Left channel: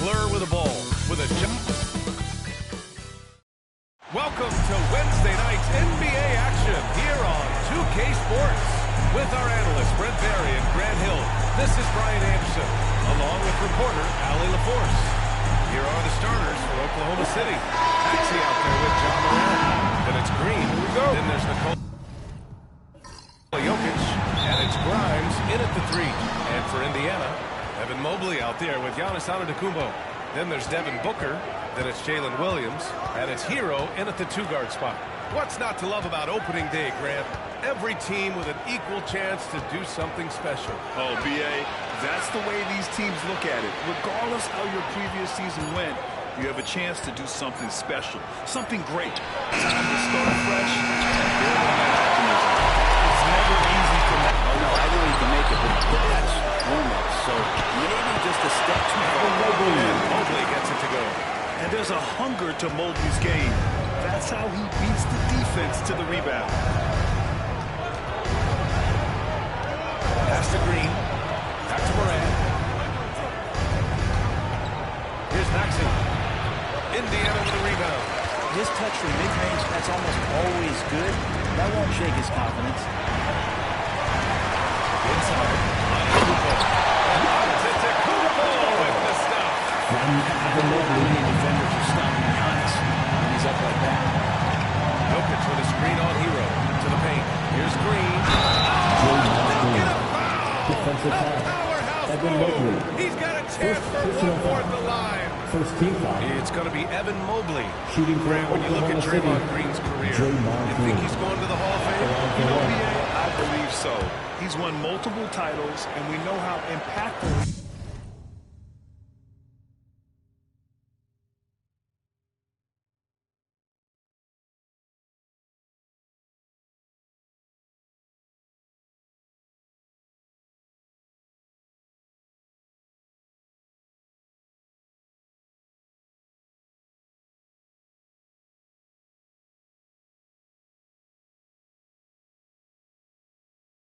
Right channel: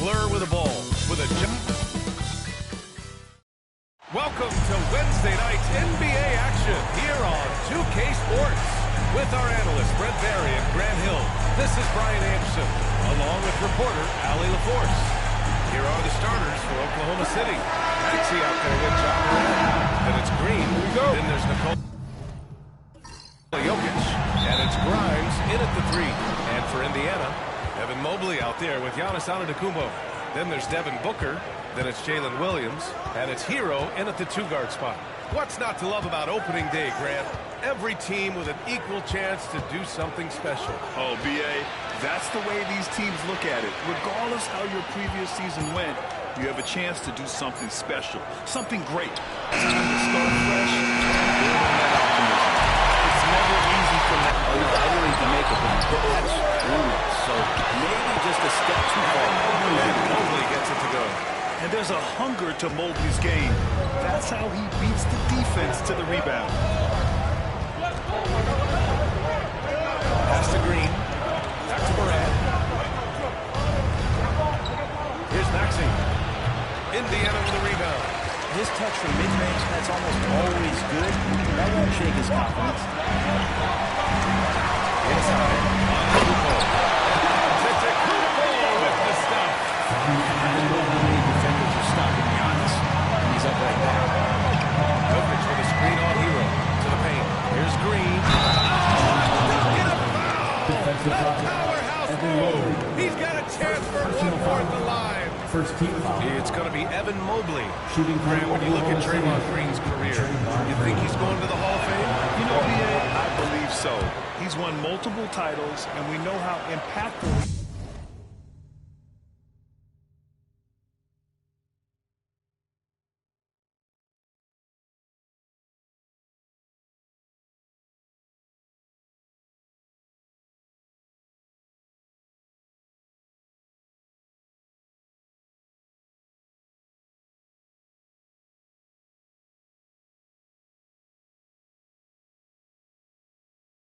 blur with a ball with a jump. Welcome to Wednesday night's NBA action here on 2K Sports. With our analysts Brent Barry and Grant Hill, this is Brian Anderson, along with reporter Allie LaForce. Here are the starters for Oklahoma City. Maxey out there with John Moran. Then it's Green. Here we go. Then there's Nikola Jokic. And it's Grimes in at the 3. And for Indiana, Evan Mobley out there with Giannis Antetokounmpo. Then there's Devin Booker. Then it's Jalen Williams. And it's Hero in at the 2-guard spot. What's not to love about opening day, Grant? Every team with an equal chance to do something special. Oh, B.A., that's the way these teams look at it. Regardless how your previous season went, you have a chance to do something special, something great. Time to start fresh and build on that optimism. It's never easy from that. Oh, no, I know he can make it, but that's warm-up, so maybe just a step too far. And Mobley gets it to go. And there's a hunger to Mobley's game. That's how he beats the defense to the rebound. Pass to Green. Back to Moran. Here's Maxey. Indiana with a rebound. His touch from mid-range, that's almost always good. That won't shake his confidence. Inside. Antetokounmpo. And Antetokounmpo with the stuff. I don't know how many defenders are stopping Giannis when he's up like that. Jokic with a screen on Hero to the paint. Here's Green. Oh, don't get a foul! A powerhouse move. He's got a chance for one more at the line. First team foul. It's going to be Evan Mobley. Shooting Grant, when you look at Draymond Green's career, you think he's going to the Hall of Fame? You know, B.A., I believe so. He's won multiple titles, and we know how impactful he is.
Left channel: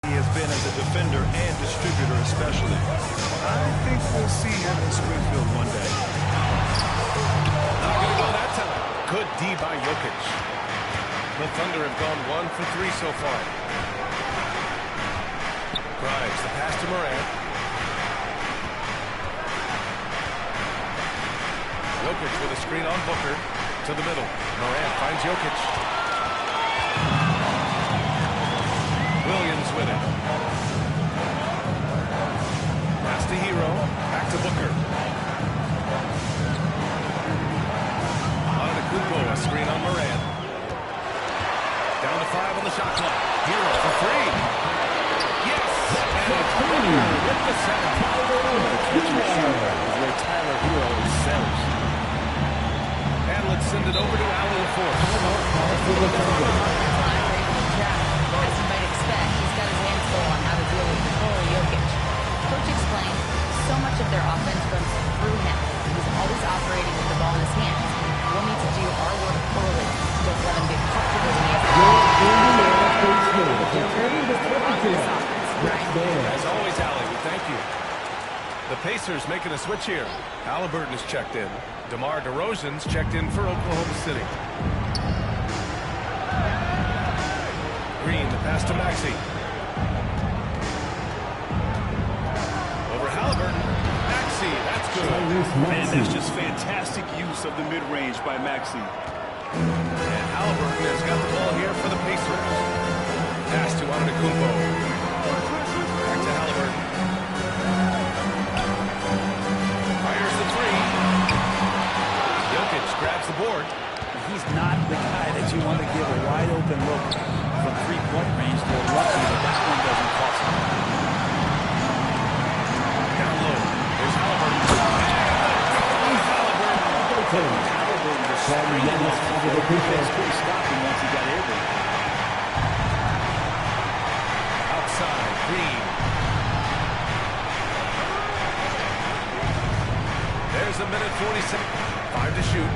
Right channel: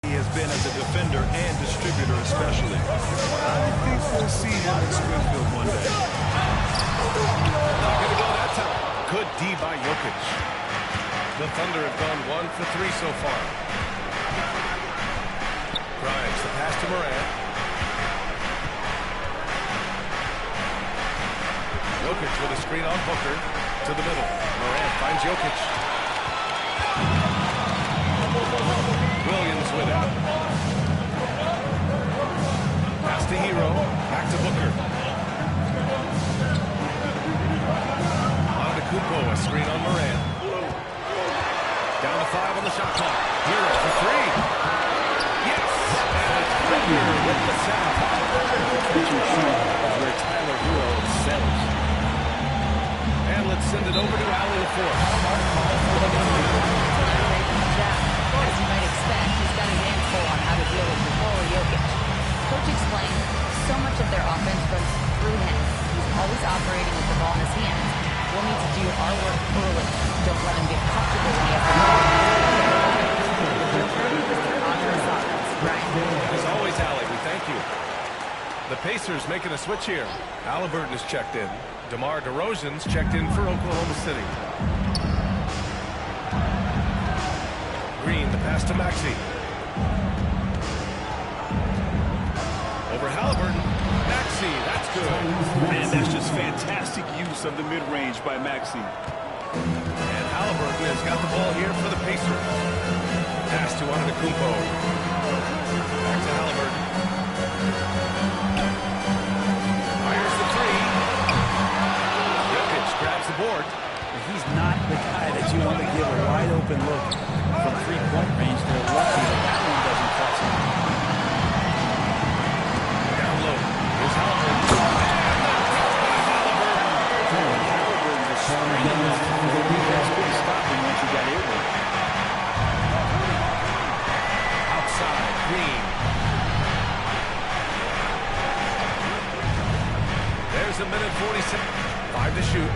Has been as a defender and distributor especially. I think we'll see him in Springfield one day. Not going to go that time. Good D by Jokic. The Thunder have gone 1 for 3 so far. Grimes, the pass to Moran. Jokic with a screen on Booker to the middle. Moran finds Jokic. Williams with it. Pass to Hero. Back to Booker. Antetokounmpo, a screen on Moran. Down to 5 on the shot clock. Hero for 3. Yes! And it's Booker with the setup. The catch and shoot is where Tyler Hero excels. And let's send it over to Allie LaForce. As you might expect, he's got his hands full on how to deal with Nikola Jokic. Coach explained, so much of their offense runs through him. He's always operating with the ball in his hands. We'll need to do our work early. Don't let him get comfortable when he has the ball. The Joker is the cause of this offense. Brian? As always, Allie, we thank you. The Pacers making a switch here. Halliburton is checked in. DeMar DeRozan's checked in for Oklahoma City. Green, the pass to Maxey. Over Halliburton. Maxey, that's good. Man, that's just fantastic use of the mid-range by Maxey. And Halliburton has got the ball here for the Pacers. Pass to Antetokounmpo. Back to Halliburton. Fires the 3. Jokic grabs the board. He's not the guy that you want to give a wide-open look from three-point range. They're lucky that one doesn't cost them. Down low. Here's Halliburton. And the dunk by Halliburton. Halliburton just springing off the floor. Defense couldn't stop him once he got airborne. Outside, Green. There's a minute 47. 5 to shoot.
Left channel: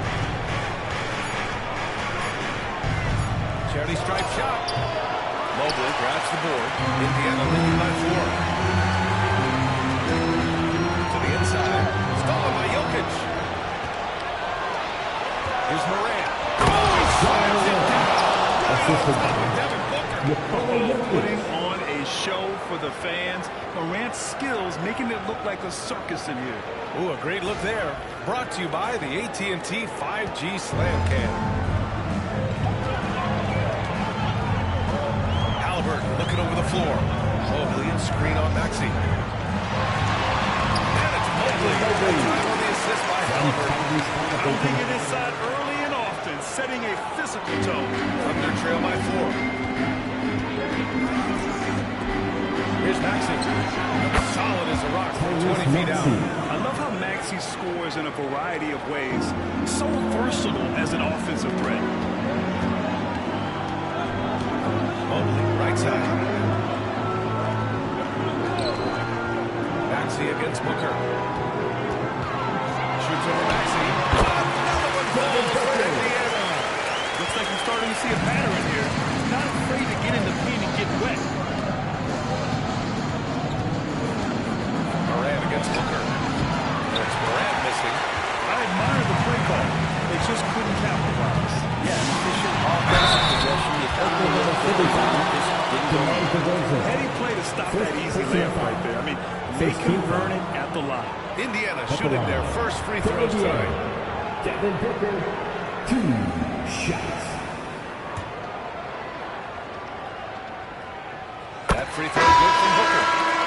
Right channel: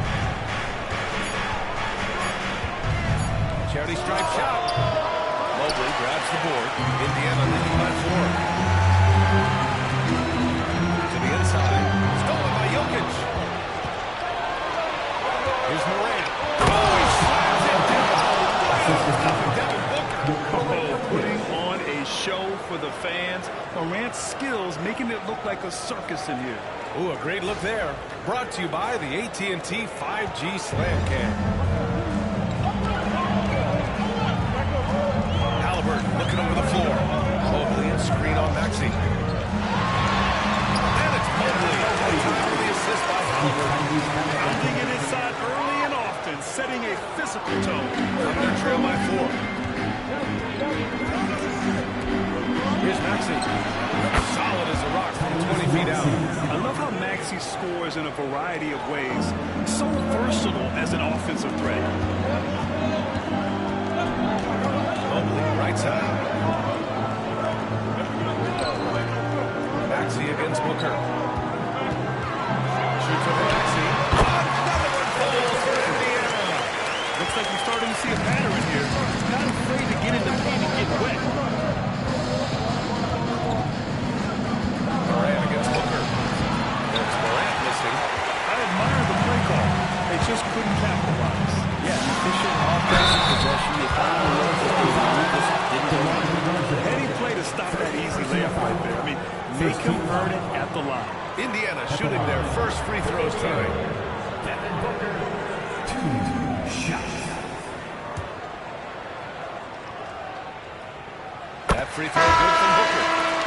Charity stripe shot. Mobley grabs the board. Indiana leading by 4. To the inside. Stolen by Jokic. Jokic. Here's Morant. Oh, he slams it down right on top of Devin Booker. Oh, putting on a show for the fans. Morant's skills making it look like a circus in here. Ooh, a great look there. Brought to you by the AT&T 5G Slam Cam. Halliburton looking over the floor. Mobley and screen on Maxey. And it's Mobley. That time on the assist by Halliburton. Pounding it inside early and often, setting a physical tone. Thunder trail by 4. Here's Maxey. Solid as a rock from 20 feet out. I love how Maxey scores in a variety of ways. So versatile as an offensive threat. Mobley, right side. Maxey against Booker. Shoots over Maxey. Another one falls for Indiana. Looks like we're starting to see a pattern here. Not afraid to get in the paint and get wet. Morant against Booker. And it's Morant missing. I admire the play call. They just couldn't capitalize. Yeah, an efficient offensive possession. They found the look that they wanted, just didn't go in. Heady play to stop that easy layup right there. I mean, make him earn it at the line. Indiana shooting their first free throws tonight. Devin Booker, 2 shots. That free throw good from Booker.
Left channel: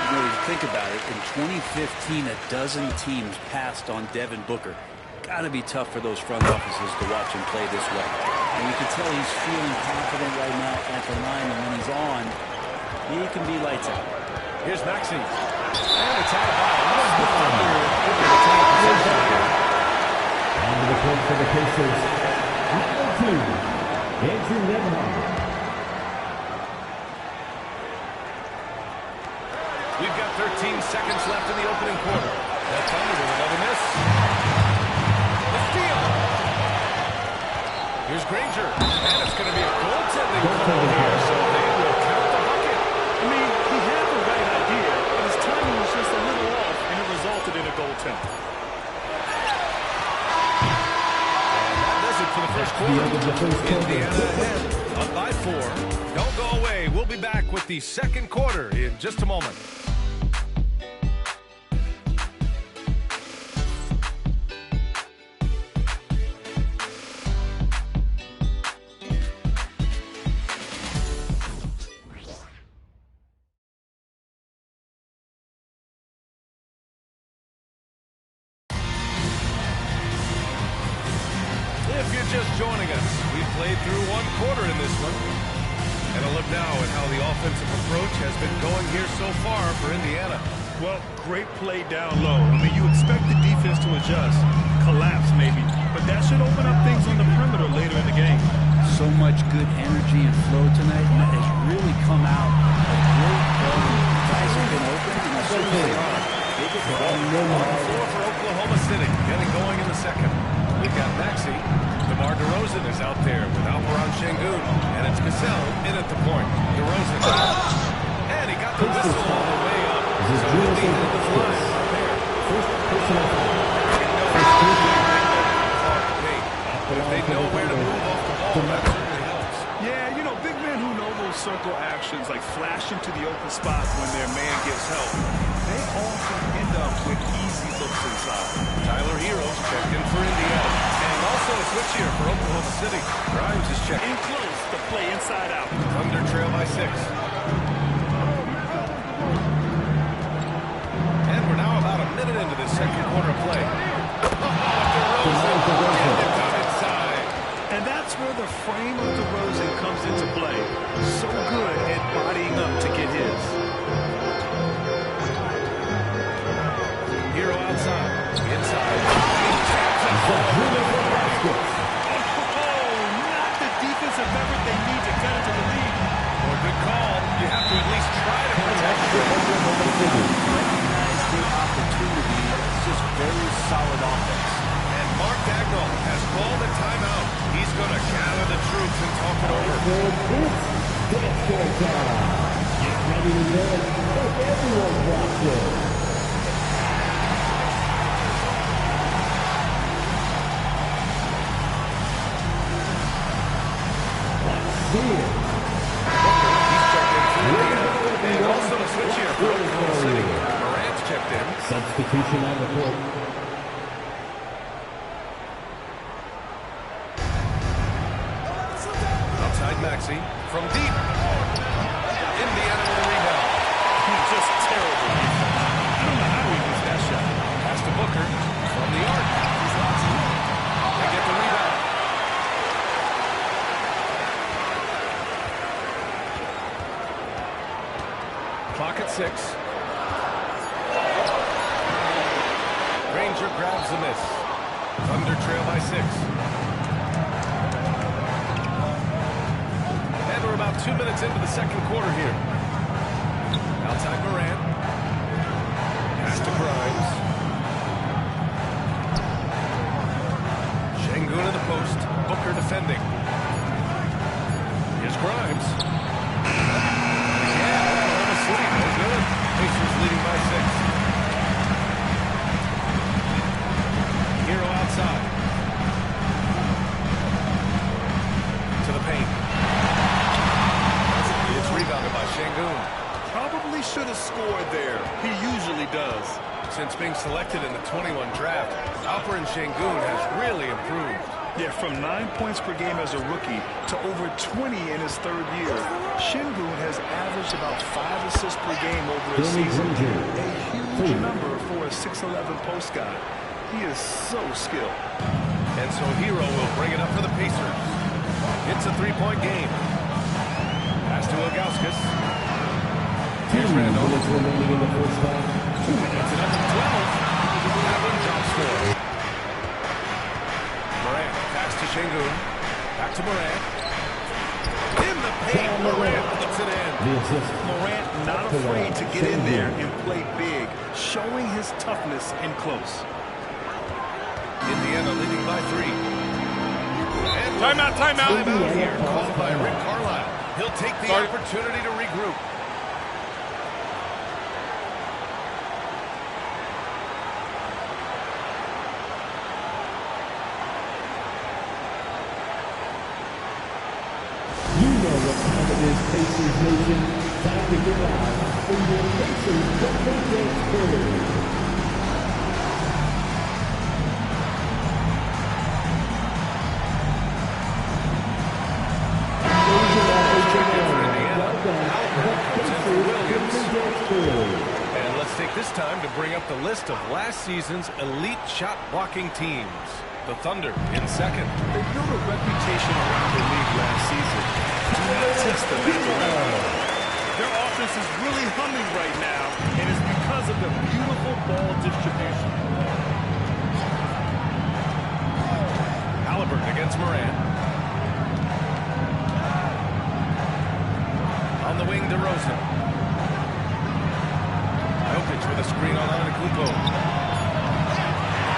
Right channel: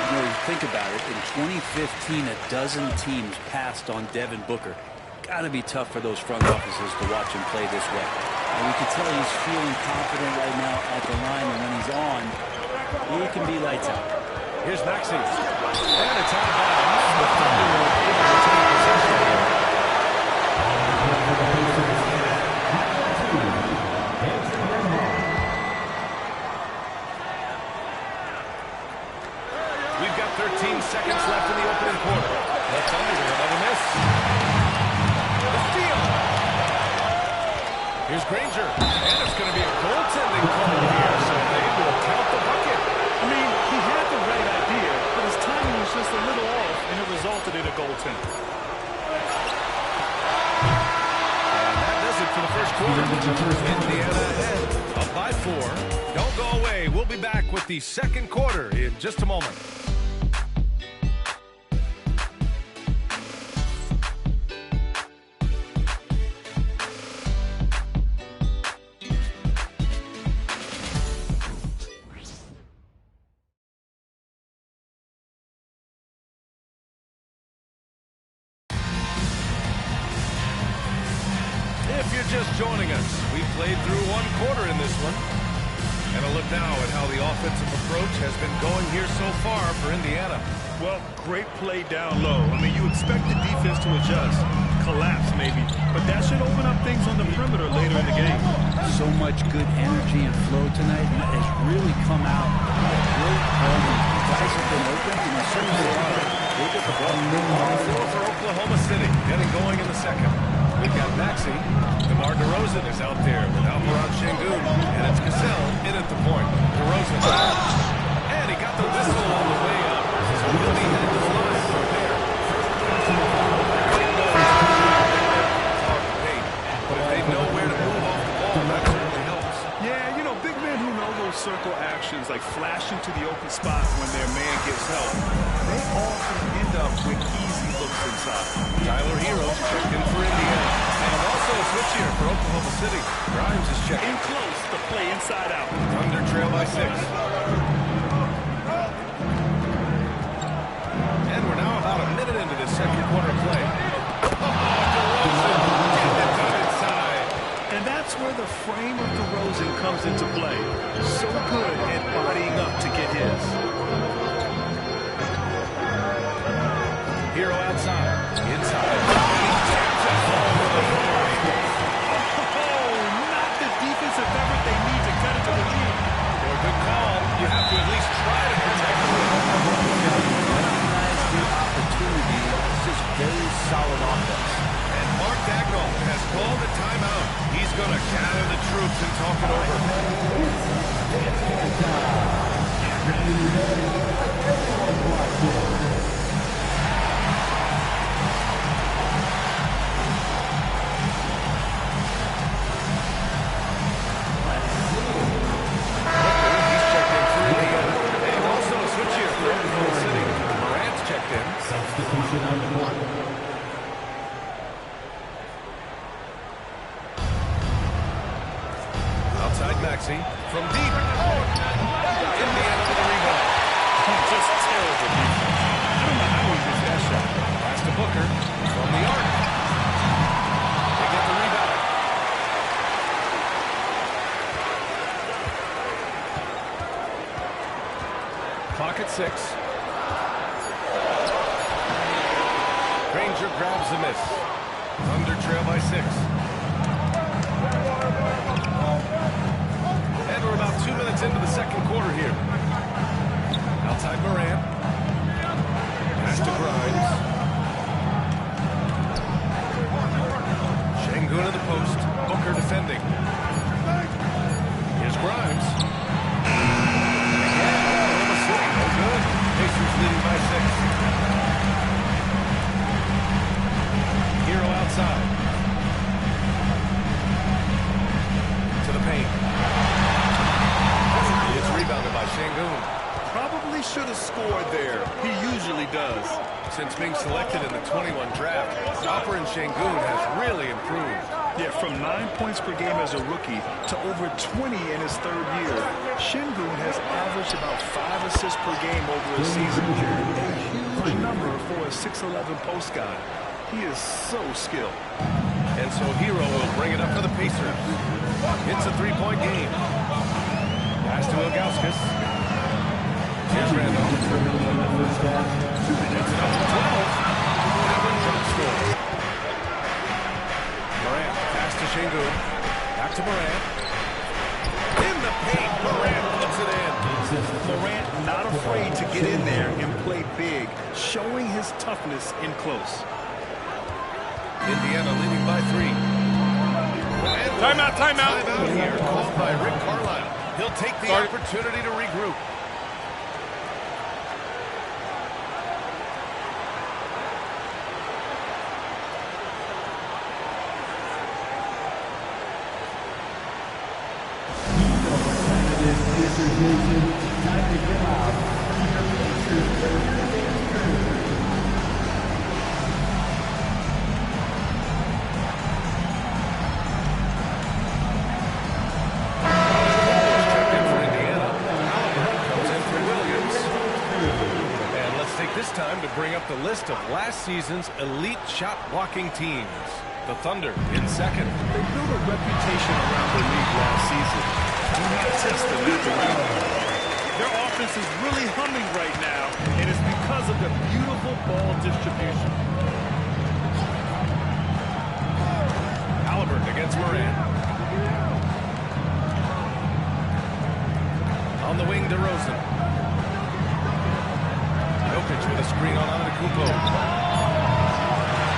You know, you think about it, in 2015, a dozen teams passed on Devin Booker. Got to be tough for those front offices to watch him play this way. And you can tell he's feeling confident right now at the line, and when he's on, he can be lights out. Here's Maxey. And it's out of bounds. The Thunder able to retain possession here. On the court for the Pacers, number 2, Andrew Nembhard. We've got 13 seconds left in the opening quarter. The Thunder with another miss. The steal. Here's Granger. And it's going to be a goaltending call here, so they will count the bucket. I mean, he had the right idea, but his timing was just a little off, and it resulted in a goaltend. And that does it for the first quarter. Indiana ahead, up by 4. Don't go away. We'll be back with the second quarter in just a moment. If you're just joining us, we've played through one quarter in this one. And a look now at how the offensive approach has been going here so far for Indiana. Well, great play down low. I mean, you expect the defense to adjust, collapse maybe, but that should open up things on the perimeter later in the game. So much good energy and flow tonight, and that has really come out of great ball movement. Guys have been open, and as soon as they are, they get the ball. On the floor for Oklahoma City, getting going in the second. We've got Maxey. DeMar DeRozan is out there with Alperon Şengün, and it's Cassell in at the point. DeRozan. And he got the whistle on the way up. So he'll be headed to the line for a pair. They know hard to paint. But if they know where to move off the ball, that certainly helps. Yeah, you know, big men who know those circle actions, like flashing to the open spot when their man gets help, they often end up with easy looks inside. Tyler Hero's checked in for Indiana. And also a switch here for Oklahoma City. Grimes is checked In close to play inside out. Thunder trail by 6. And we're now about a minute into this second quarter play. Oh, DeRozan getting it done inside. And that's where the frame of DeRozan comes into play. So good at bodying up to get his. Hero outside. Inside. And he taps it home with authority. Oh, not the defensive effort they need to cut it to the lead. Or a good call. You have to at least try to protect the win. Recognize the opportunity. It's just very solid offense. And Mark Dagnall has called a timeout. He's going to gather the troops and talk it over. Booker, he's checked in for Indiana. And also a switch here for Oklahoma City. Morant's checked in. Substitution on the court. Outside Maxey from deep. Indiana with a rebound. Just terrible defense. I don't know how he missed that shot. Pass to Booker from the arc. They get the rebound. Clock at 6. Granger grabs the miss. Thunder trail by 6. And we're about 2 minutes into the second quarter here. Outside Morant. Pass to Grimes. Şengün in the post. Booker defending. Here's Grimes. And again, Oklahoma City, no good. Pacers leading by 6. Hero outside. To the paint. It's rebounded by Şengün. Probably should have scored there. He usually does. Since being selected in the 21 draft, Alperen Şengün has really improved. Yeah, from 9 points per game as a rookie to over 20 in his third year. Şengün has averaged about 5 assists per game over a season. A huge number for a 6'11 post guy. He is so skilled. And so Hero will bring it up for the Pacers. It's a three-point game. Pass to Ilgauskas. Here's Randolph. Puts it up to 12. That one drops 4. Morant, pass to Şengün. Back to Morant. In the paint, Morant puts it in. Morant not afraid to get in there and play big, showing his toughness in close. Indiana leading by 3. And Timeout. Timeout here, called by Rick Carlisle. He'll take the opportunity to regroup. Pacers Nation, time to get out from your Pacers Thursday tournament. Checked in for Indiana. Halliburton comes in for Williams. And let's take this time to bring up the list of last season's elite shot blocking teams. The Thunder in second. They built a reputation around the league last season. Do not test them at the rim. Their offense is really humming right now, and it's because of the beautiful ball distribution. Halliburton against Morant. On the wing, DeRozan. Jokic with a screen on Antetokounmpo.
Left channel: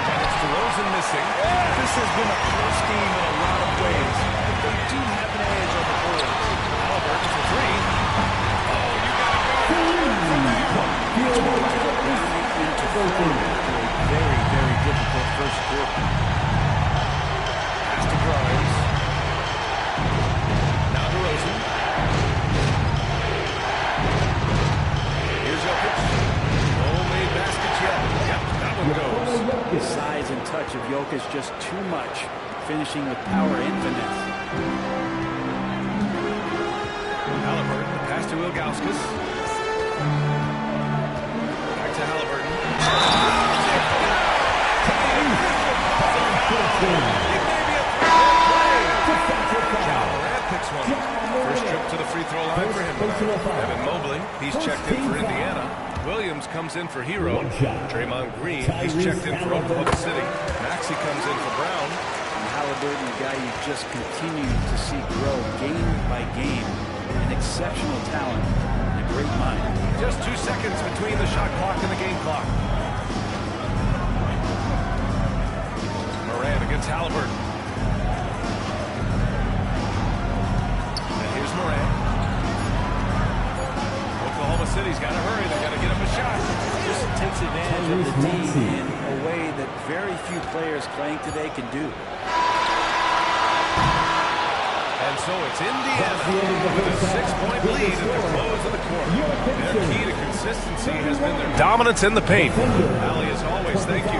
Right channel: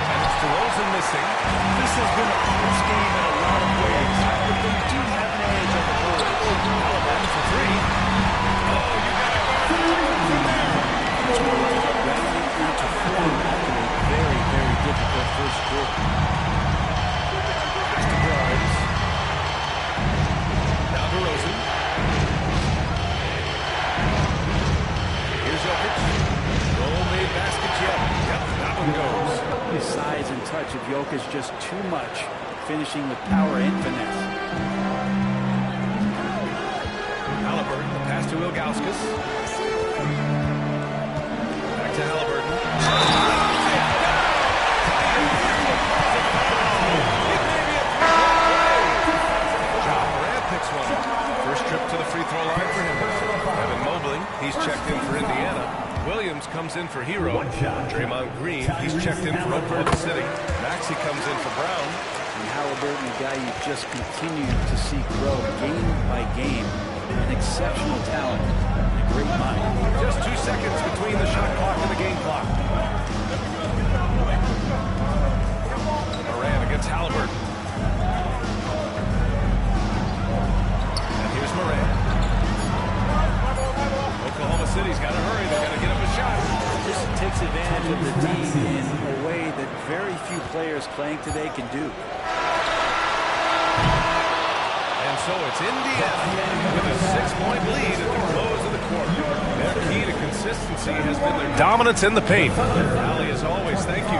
And it's DeRozan missing. This has been a close game in a lot of ways, but they do have an edge on the board. Halliburton for 3. Oh, you got to guard Halliburton from there. It's more like rounding into form after a very, very difficult first quarter. Pass to Grimes. Now DeRozan. Here's Jokic. No made baskets yet. Yep, that one goes. The size and touch of Jokic just too much, finishing with power and finesse. Halliburton, the pass to Ilgauskas. Back to Halliburton. It may be a three-point play. Ja Morant picks one up. First trip to the free throw line for him tonight. Evan Mobley, he's checked in for Indiana. Williams comes in for Hero. Draymond Green, he's checked in for Oklahoma City. Maxey comes in for Brown. And Halliburton, a guy you just continue to see grow game by game. An exceptional talent and a great mind. Just 2 seconds between the shot clock and the game clock. Morant against Halliburton. And here's Morant. Oklahoma City's got to hurry. They got to get up a shot. Just takes advantage of the D in a way that very few players playing today can do. And so it's Indiana with a 6-point lead at the close of the quarter. Their key to consistency has been their dominance in the paint. Allie, as always, thank you.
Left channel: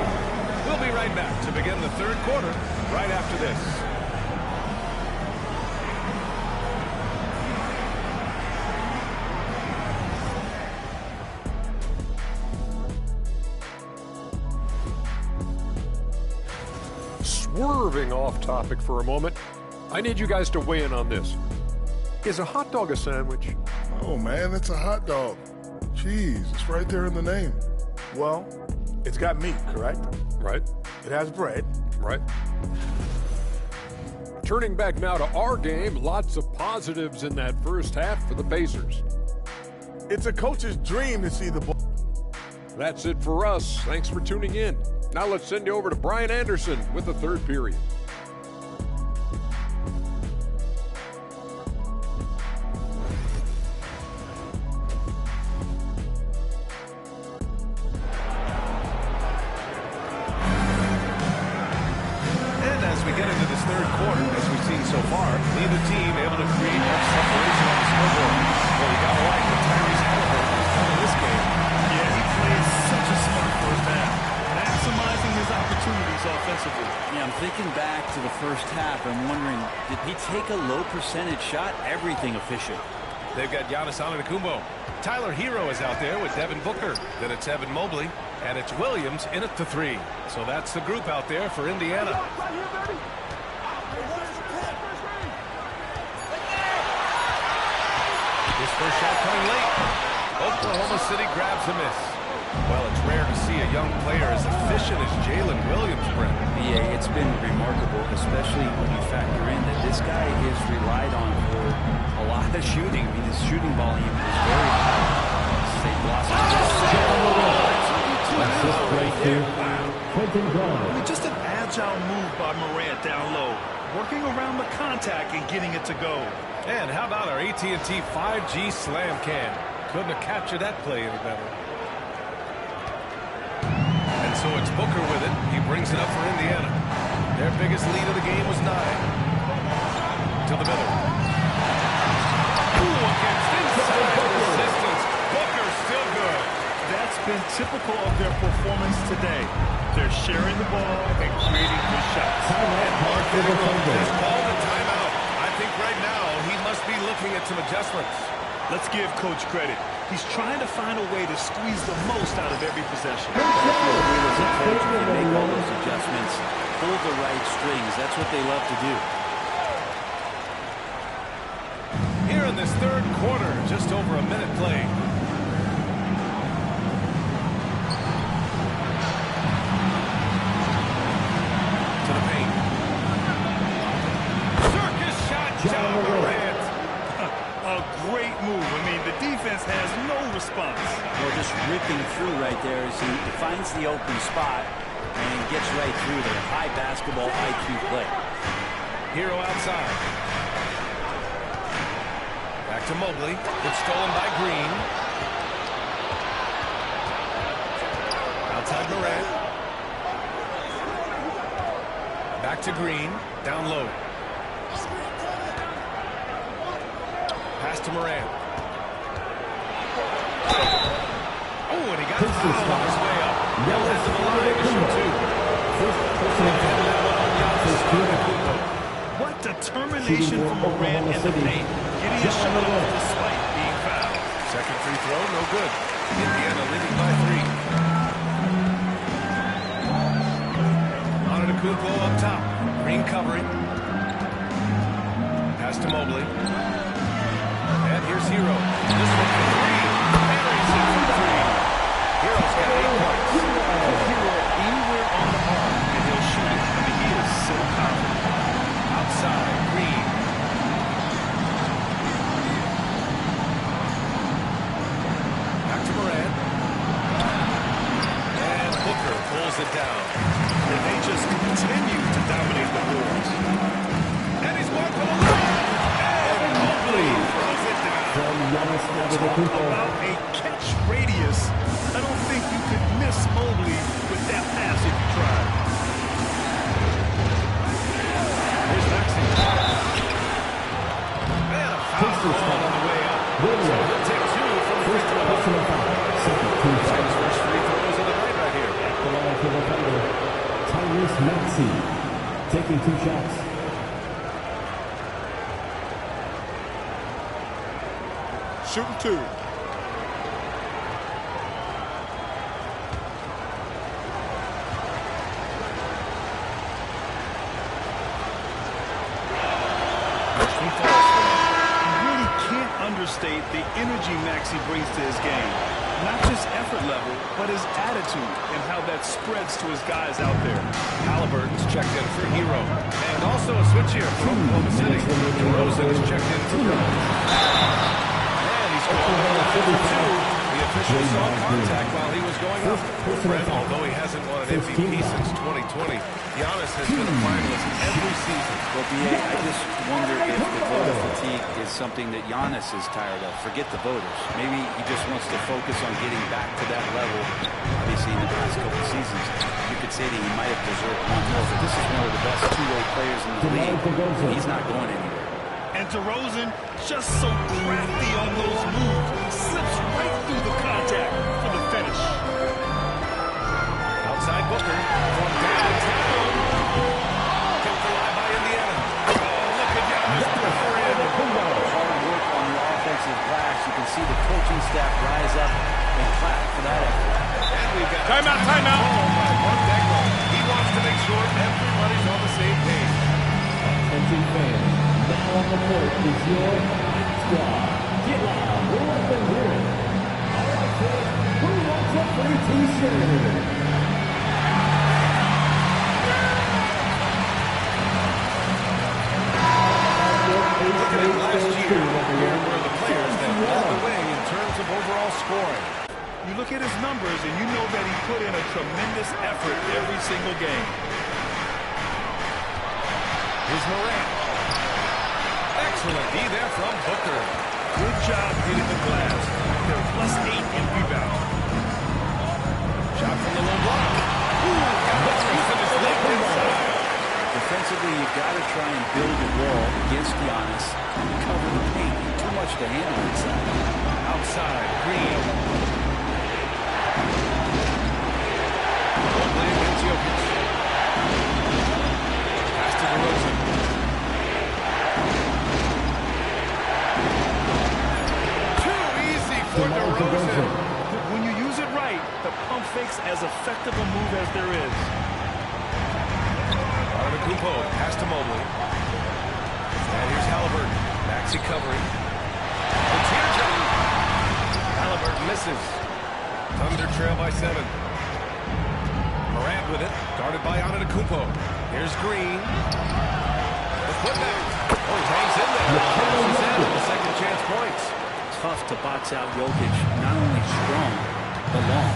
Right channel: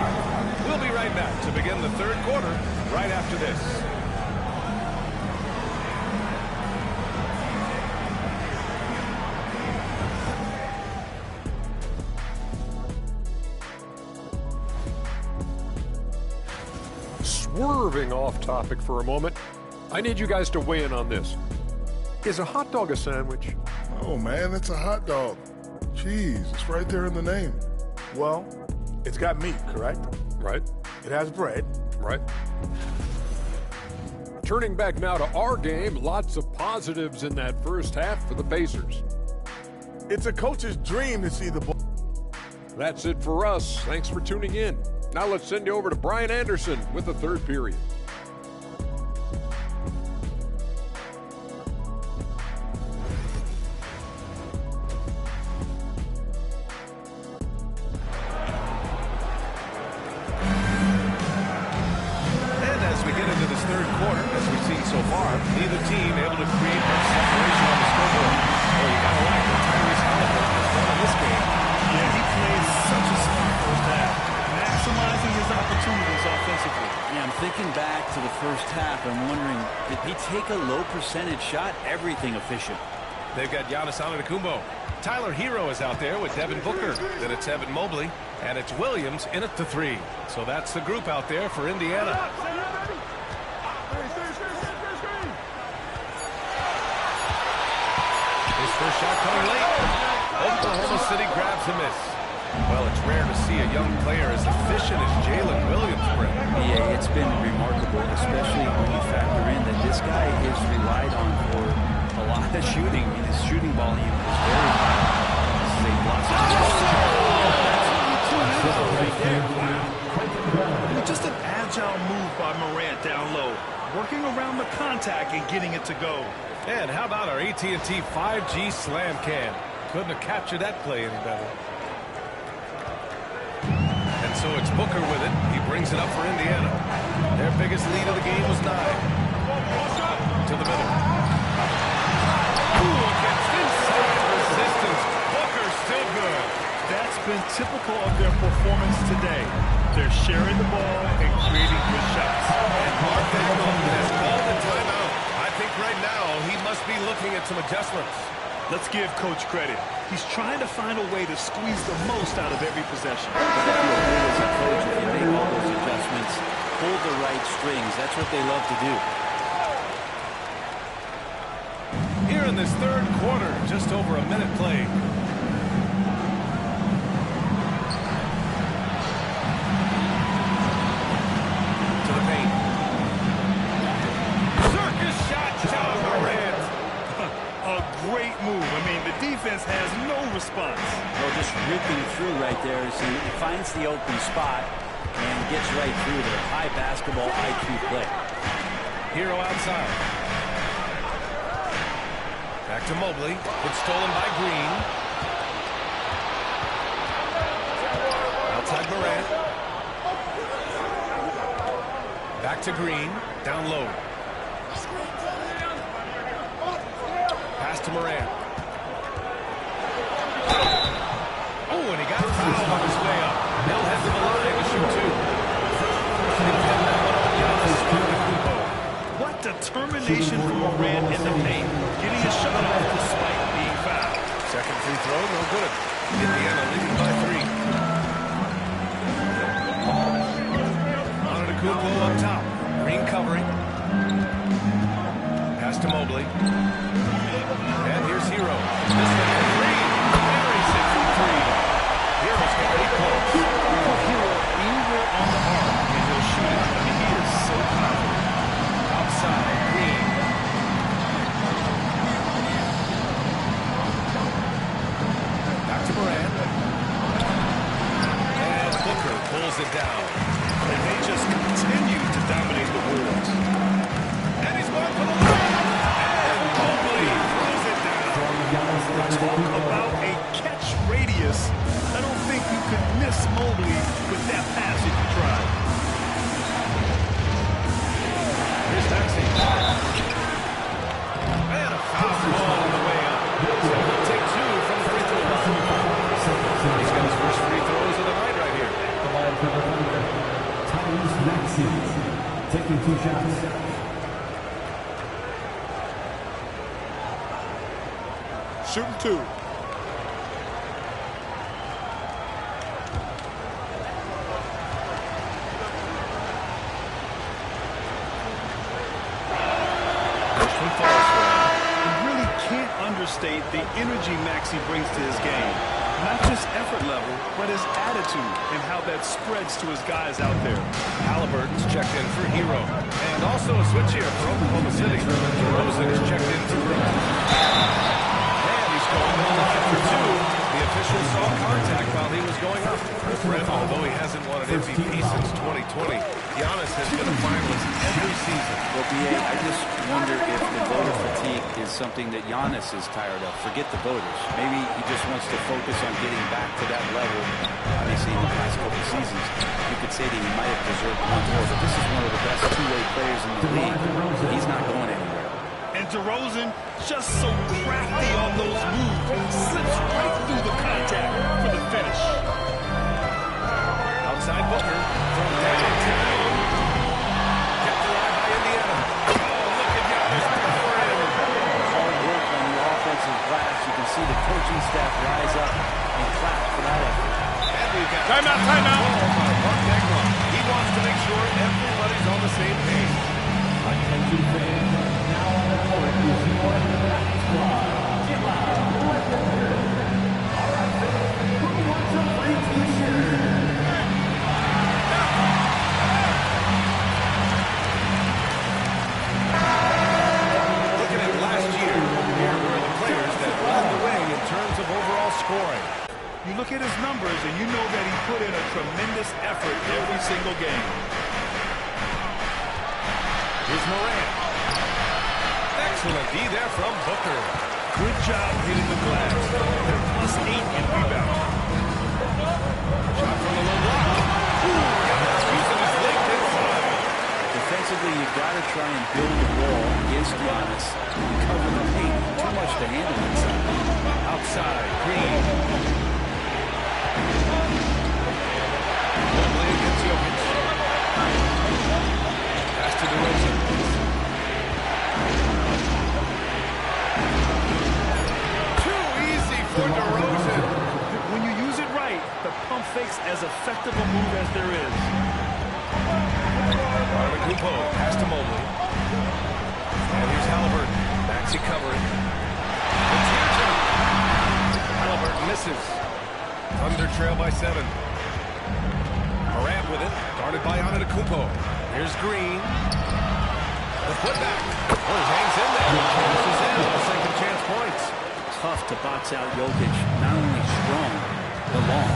We'll be right back to begin the third quarter right after this. Swerving off topic for a moment, I need you guys to weigh in on this. Is a hot dog a sandwich? Oh, man, it's a hot dog. Cheese, it's right there in the name. Well, it's got meat, correct? Right. It has bread. Right. Turning back now to our game, lots of positives in that first half for the Pacers. It's a coach's dream to see the ball. That's it for us. Thanks for tuning in. Now let's send you over to Brian Anderson with the third period. As we get into this third quarter, as we've seen so far, neither team able to create much separation on the scoreboard. Well, you got to like what Tyrese Halliburton has done in this game. Yeah, he plays such a smart first half, maximizing his opportunities offensively. Yeah, I'm thinking back to the first half. I'm wondering, did he take a low percentage shot? Everything efficient. They've got Giannis Antetokounmpo. Tyler Hero is out there with Devin Booker. Then it's Evan Mobley. And it's Williams in at the 3. So that's the group out there for Indiana. His first shot coming late. Oklahoma City grabs a miss. Well, it's rare to see a young player as efficient as Jalen Williams, Brent. Yeah, it's been remarkable, especially when you factor in that this guy is relied on for a lot of shooting. I mean, his shooting volume is very high. This is a blossom. Right there. Wow. I mean, just an agile move by Morant down low, working around the contact and getting it to go. And how about our AT&T 5G slam cam? Couldn't have captured that play any better. And so it's Booker with it. He brings it up for Indiana. Their biggest lead of the game was 9. To the middle. Ooh, against inside resistance. Booker still good. That's been typical of their performance today. They're sharing the ball and creating good shots. And Mark Daigneault has called a timeout. I think right now he must be looking at some adjustments. Let's give Coach credit. He's trying to find a way to squeeze the most out of every possession. Gotta feel good as a coach if you make all those adjustments, pull the right strings. That's what they love to do. Here in this third quarter, just over a minute played. To the paint. Circus shot, John Morant. A great move. I mean, the defense has no response. Well, just ripping through right there as he finds the open spot and gets right through there. High basketball IQ play. Hero outside. Back to Mobley. It's stolen by Green. Outside Morant. Back to Green. Down low. Pass to Morant. Oh, and he got fouled on his way up. He'll head to the line to shoot 2. They pin that one on Giannis Antetokounmpo. What determination from Morant in the paint. Getting his shot off despite being fouled. Second free throw, no good. Indiana leading by 3. Antetokounmpo up top. Green covering. Pass to Mobley. And here's Hero. This one for 3. Buries it from 3. Hero's got 8 points. Put Hero anywhere on the arc and he'll shoot it. I mean, he is so confident. Outside, Green. Back to Morant. And Booker pulls it down. And they just continue to dominate the Wolves. And he's going for the line. And Mobley throws it down. Talk about a catch radius. I don't think you could miss Mobley with that pass if you tried. Here's Maxey. call on the way up. So he'll take 2 from the free throw line. He's got his first free throws of the night right here. The line for the Thunder, Tyrese Maxey, taking 2 shots. Shooting 2. First one falls for him. You really can't understate the energy Maxey brings to his game. Not just effort level, but his attitude and how that spreads to his guys out there. Halliburton's checked in for Hero. And also a switch here for Oklahoma City. DeRozan is checked in for Grimes. And he's going to the line for 2. The official saw contact while he was going up. Brent, although he hasn't won an MVP since 2020, Giannis has been a finalist every season. Well, B.A., I just wonder if the voter fatigue is something that Giannis is tired of. Forget the voters. Maybe he just wants to focus on getting back to that level. Obviously, in the past couple of seasons, you could say that he might have deserved one more, but this is one of the best two-way players in the league, and he's not going anywhere. And DeRozan, just so crafty on those moves, slips right through the contact for the finish. Outside Booker from downtown. Kept alive by Indiana. Oh, look at Giannis power in. Hard work on the offensive glass. You can see the coaching staff rise up and clap for that effort. And we've got Timeout. Call by Mark Degno. He wants to make sure everybody's on the same page. Attention fans, now on the court is your squad. Get loud, let them hear it. All right, fans, who wants a free t-shirt? Looking at last year, here were the players that led the way in terms of overall scoring. You look at his numbers and you know that he put in a tremendous effort every single game. Here's Morant. Excellent D there from Booker. Good job hitting the glass. They're +8 in rebounding. Shot from the low block. Ooh, Giannis using his length inside. Defensively, you got to try and build the wall against Giannis and cover the paint. Too much to handle inside. Outside, Green. Mobley against Jokic. Pass to DeRozan. Too easy for DeRozan. When you use it right, the pump fake's as effective a move as there is. Antetokounmpo, pass to Mobley. And here's Halliburton. Maxey covering. The teardrop. Halliburton misses. Thunder trail by 7. Morant with it, guarded by Antetokounmpo. Here's Green. The putback. Oh, he hangs in there. Cashes in with the second chance points. Tough to box out Jokic, not only strong, but long.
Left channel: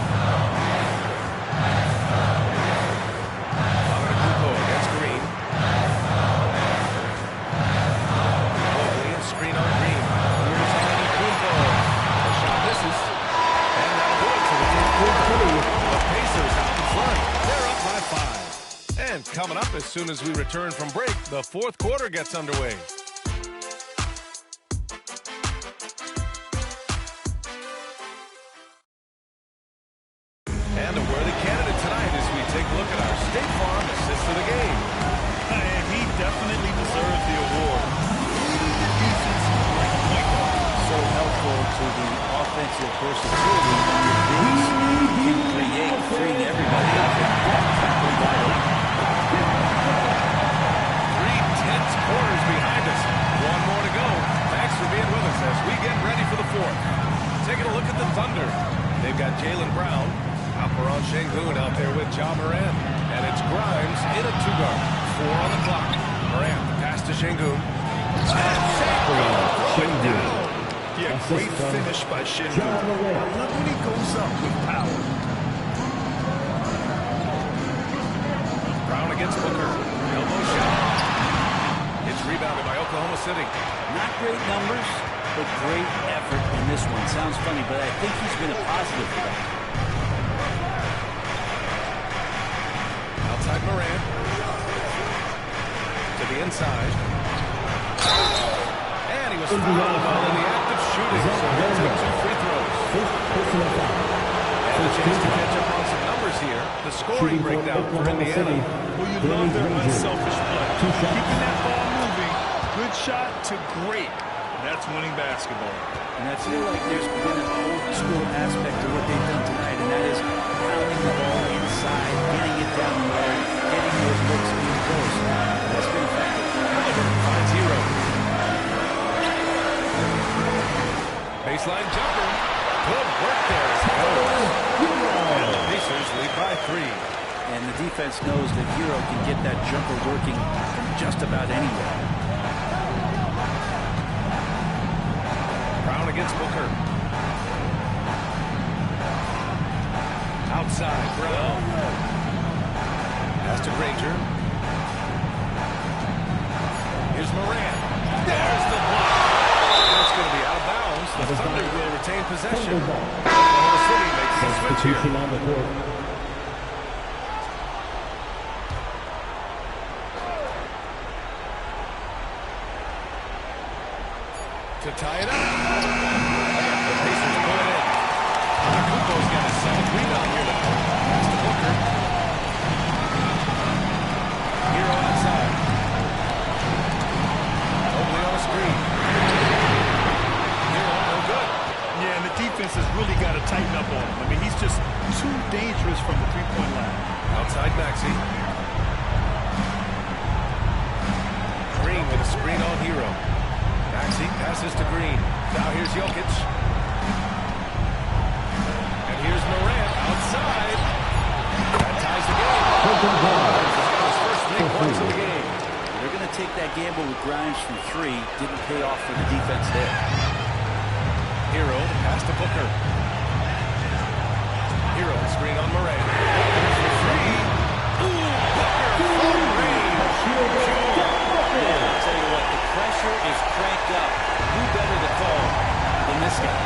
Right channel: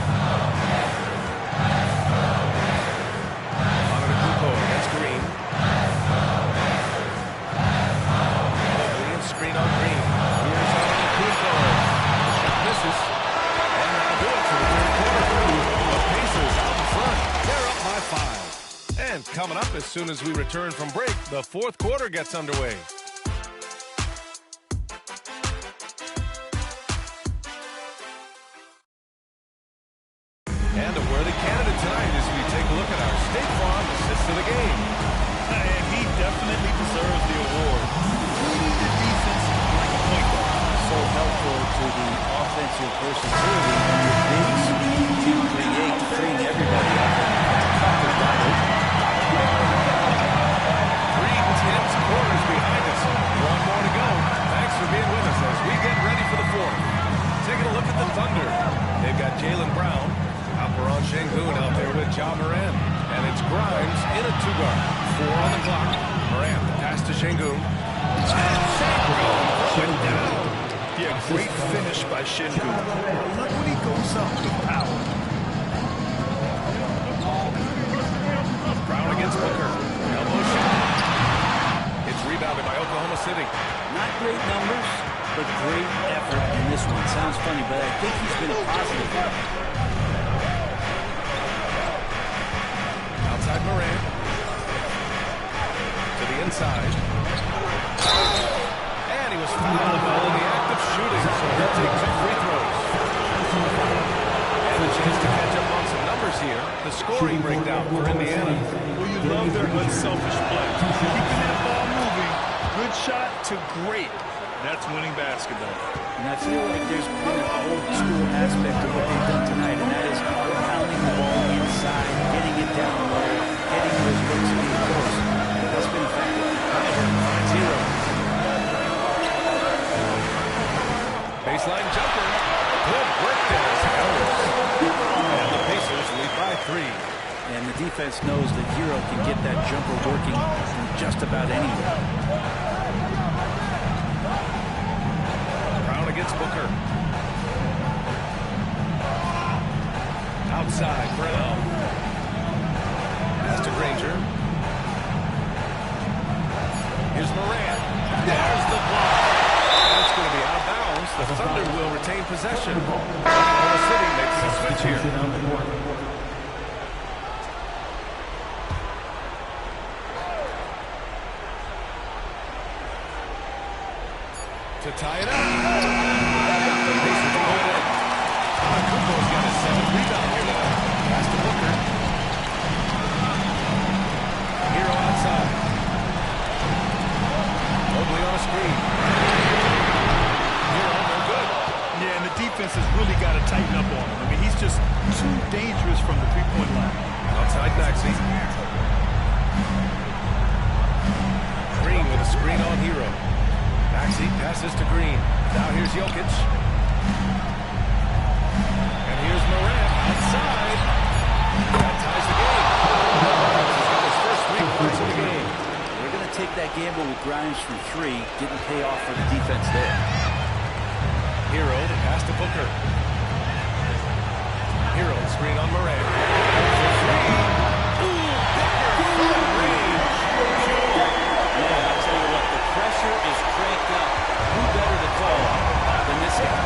Antetokounmpo against Green. Mobley and screen on Green. Here's Antetokounmpo. The shot misses. And that'll do it for the third quarter. The Pacers out in front. They're up by 5. And coming up as soon as we return from break, the fourth quarter gets underway. And a worthy candidate tonight as we take a look at our State Farm assist of the game. And he definitely deserves the award. Leading the defense like a point guard. So helpful to the offensive versatility when your bigs can create, freeing everybody up, and that cut was wide open. 3 tense quarters behind us. One more to go. Thanks for being with us as we get ready for the fourth. Taking a look at the Thunder. They've got Jaylen Brown. Alperon Şengün out there with Ja Morant. And it's Grimes in a 2-guard. 4 on the clock. Morant, the pass to Şengün. And Şengün throw it down. Yeah, great finish by Şengün. I love when he goes up with power. Brown against Booker. Elbow shot. It's rebounded by Oklahoma City. Not great numbers, but great effort in this one. Sounds funny, but I think he's been a positive for them. Outside Morant. To the inside. And he was fouled while shooting, so he'll take 2 free throws. And a chance to catch up on some numbers here. The scoring breakdown for Indiana. Well, you love their unselfish play. Keeping that ball moving, good shot to great. That's winning basketball. And I feel like there's been an old-school aspect to what they've done tonight, and that is pounding the ball inside, getting it down low, getting those looks in close. That's been effective. Halliburton finds Hero. Baseline jumper. Good work there as it goes. And the Pacers lead by 3. And the defense knows that Hero can get that jumper working from just about anywhere. Brown against Booker. Outside, Brown. Pass to Granger. Here's Morant. There's the block. And it's going to be out of bounds. The Thunder will retain possession. Oklahoma City making a switch here. To tie it up. The Pacers pull it in. Antetokounmpo's got his 7th rebound here tonight. Pass to Booker. Hero outside. Mobley on a screen. Hero, no good. Yeah, and the defense has really got to tighten up on him. I mean, he's just too dangerous from the three-point line. Outside Maxey. Green with a screen on Hero. Maxey passes to Green. Now here's Jokic. And here's Morant outside. That ties the game. Grimes has got his first 3 points of the game. They're going to take that gamble with Grimes from 3. Didn't pay off for the defense there. Hero, the pass to Booker. Hero, screen on Morant. Booker for 3. Ooh, Booker from range. Pure. Man, I'll tell you what, the pressure is cranked up. Who better to call than this guy?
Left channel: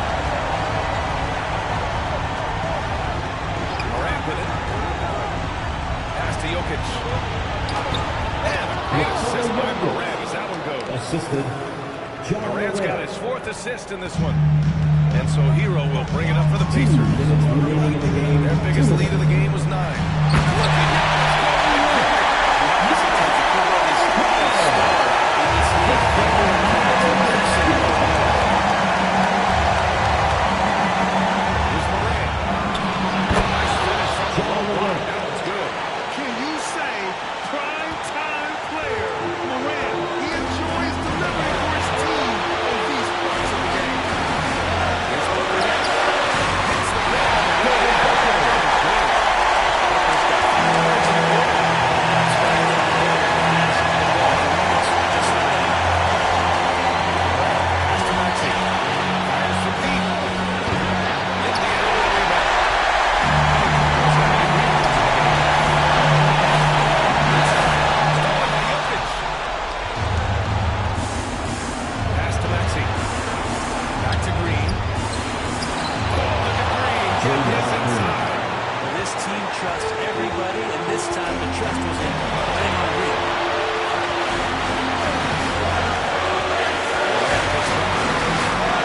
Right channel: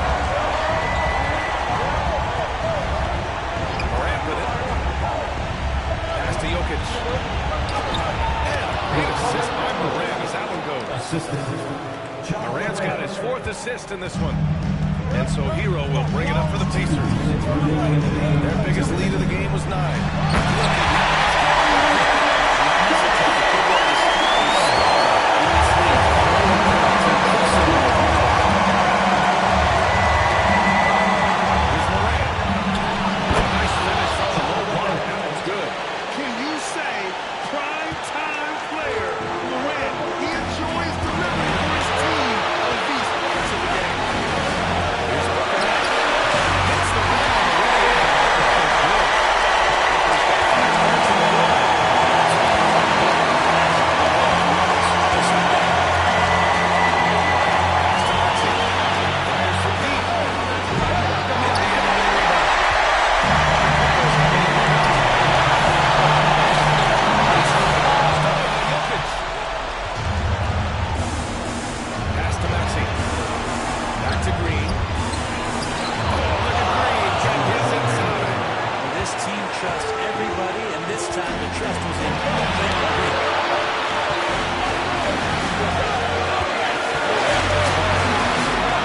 Morant with it. Pass to Jokic. And a great assist by Morant as that one goes. Morant's got his 4th assist in this one. And so Hero will bring it up for the Pacers. Their biggest lead of the game was 9. Look at Giannis going again. He's a type of football is a star in this league. It's impressive in those moments. Here's Morant. Nice finish from the low block. That one's good. Can you say prime time player Morant? He enjoys delivering for his team in these parts of the game. Here's Booker. Hits the rim on the way in. That was good. Booker's got 5 points in the quarter. That's why they don't get it. Pass the ball for moments just like that. Morant, pass to Maxey. Fires from deep. Indiana with a rebound. Antetokounmpo's got 8 rebounds in the game. Stolen by Jokic. Pass to Maxey. Back to Green. Oh, look at Green. Get his inside. Well, this team trusts everybody, and this time the trust was in Draymond Green.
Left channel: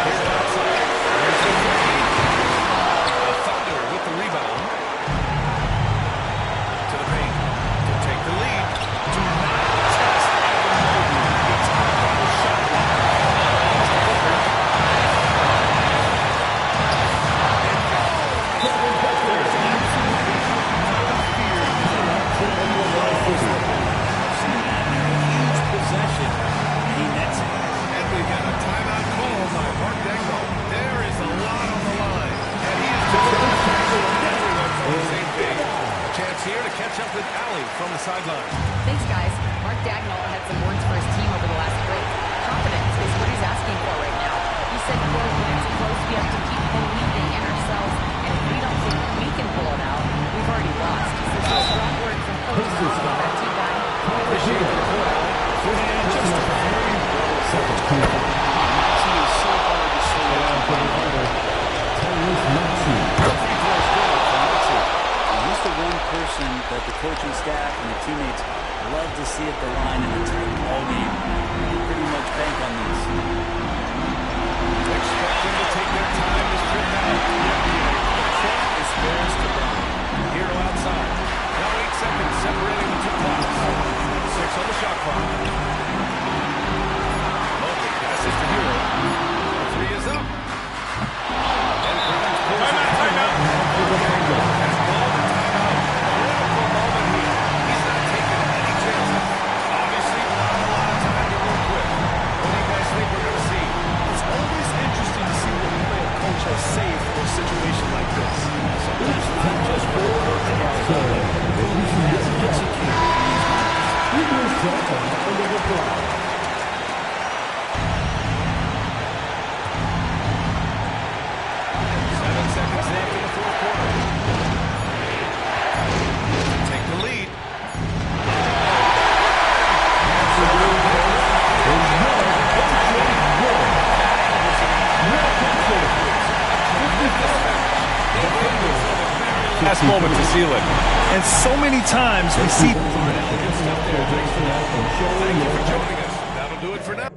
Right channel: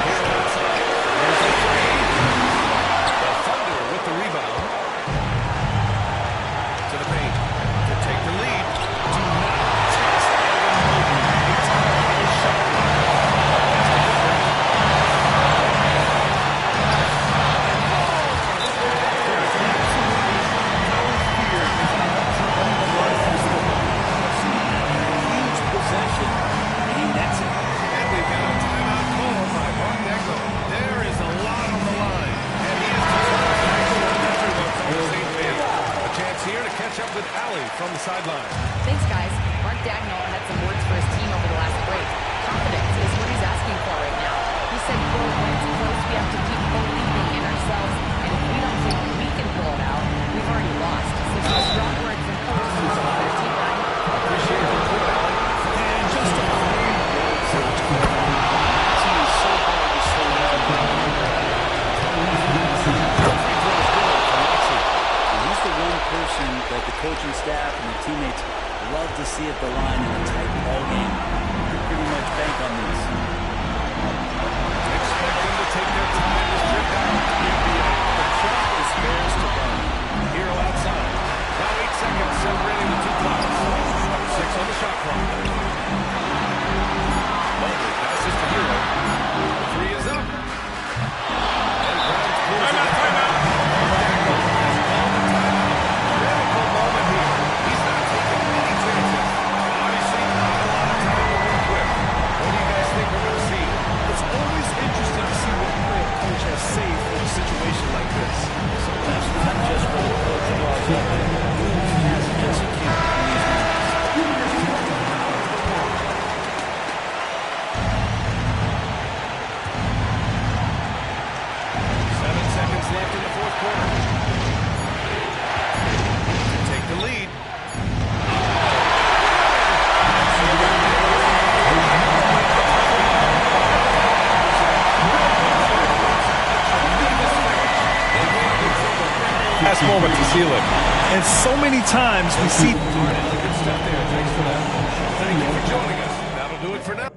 Here's outside. There's the 3. The Thunder with the rebound. To the paint. To take the lead. Do not test Evan Mobley. A top-level shot blocker. Pass to Booker. There is absolutely no fear in his eyes. He loves the ball. I've seen that in a huge possession, and he nets it. And we've got a timeout call by Mark Dagnall. There is a lot on the line, and he is determined to make sure everyone's on the same page. A chance here to catch up with Allie from the sideline. Thanks, guys. Mark Dagnall had some words for his team over the last break. Confidence is what he's asking for right now. He said, quote, when it's close, we have to keep believing in ourselves, and if we don't think we can pull it out, we've already lost. So some strong words from Coach on their team, Brian. Appreciate the report, Allie. And just a very well-coached team. Maxey is so hard to slow down. The free throw is good from Maxey. And he's the one person that the coaching staff and the teammates love to see at the line in a tight ball game. You can pretty much bank on these. Expect separating the two clocks. 6 on the shot clock. Mobley passes to Hero. The 3 is up. And Grimes pulls it down. Timeout. Mark Dagnall has called a timeout. Critical moment here. He's not taking any chances. Obviously not a lot of time to work with. What do you guys think we're going to see? It's always interesting to see what play a coach has saved for a situation like this. Sometimes not just what the coach draws up, but who he has executed in these moments. Give yourself a round of applause. 7 seconds left in the fourth quarter. To take the lead. Oh, no good! Last moment to seal it. And so many times we see... Good stuff there. Thanks for that. Thank you for joining us. That'll do it for now.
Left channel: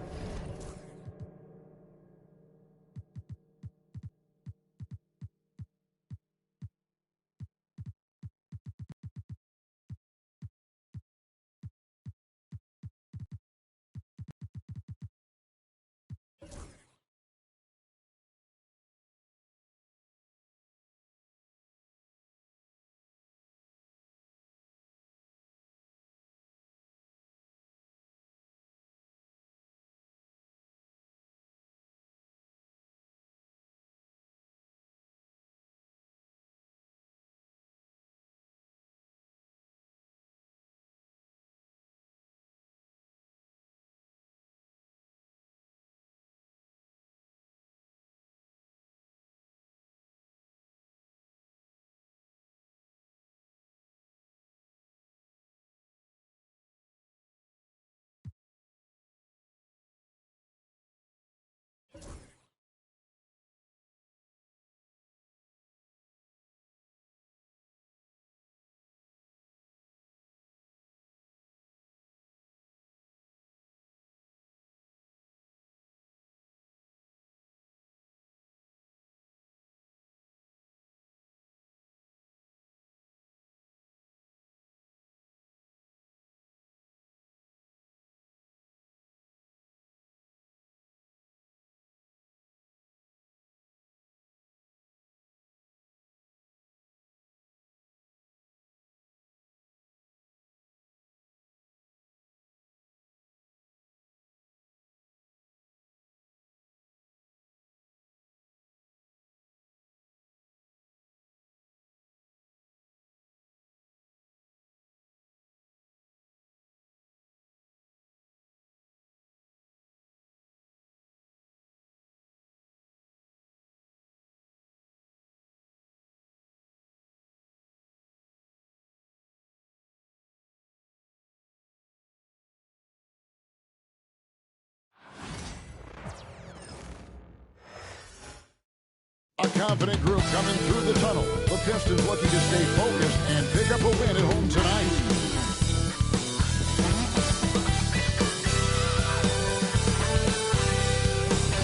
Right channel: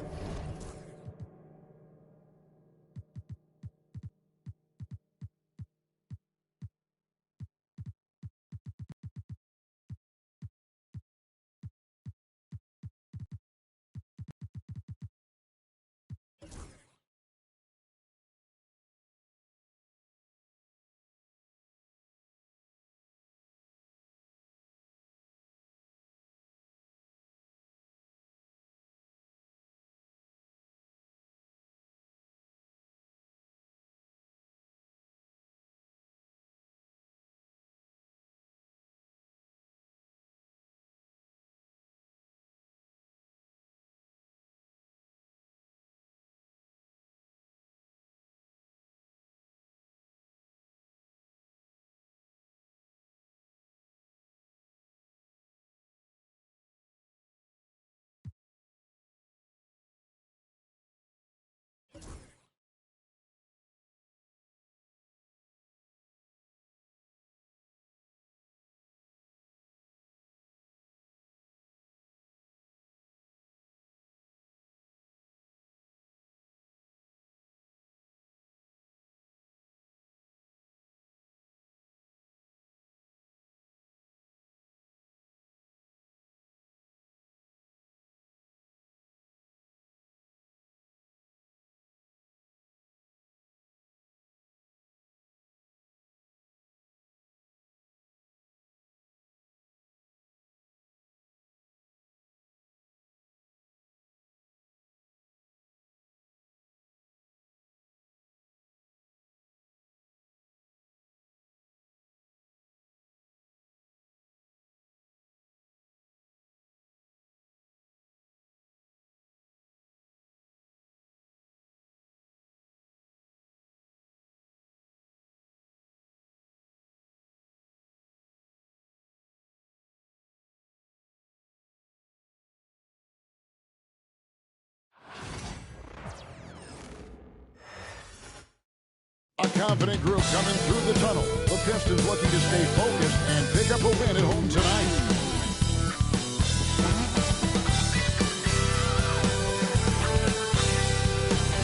A confident group coming through the tunnel. The Pistons looking to stay focused and pick up a win at home tonight.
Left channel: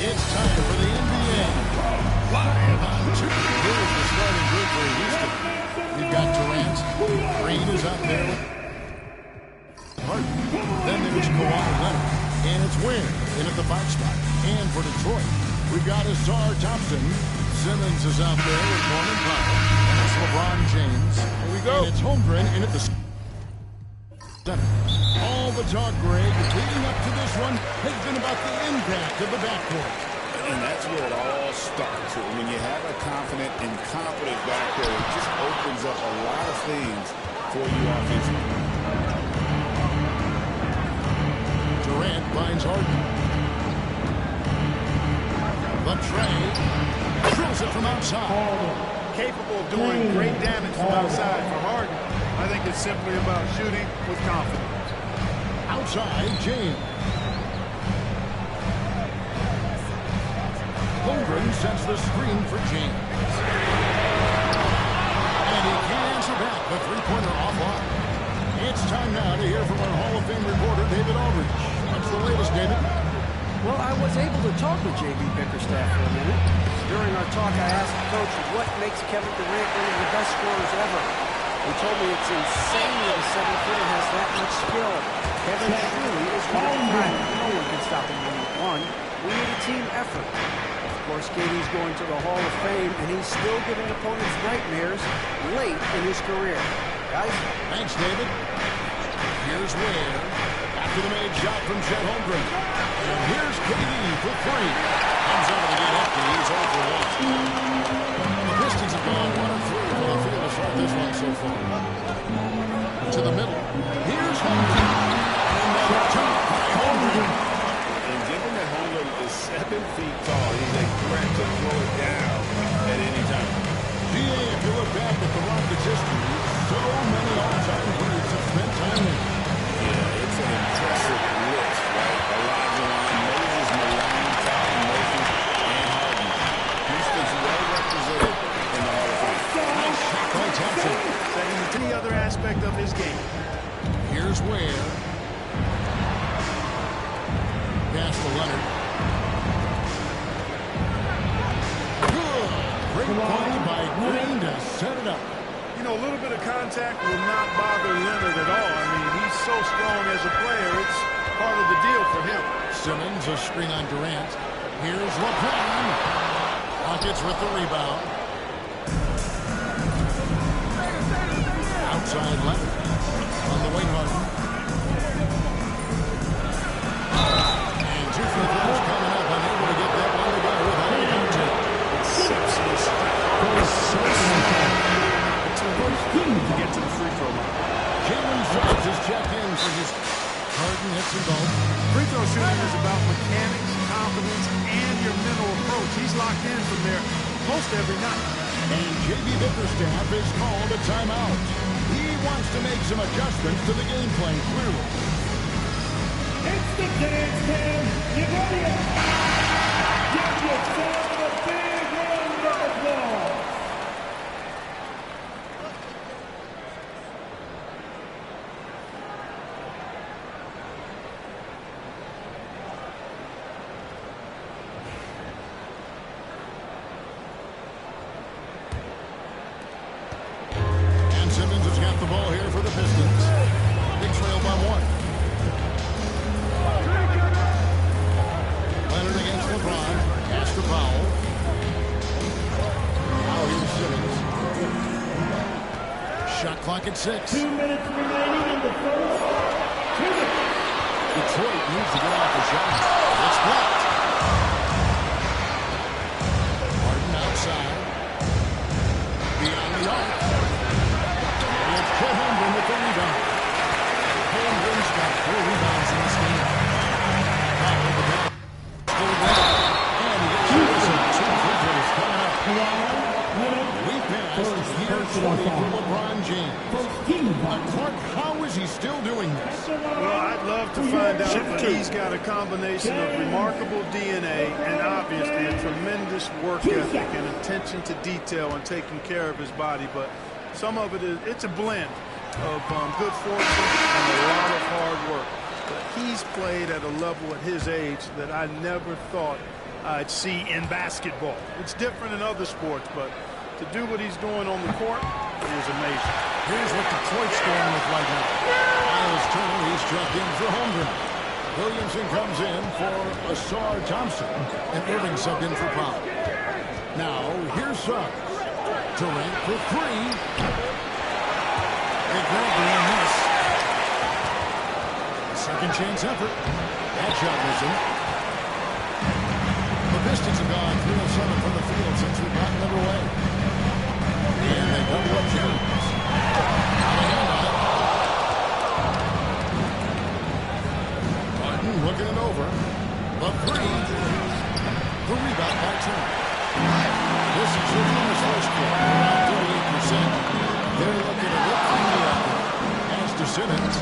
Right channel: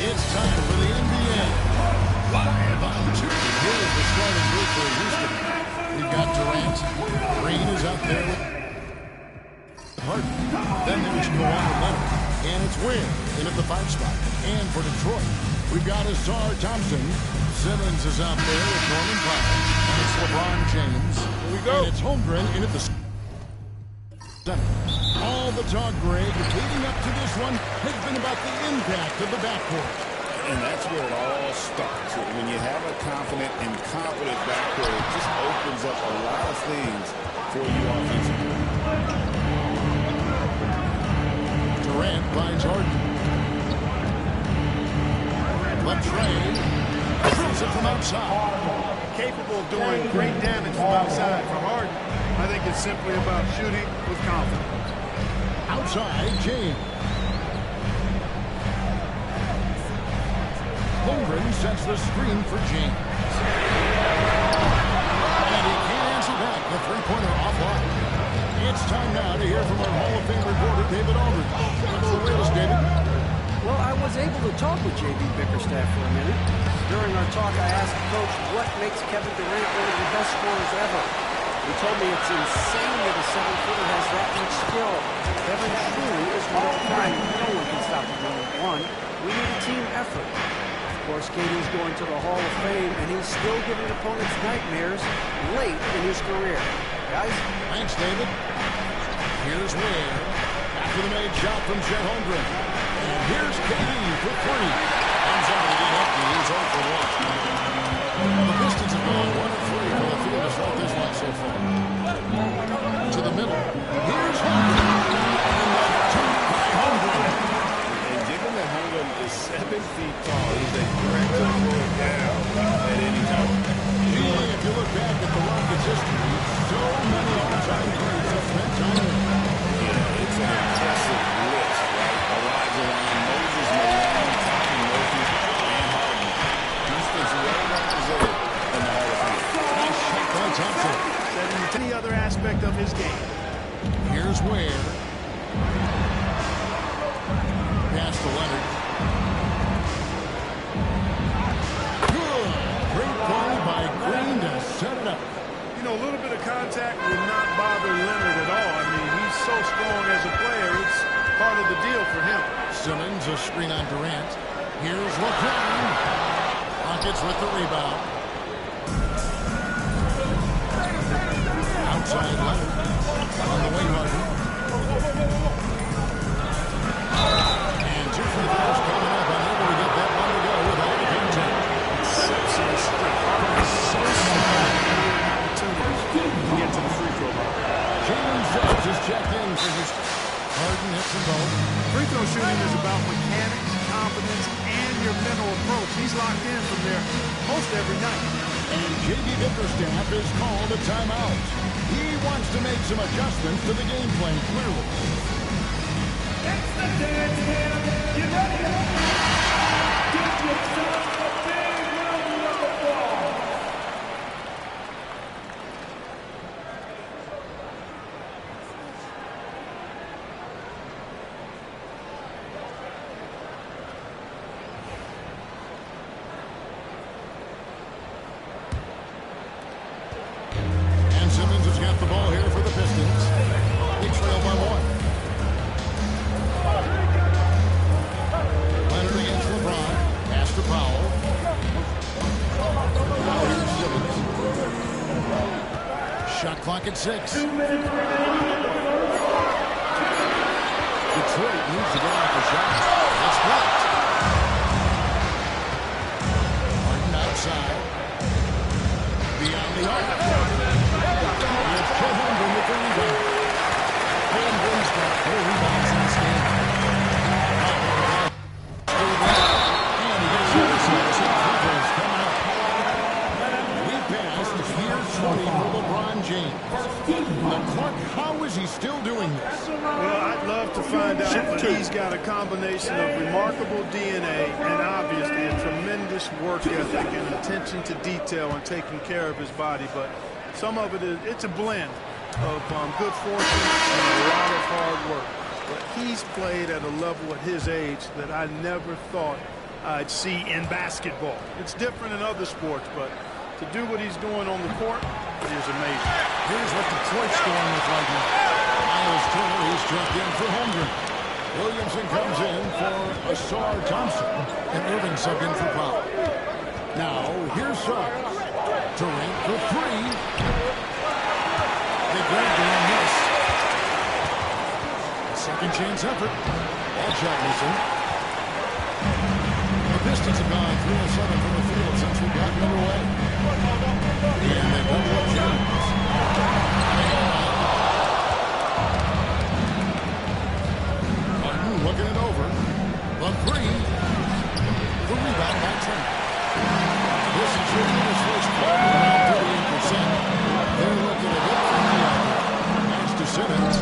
It's time for the NBA. Live on 2. Here is the starting group for Houston. We've got Durant. Green is up there with Harden. Then there's Kawhi Leonard. And it's Ware in at the 5 spot. And for Detroit, we've got Azar Thompson. Simmons is out there with Norman Powell. And it's LeBron James. Here we go. And it's Holmgren in at the center. All the talk, Greg, leading up to this one has been about the impact of the backcourt. And that's where it all starts. When you have a confident and competent backcourt, it just opens up a lot of things for you offensively. Durant finds Harden. Latrey drills it from outside. Capable of doing great damage from outside. For Harden, I think it's simply about shooting with confidence. Outside, James. Holmgren sends the screen for James. And he can't answer back. The three-pointer offline. It's time now to hear from our Hall of Fame reporter, David Aldridge. What's the latest, David? Well, I was able to talk with J.B. Bickerstaff for a minute. During our talk, I asked the coach what makes Kevin Durant one of the best scorers ever. He told me it's insane that a 7-footer has that much skill. Kevin truly is one of a kind. No one can stop him one-on-one. We need a team effort. Of course, KD's going to the Hall of Fame, and he's still giving opponents nightmares late in his career. Guys? Thanks, David. Here's Ware. After the made shot from Chet Holmgren. And here's KD for 3. Comes out of the gate empty. He's 0 for 1. The Pistons have gone 1 of 3 for the field to start this one so far. To the middle. Here's Holmgren. And the dunk by Holmgren. And given that Holmgren is 7 feet tall, he's a threat to throw it down at any time. GA, if you look back at the Rockets' history, so many all-time greats have spent time there. Yeah, it's an impressive list, right? Elijah Wan, Moses Malone, Tyrone Murphy, and Harden. Houston's well represented in the Hall of Fame. Nice shot by Thompson. Setting any other aspect of his game. Here's Ware. Pass to Leonard. Good. Great play by Green to set it up. You know, a little bit of contact will not bother Leonard at all. I mean, he's so strong as a player. It's part of the deal for him. Simmons a screen on Durant. Here's LeBron. Rockets with the rebound. Outside Leonard. On the wing, Harden. And 2 free throws coming up. Unable to get that one to go with all the contact. Exceptional strength. Harden is so smart. Opportunities to get to the free throw line. Jalen Suggs is checked in for Houston. Harden hits them both. Free throw shooting is about mechanics, confidence, and your mental approach. He's locked in from there most every night. And JB Bickerstaff is called a timeout. He wants to make some adjustments to the game plan, clearly. It's the dance cam. Get ready. Give yourself a big round of applause. And Simmons has got the ball here for the Pistons. They trail by 1. Leonard against LeBron. Pass to Powell. Now here's Simmons. Shot clock at 6. 2 minutes remaining in the first. Detroit needs to get off a shot. It's blocked. Harden outside. Beyond the arc. It's Chet Holmgren with the rebound. Holmgren's got 4 rebounds in this game. Now with the ball. Still going. And he gets a whistle. 2 free throws coming up. We passed year 20 for LeBron James. Clark, how is he still doing this? Well, I'd love to find out, but he's got a combination of remarkable DNA and obviously a tremendous work ethic and attention to detail and taking care of his body. But some of it is, it's a blend of good fortune and a lot of hard work. But he's played at a level at his age that I never thought I'd see in basketball. It's different in other sports, but to do what he's doing on the court is amazing. Here's what Detroit's going with right now. Miles Turner, he's struck in for Holmgren. Williamson comes in for Asar Thompson. And Irving subbed in for Powell. Now, here's Suggs. Durant for 3. They grabbed it on this. A second chance effort. That shot missing. The Pistons have gone 3 of 7 from the field since we've gotten underway. And they go to James. On a handout. Harden looking it over. The 3. The rebound by Turner. This is shooting in his first quarter, around 38%. They're looking a bit freaky out there. Pass to Simmons.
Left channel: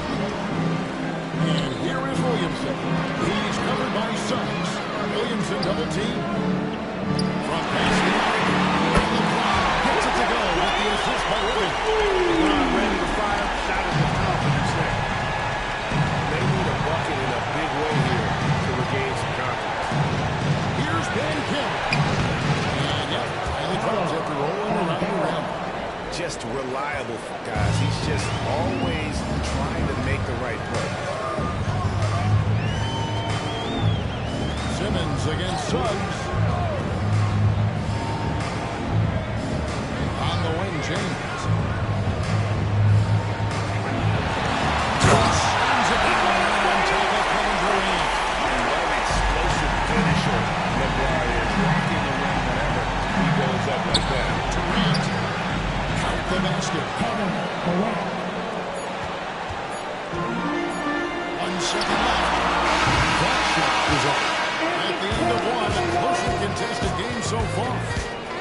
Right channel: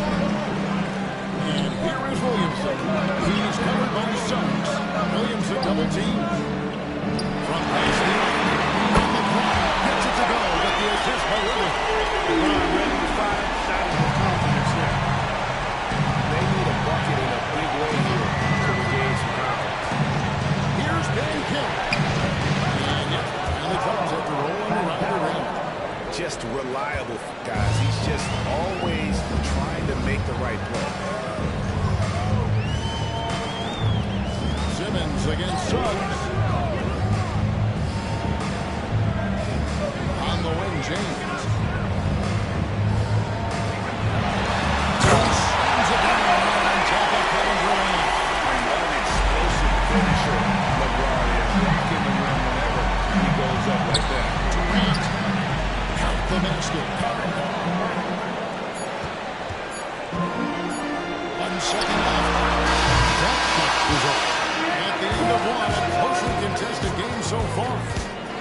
And here is Williamson. He's covered by Suggs. Williamson double team. Front pass the arc. And LeBron gets it to go with the assist by Irving. LeBron ready to fire. Shot it with confidence there. They need a bucket in a big way here to regain some confidence. Here's Ben King. And yep, finally drops after rolling around the rim. just reliable, guys. He's just always trying to make the right play. Simmons against Suggs. On the wing, James. He slams it down on top of Kevin Durant. And what an explosive finisher LeBron is, rocking the rim whenever he goes up like that. Durant, count the basket. 1 second left. That shot is off. At the end of one, a closely contested game so far.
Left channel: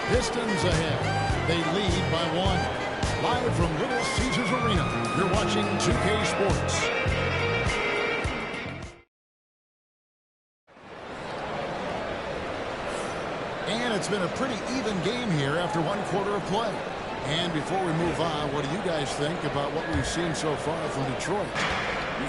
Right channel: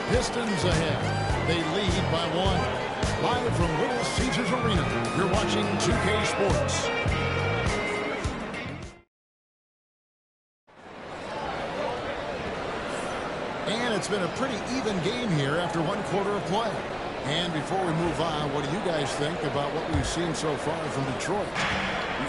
Pistons ahead. They lead by 1. Live from Little Caesars Arena, you're watching 2K Sports. And it's been a pretty even game here after 1 quarter of play. And before we move on, what do you guys think about what we've seen so far from Detroit?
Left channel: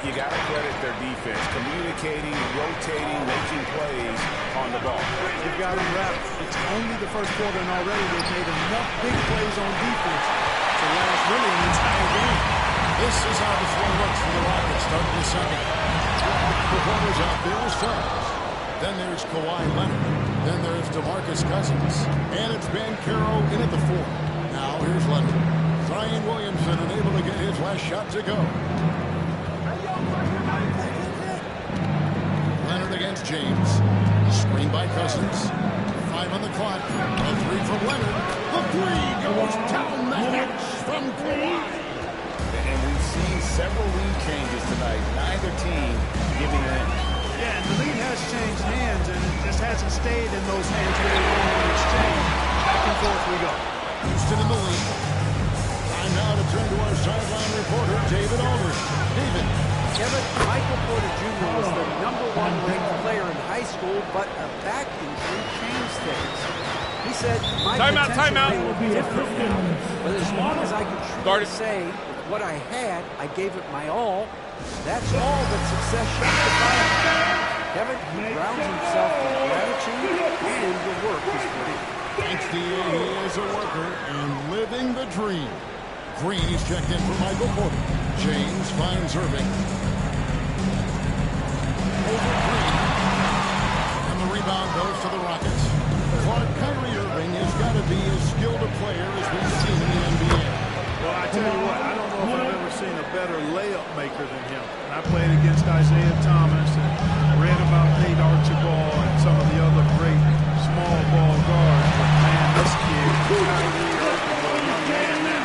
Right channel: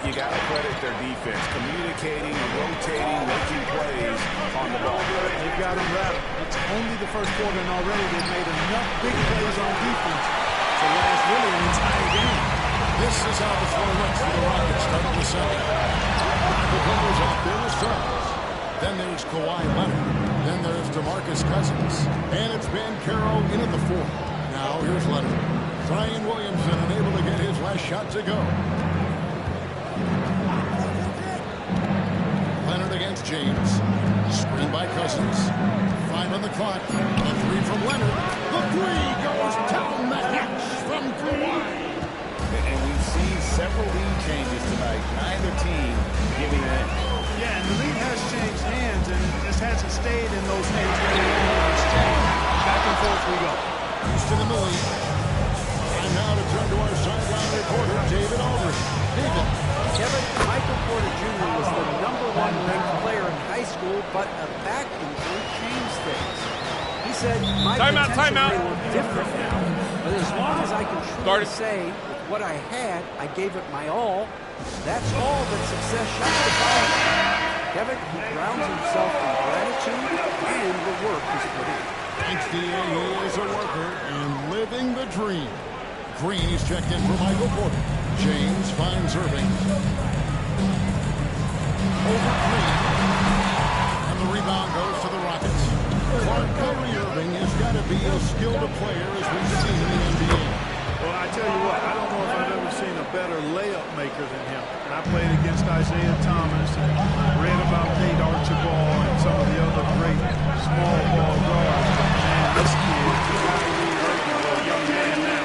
You got to credit their defense, communicating, rotating, making plays on the ball. They've got them wrapped. It's only the first quarter, and already they've made enough big plays on defense to last really an entire game. This is how the floor looks for the Rockets starting the second. The corner's out there with Suggs. Then there's Kawhi Leonard. Then there's DeMarcus Cousins. And it's Banchero in at the 4. Now here's Leonard. Zion Williamson unable to get his last shot to go. Leonard against James. Screen by Cousins. 5 on the clock. A 3 from Leonard. The 3 goes down the hatch from Kawhi. And we've seen several lead changes tonight. Neither team giving an inch. Yeah, and the lead has changed hands, and it just hasn't stayed in those hands very long when it's changed. Back and forth we go. Houston in the lead. Time now to turn to our sideline reporter, David Aldridge. David. Kevin, Michael Porter Jr. was the #1 ranked player in high school, but a back injury changed things. He said, my potential may look different now, but as long as I can truly say with what I had, I gave it my all. That's all that success should be defined by. Kevin, he grounds himself in gratitude and the work he's put in. Thanks, D.A. He is a worker and living the dream. Green is checked in for Michael Porter. James finds Irving. Over Green. And the rebound goes to the Rockets. Clark, Kyrie Irving has got to be as skilled a player as we've seen in the NBA. Well, I tell you what, I don't know if I've ever seen a better layup maker than him. And I played against Isaiah Thomas and read about Nate Archibald and some of the other great small ball guards. But, man, this kid, Kyrie Irving, well, a young man now,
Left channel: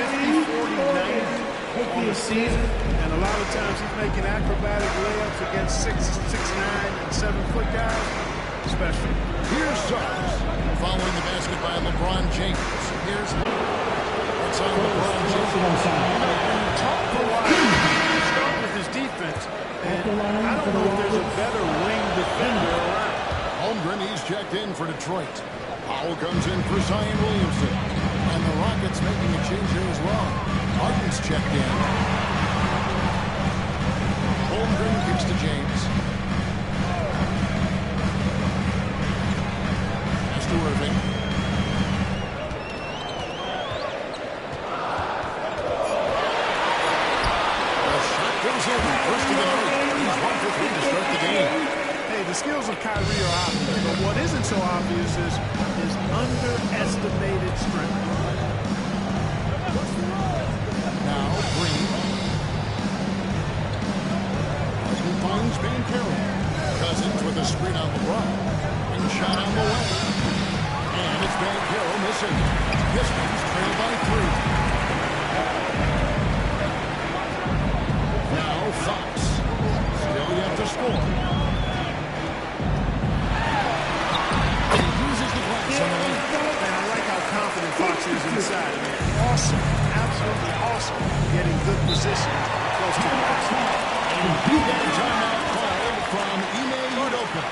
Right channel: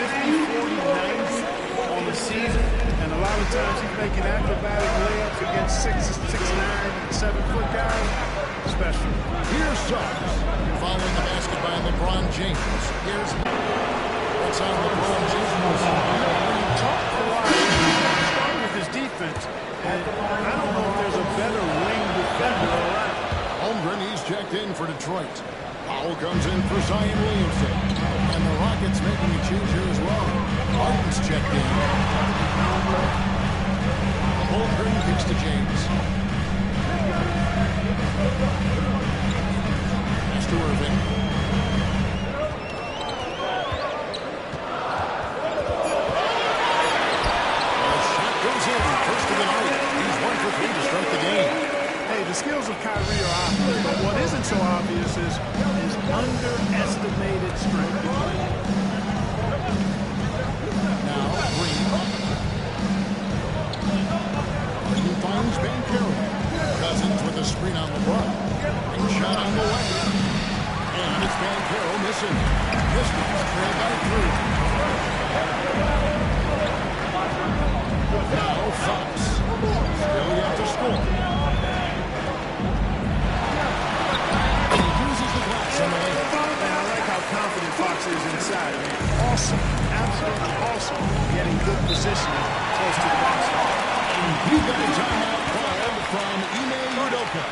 50, 40, 90 on the season. And a lot of times he's making acrobatic layups against 6'9", and 7-foot guys. Special. Here's Suggs. Following the basket by LeBron James. Here's... That's on LeBron James. You know, when you talk Kawhi, you start with his defense, and I don't know if there's a better wing defender around. Holmgren, he's checked in for Detroit. Powell comes in for Zion Williamson. And the Rockets making a change here as well. Harden's checked in. Holmgren kicks to James. Pass to Irving. Goes in, first of the night. He's 1 for 3 to start the game. Hey, the skills of Kyrie are obvious, but what isn't so obvious is his underestimated strength. Now, Green. Harden finds Banchero. Cousins with a screen on LeBron. Big shot on the way. And it's Banchero missing. Pistons trail by 3. Now Fox. Still yet to score. He uses the glass on the lane. Man, I like how confident Fox is inside. I mean, awesome. Absolutely awesome. Getting good positioning close to the basket. We got a timeout called from Ime Udoka.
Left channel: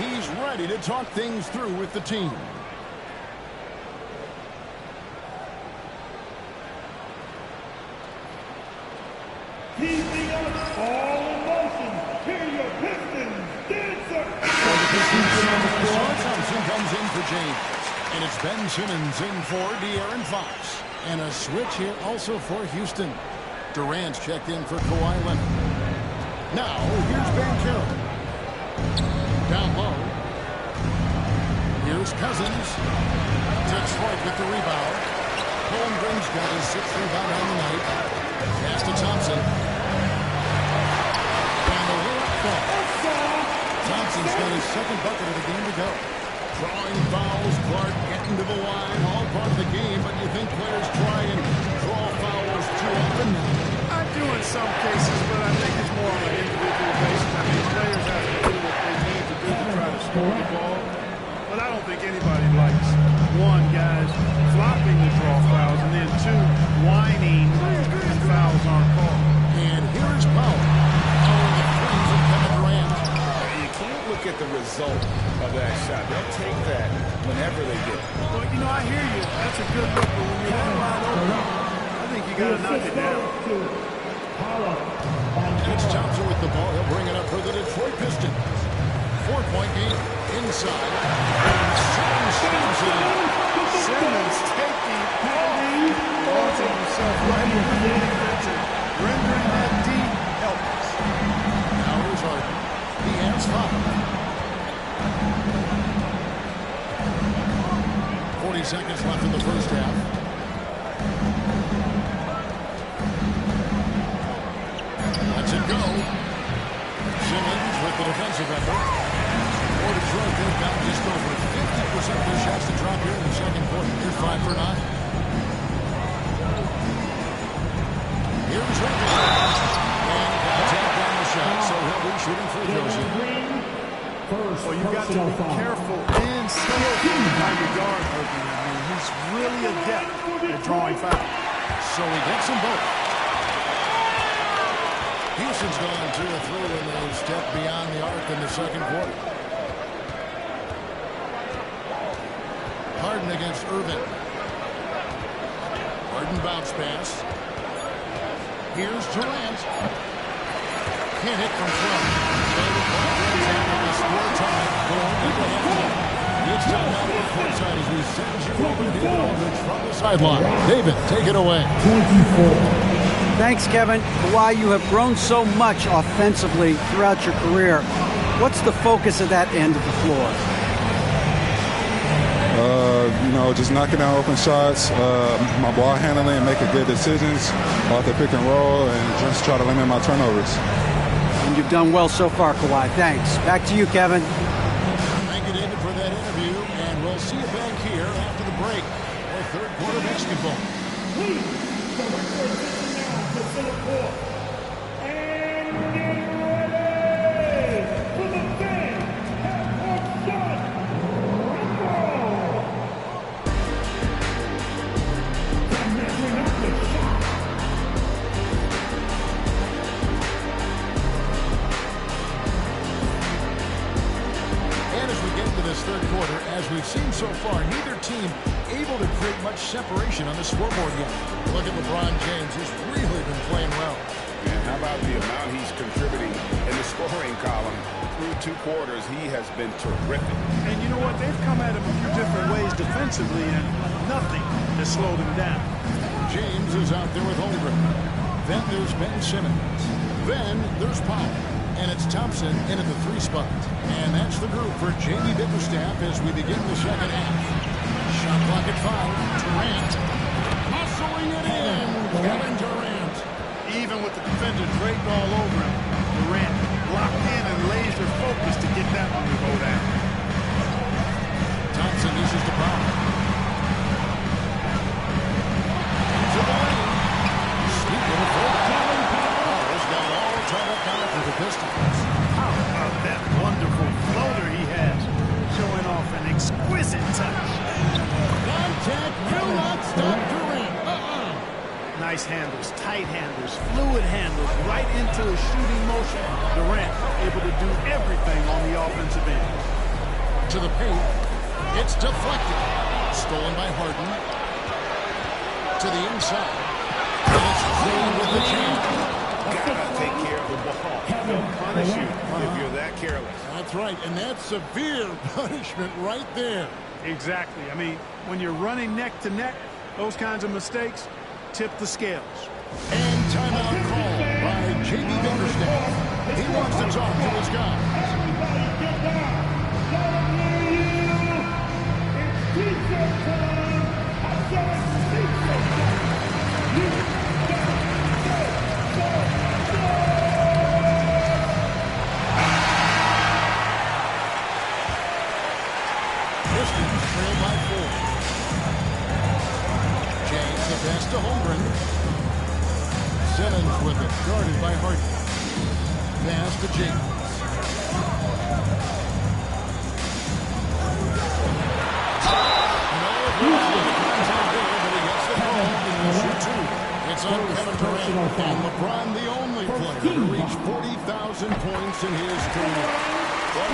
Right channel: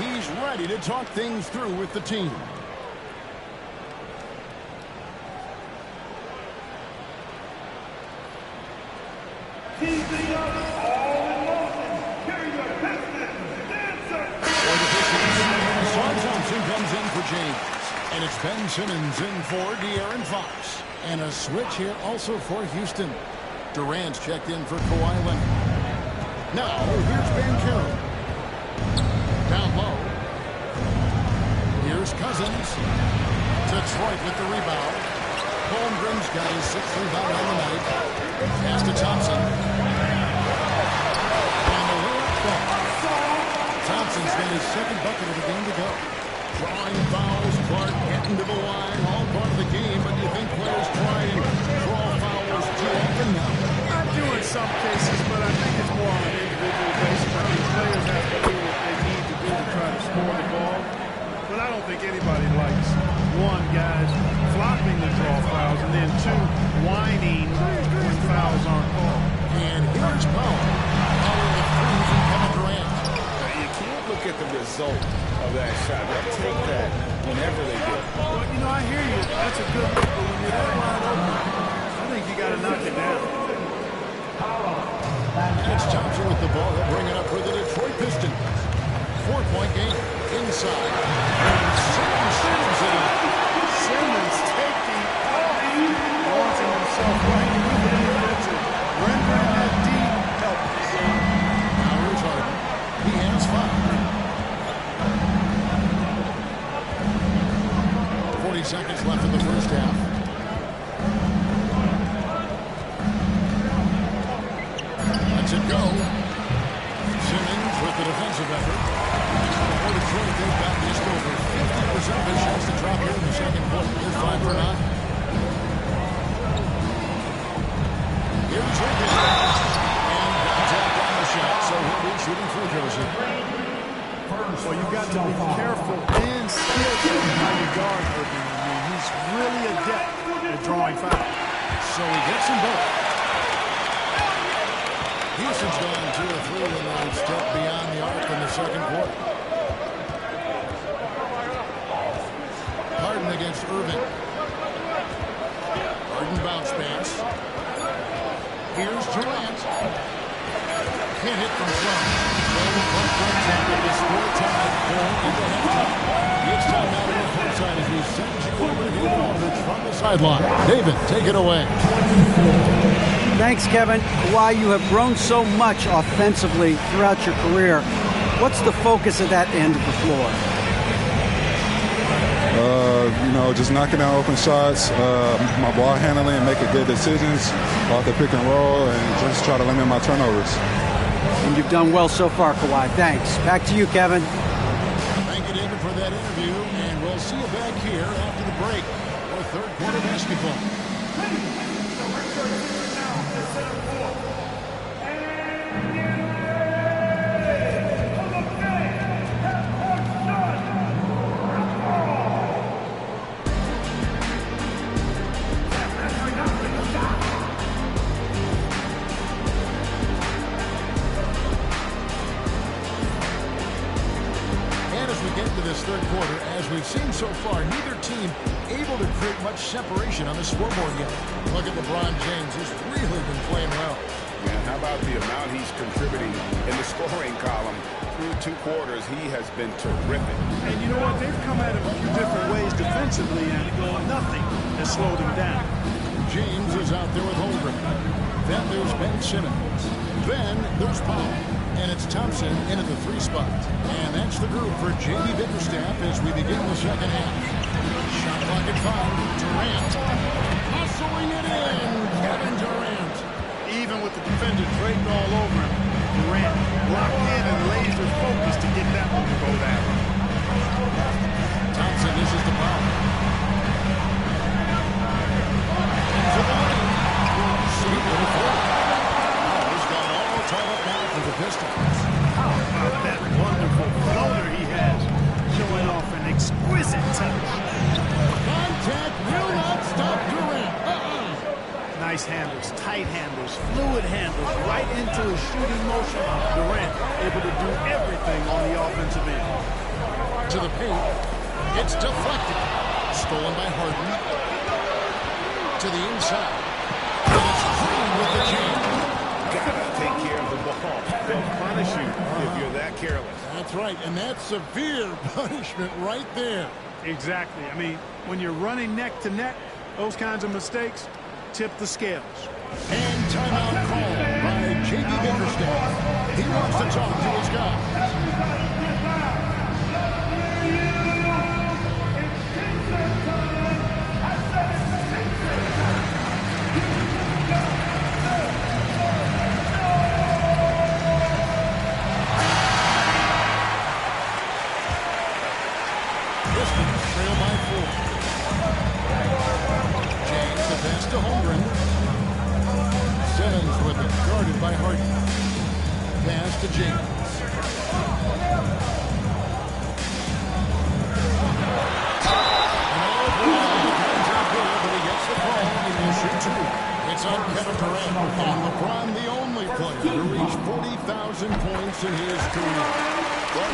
He's ready to talk things through with the team. Keeping up all in motion. Hear your Pistons dancer. For the Pistons, Klay Thompson comes in for James. And it's Ben Simmons in for De'Aaron Fox. And a switch here also for Houston. Durant's checked in for Kawhi Leonard. Now, here's Banchero. Down low. Here's Cousins. Detroit with the rebound. Holmgren's got his 6th rebound on the night. Pass to Thompson. And the layup falls. Thompson's got his 2nd bucket of the game to go. Drawing fouls, Clark getting to the line, all part of the game, but you think players try and draw fouls too often now? I do in some cases, but I think it's more on an individual basis. I mean, players have to do what they need to do to try to score the ball. But I don't think anybody likes, 1, guys flopping the draw fouls, and then 2, whining when fouls aren't called. And here's Powell. Powell the 3 from Kevin Durant. You can't look at the result of that shot. They'll take that whenever they do. Well, you know, I hear you. That's a good look, but when you're that wide open, I think you got to knock it down. And it's Thompson with the ball. He'll bring it up for the Detroit Pistons. 4-point game. Inside. And Simmons shoots it in. Simmons taking off. Launching himself right into the defense and rendering that D helpless. Now here's Harden. He has 5. 40 seconds left in the first half. Lets it go. Simmons with the defensive effort. For Detroit, they've gotten just over 50% of their shots to drop here in the second quarter. They're 5 for 9. Here's Irving. And contact on the shot, so he'll be shooting free throws here. Well, you've got to be careful and skillful in how you guard Irving. I mean, he's really adept at drawing fouls. So he gets them both. Houston's gone 2 of 3 when they've stepped beyond the arc in the second quarter. Harden against Irving. Harden bounce pass. Here's Durant. Can't hit from 12. So the clock runs out with the score tied going into halftime. It's time now to go courtside as we send you over to David Aldridge from the sideline. David, take it away. Thanks, Kevin. Kawhi, you have grown so much offensively throughout your career. What's the focus of that end of the floor? Just knocking down open shots, my ball handling, and making good decisions off the pick and roll, and just try to limit my turnovers. And you've done well so far, Kawhi. Thanks. Back to you, Kevin. Thank you, David, for that interview, and we'll see you back here after the break for third quarter basketball. Please, direct your attention now to center court. And get ready for the fans at court shot. And measuring up the shot. And as we get into this third quarter, as we've seen so far, neither team able to create much separation on the scoreboard yet. Look at LeBron James. He's really been playing well. And how about the amount he's contributing in the scoring column? Through 2 quarters, he has been terrific. And you know what? They've come at him a few different ways defensively, and nothing has slowed him down. James is out there with Holmgren. Then there's Ben Simmons. Then there's Powell. And it's Thompson into the 3 spot. And that's the group for J.B. Bickerstaff as we begin the second half. Shot clock at 5. Durant. Muscling it in. Kevin Durant. Even with the defender draped all over him, Durant locked in and laser focused to get that one to go down. Thompson dishes to Powell. Into the lane. Sweet little forward. Powell's got it all tied up now for the Pistons. How about that wonderful floater he has, showing off an exquisite touch. Contact will not stop Durant. Nice handles, tight handles, fluid handles, right into his shooting motion. Durant able to do everything on the offensive end. To the paint. It's deflected. Stolen by Harden. To the inside. And it's Green with the jam. gotta take care of the ball. They'll punish you if you're that careless. That's right, and that's severe punishment right there. Exactly. I mean, when you're running neck to neck, those kinds of mistakes tip the scales. And timeout called by J.B. Bickerstaff. He wants to talk to his guys. Pistons trail by 4. James, the pass to Holmgren. Simmons with it, guarded by Harden. Pass to James. And all the contact there, but he gets the call, and he'll shoot 2. It's on Kevin Durant, and LeBron the only player to reach 40,000 points in his career. Clark,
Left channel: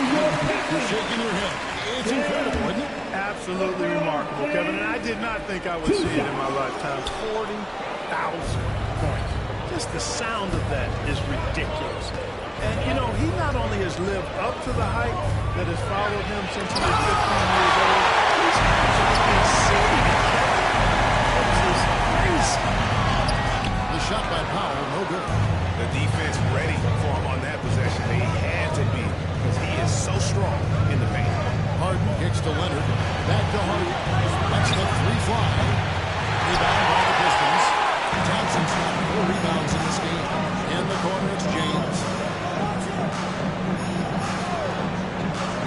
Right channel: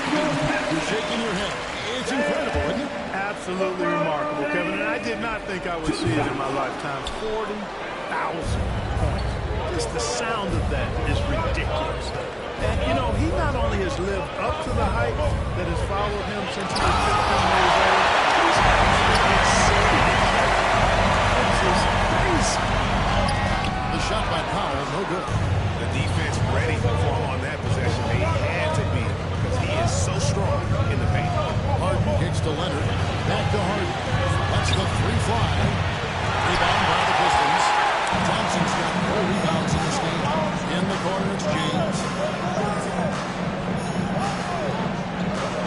you're shaking your head. It's incredible, isn't it? Absolutely remarkable, Kevin. And I did not think I would see it in my lifetime. 40,000 points. Just the sound of that is ridiculous. And, you know, he not only has lived up to the hype that has followed him since he was 15 years old, he's actually exceeded it, Kevin. Which is crazy. The shot by Powell, no good. The defense ready for him on that possession. They had to be, because he is so strong in the paint. Harden kicks to Leonard. Back to Harden. That's the 3 fly. Rebound by the Pistons. Thompson's got 4 rebounds in this game. In the corner, it's James.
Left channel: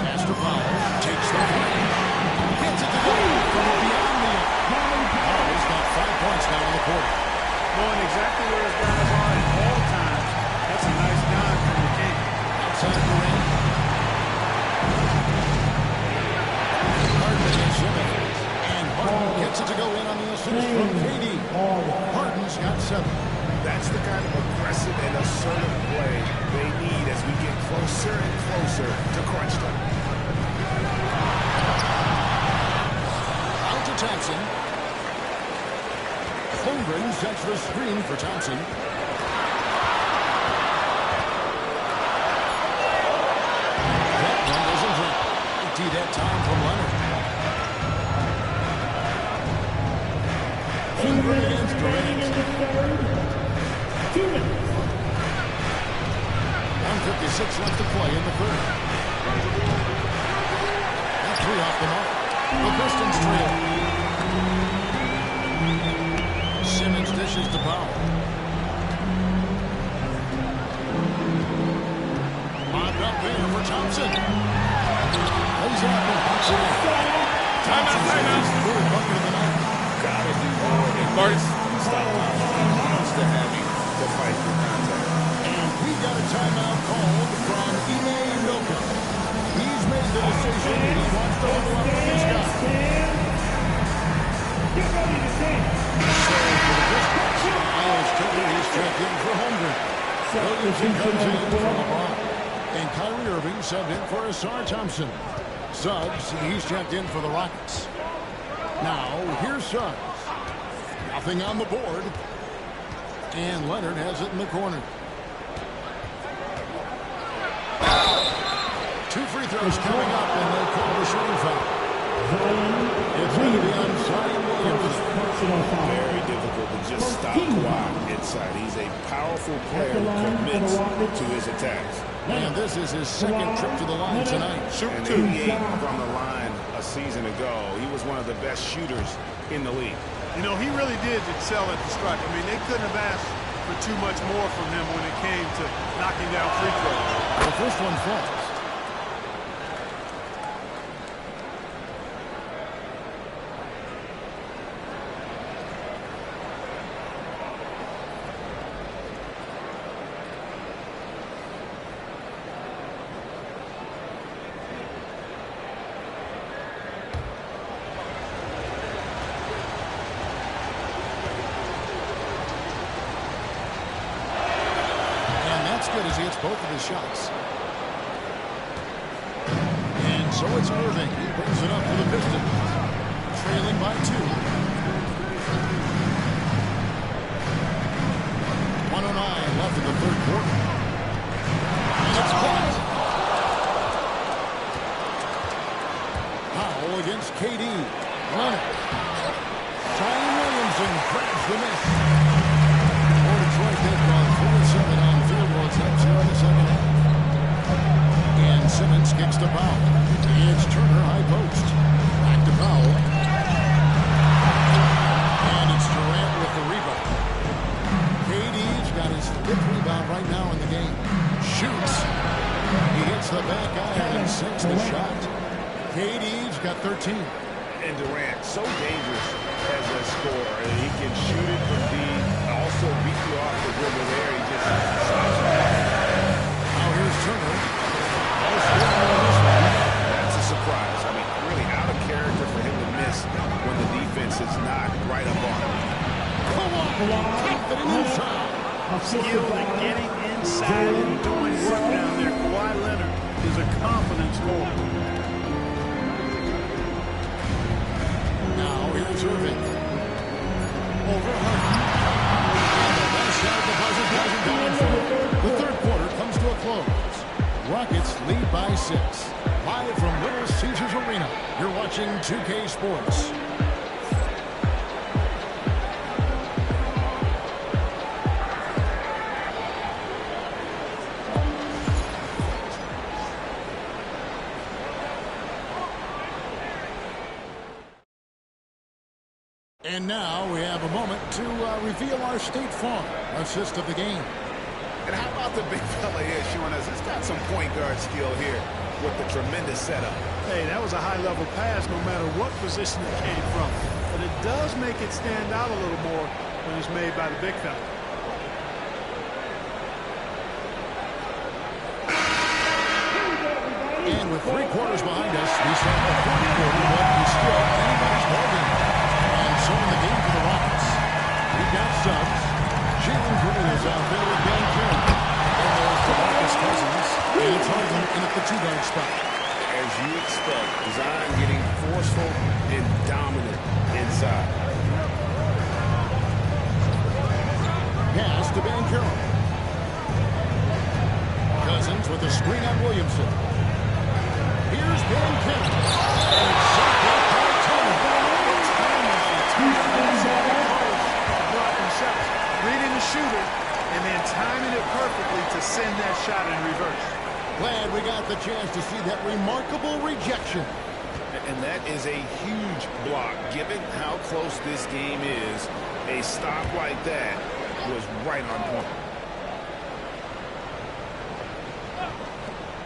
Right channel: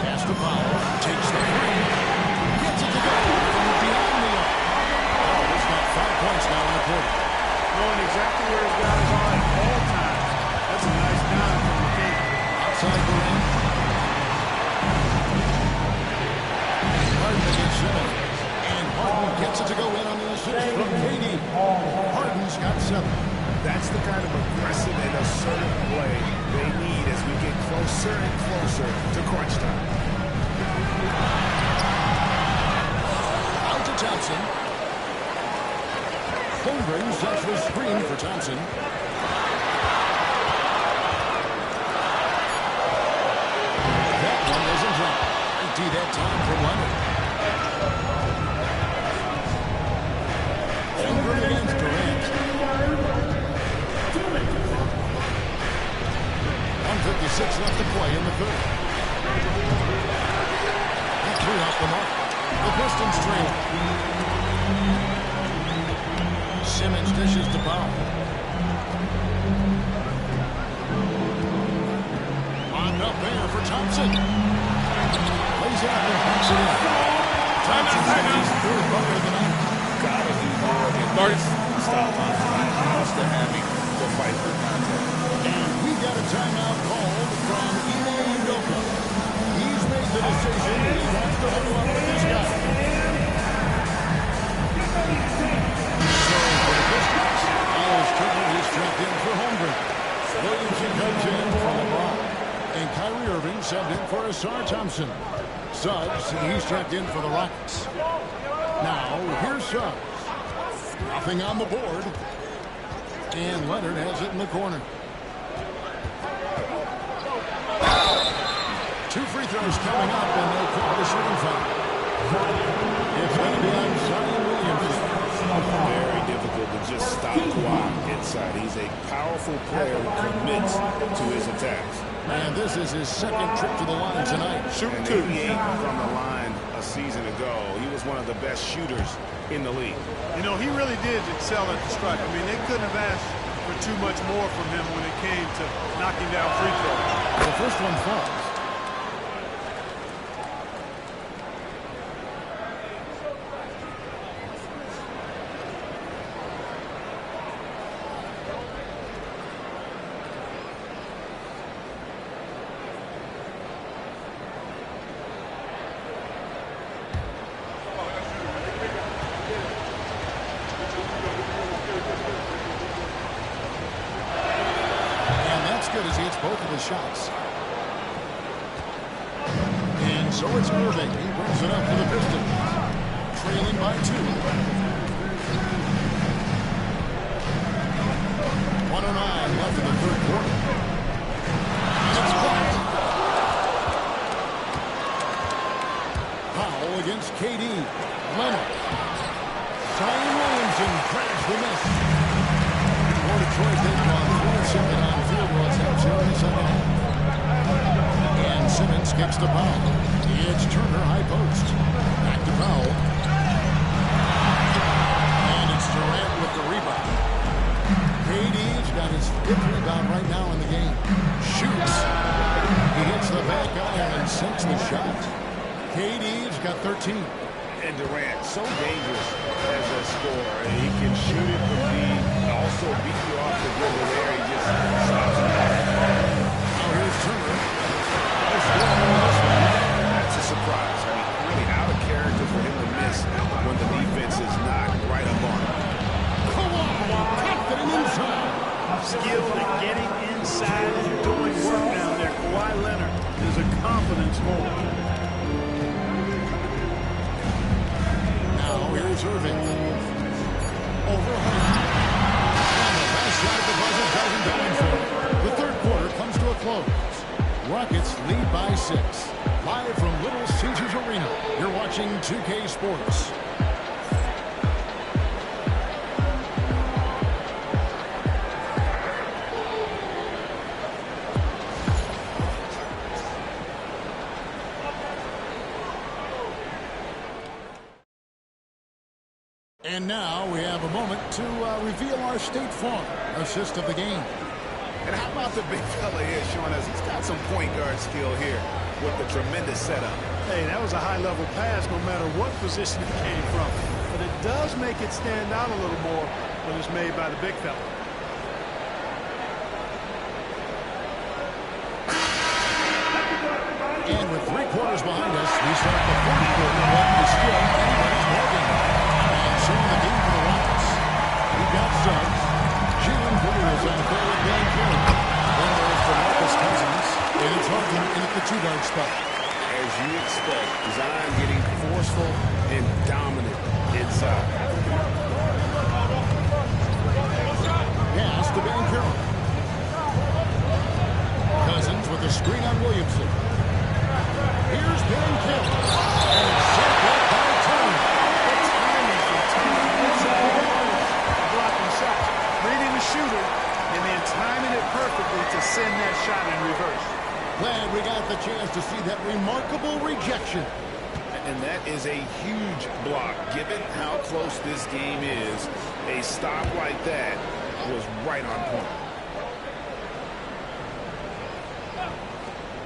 Pass to Powell. Takes the 3. Gets it to go from beyond the arc. Powell's got 5 points now in the quarter. Knowing exactly where his guys are at all times. That's a nice dime from the king. Outside Durant. Harden against Simmons. And Harden gets it to go in on the assist from KD. Harden's got 7. That's the kind of aggressive and assertive play they need as we get closer and closer to crunch time. Out to Thompson. Holmgren sets the screen for Thompson. That one doesn't drop. 90 that time from Leonard. Holmgren against Durant. 1:56 left to play in the third. That 3 off the mark. The Pistons trail. Simmons dishes to Powell. Lobbed up there for Thompson. Lays it up and banks it in. Thompson's his 3rd bucket of the night. Gotta do more than this to stop Thompson. He's used to having to fight for contact. And we got a timeout called from Ime Udoka. He's made the decision he wants to huddle up with this guy. So for the Pistons, Miles Turner is checked in for Holmgren. Williamson comes in for LeBron. And Kyrie Irving subbed in for Asar Thompson. Suggs, he's checked in for the Rockets. Now, here's Suggs. Nothing on the board. And Leonard has it in the corner. 2 free throws coming up, and they'll call the shooting foul. It's going to be on Zion Williamson. Very difficult to just stop Kawhi inside. He's a powerful player who commits to his attacks. And this is his 2nd trip to the line tonight. And 88 from the line a season ago. He was one of the best shooters in the league. You know, he really did excel at the stripe. I mean, they couldn't have asked for too much more from him when it came to knocking down free throws. The first one falls. Good as he hits both of his shots. And so it's Irving. He brings it up to the Pistons. Trailing by 2. 1:09 left in the third quarter. And it's blocked. Powell against KD. Leonard. Zion Williamson grabs the miss. For Detroit, they've gone 3-7 on field goal attempts here in the second half. And Simmons kicks to Powell. It's Turner, high post. Back to Powell. And it's Durant with the rebound. KD's got his 5th rebound right now in the game. Shoots. He hits the back iron and sinks the shot. KD's got 13. And Durant, so dangerous as a scorer. He can shoot it from deep, also beat you off the dribble there. He just stops it. Now here's Turner. Oh, still on this one. That's a surprise. I mean, really out of character for him to miss when the defense is not right up on him. Kawhi, confident inside. Skilled at getting inside and doing work down there. Kawhi Leonard is a confident scorer. Now here's Irving. Over Harden. And the last shot at the buzzer doesn't go in for it. The third quarter comes to a close. Rockets lead by 6. Live from Little Caesars Arena, you're watching 2K Sports. And now we have a moment to reveal our State Farm assist of the game. And how about the big fella here showing us he's got some point guard skill here with the tremendous setup. Hey, that was a high-level pass no matter what position it came from. But it does make it stand out a little more when it's made by the big fella. And with 3 quarters behind us, we start the fourth quarter, what is still anybody's ballgame. And so in the game for the Rockets, we've got subs. Jalen Green is out there with Dan Carey. Then there's DeMarcus Cousins, and it's Harden in at the 2-guard spot. As you expect, Zion getting forceful and dominant inside. Pass to Ben Carroll. Cousins with a screen on Williamson. Here's Ben Carroll. And it's set back by Turner. What timing from Turner. That's a big part of blocking shots. Reading the shooter and then timing it perfectly to send that shot in reverse. Glad we got the chance to see that remarkable rejection. And that is a huge block. Given how close this game is, a stop like that was right on point.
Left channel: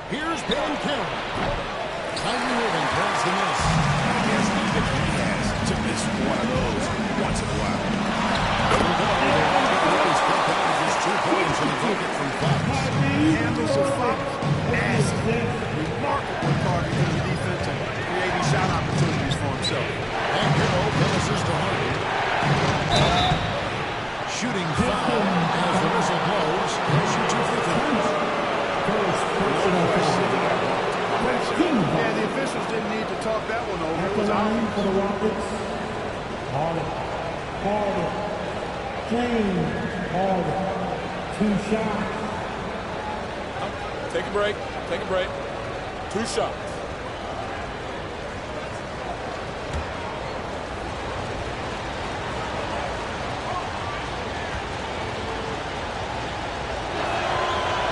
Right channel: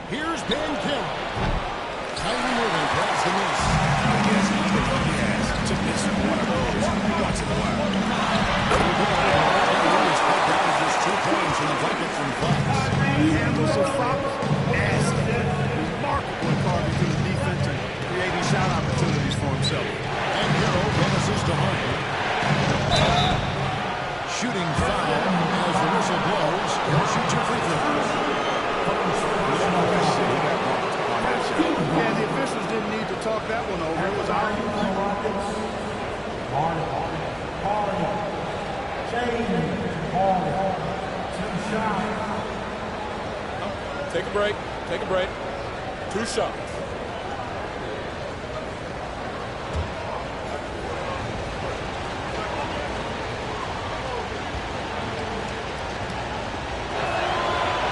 Here's Ben Carroll. Kyrie Irving grabs the miss. I guess even he has to miss one of those once in a while. Here we go. The Rocket lead is cut down to just 2 points in the bucket from Fox. Handles of Fox, nasty. Remarkable in carving through the defense and creating shot opportunities for himself. And Carroll passes to Harden. Shooting foul as the whistle blows. He'll shoot 2 free throws. No question, he got bumped on that shot. Yeah, the officials didn't need to talk that one over. It was obvious. For the Rockets, Harden, James Harden, 2 shots. Take a break. Take a break. 2 shots.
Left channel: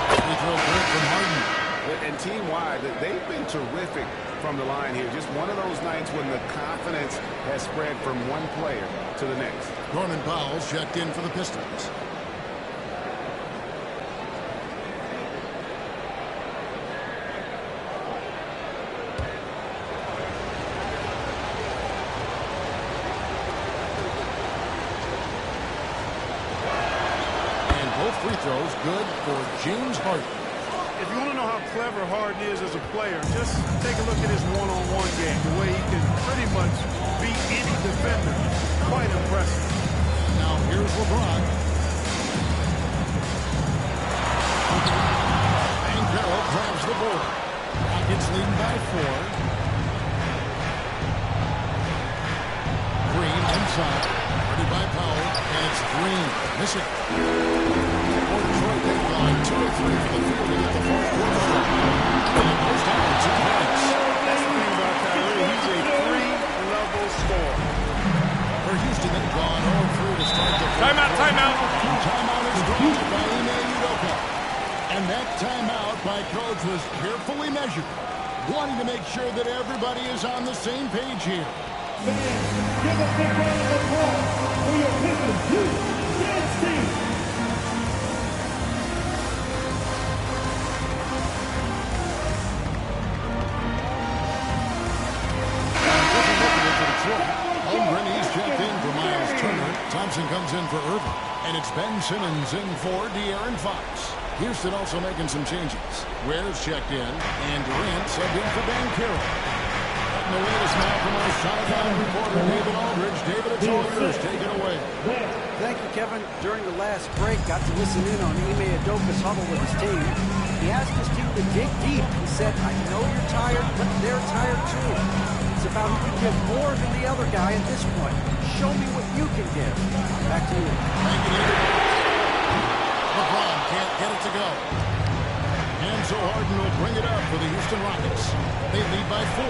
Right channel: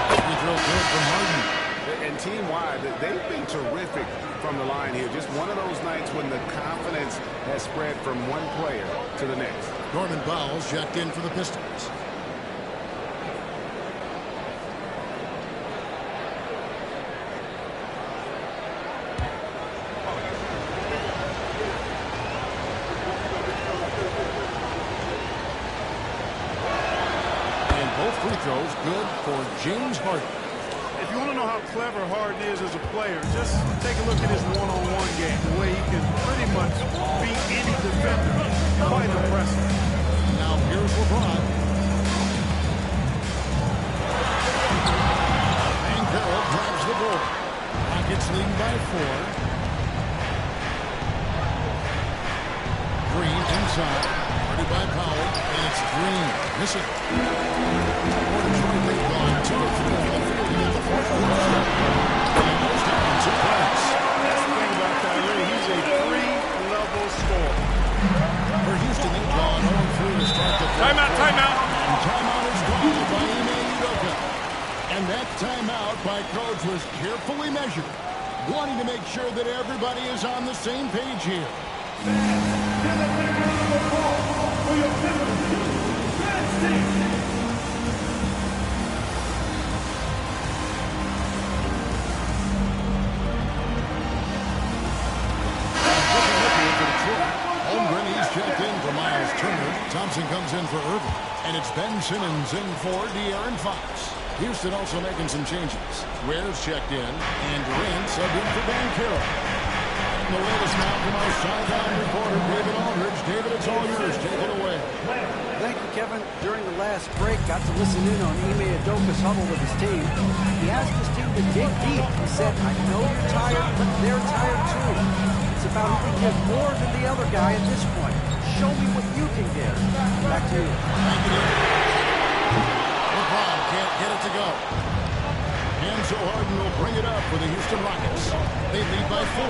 Free throw good from Harden. And team-wide, they've been terrific from the line here. Just one of those nights when the confidence has spread from one player to the next. Norman Powell's checked in for the Pistons. And both free throws good for James Harden. If you want to know how clever Harden is as a player, just take a look at his one-on-one game. The way he can pretty much beat any defender. Quite impressive. Now here's LeBron. And Carroll grabs the board. Rockets leading by 4. Green inside. Guarded by Powell. And it's Green missing. Detroit, they've gone 2 of 3 from the field to get the fourth quarter started. And it goes down 2 points. That's the thing about Kyrie. He's a three-level scorer. For Houston, they've gone 0 of 3 to start the fourth Timeout, quarter. timeout. And timeout is drawn by Ime Udoka. And that timeout by coach was carefully measured, wanting to make sure that everybody is on the same page here. Give a big round of applause for your Pistons Reds team. Looking into Detroit. Holmgren, he's checked in for Miles Turner. Thompson comes in for Irvin. And it's Ben Simmons in for De'Aaron Fox. Houston also making some changes. Ware's checked in, and Durant subbed in for Dan Carroll. And the latest now from our sideline reporter, David Aldridge. David, it's all yours. Take it away. Thank you, Kevin. During the last break, got to listen in on Ime Udoka's huddle with his team. He asked his team to dig deep. He said, I know you're tired, but they're tired too. It's about who can give more than the other guy at this point. Show me what you can give. Back to you. Thank you, David. LeBron can't get it to go. And so Harden will bring it up for the Houston Rockets. They lead by 4.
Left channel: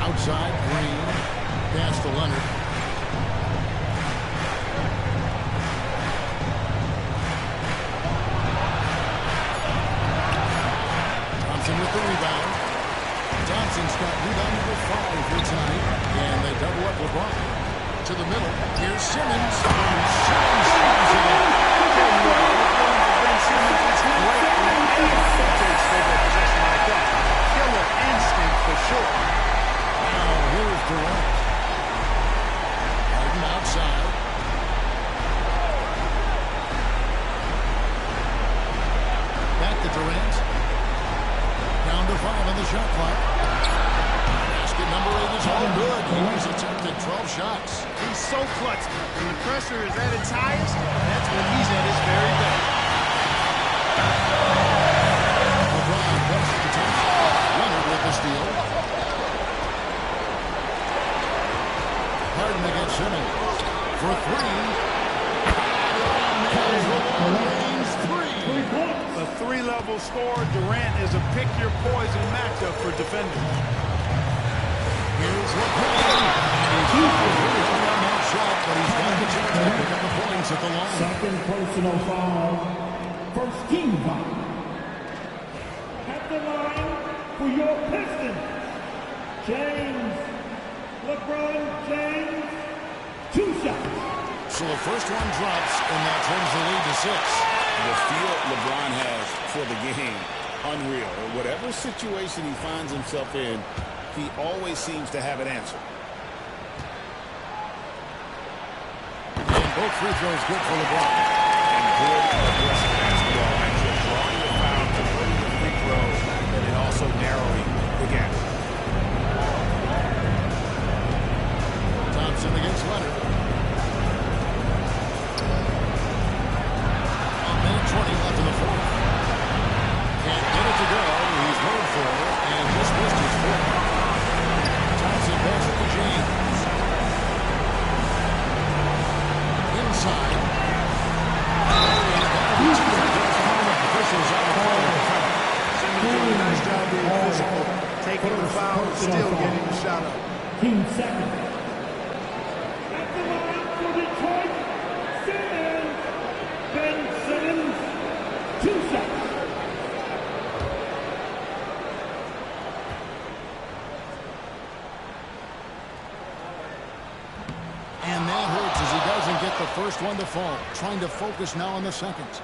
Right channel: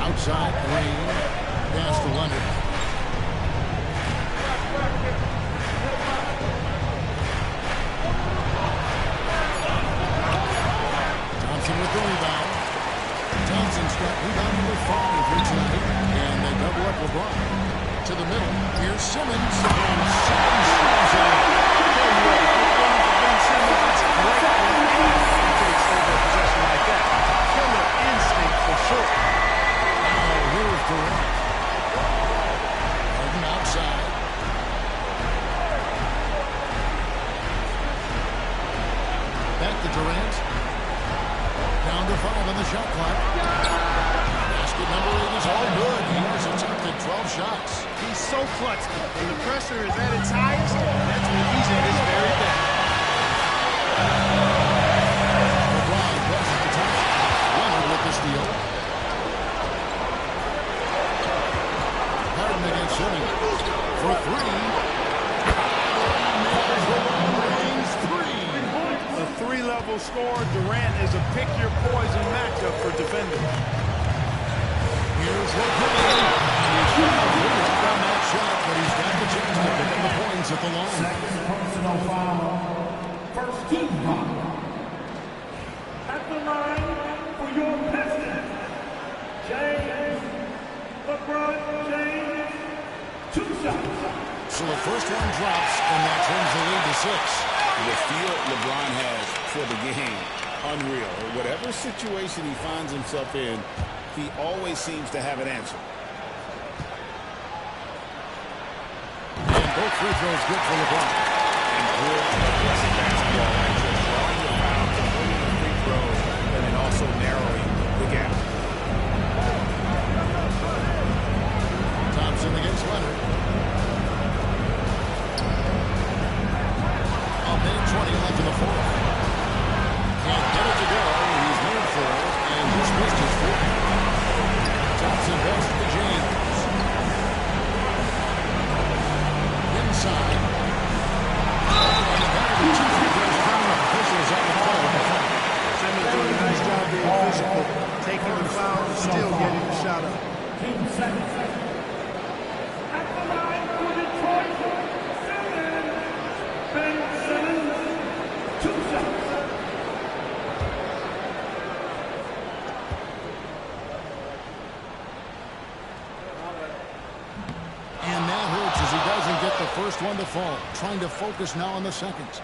Outside, Green. Pass to Leonard. Thompson with the rebound. Thompson's got rebound number 5 here tonight. And they double up LeBron. To the middle. Here's Simmons. And Simmons shoots it in. Tell you what, if you're going for Ben Simmons, it's great whenever he takes over a possession like that. Killer instinct for sure. Now here's Durant. Harden outside. Back to Durant. Down to 5 on the shot clock. Basket number 8 is all good. He's attempted 12 shots. He's so clutch. When the pressure is at its highest, that's when he's at his very best. LeBron passes to Thompson. Leonard with the steal. Harden against Simmons. For 3. Nails the long-range 3. A three-level scorer, Durant is a pick-your-poison matchup for defenders. Here's LeBron. And he's fouled on that shot, but he's got the chance to pick up the points at the line. Second personal foul. First team foul. At the line for your Pistons, James. LeBron James. 2 shots. So the first one drops, and that turns the lead to 6. The feel LeBron has for the game, unreal. Whatever situation he finds himself in, he always seems to have an answer. And both free throws good for LeBron. And good aggressive basketball action, drawing the foul, converting the free throws, and then also narrowing the gap. Thompson against Leonard. A minute 20 left in the fourth. Can't get it to go. He's moved for and just missed his fourth. Thompson passes to James. Inside. And that'll be 2 free throws coming up. Officials on the play with the foul. Simmons doing a nice job being physical, taking the foul and still getting the shot up. Team second. At the line for Detroit, Simmons. Ben Simmons. 2 shots. And that hurts as he doesn't get the first one to fall. Trying to focus now on the second.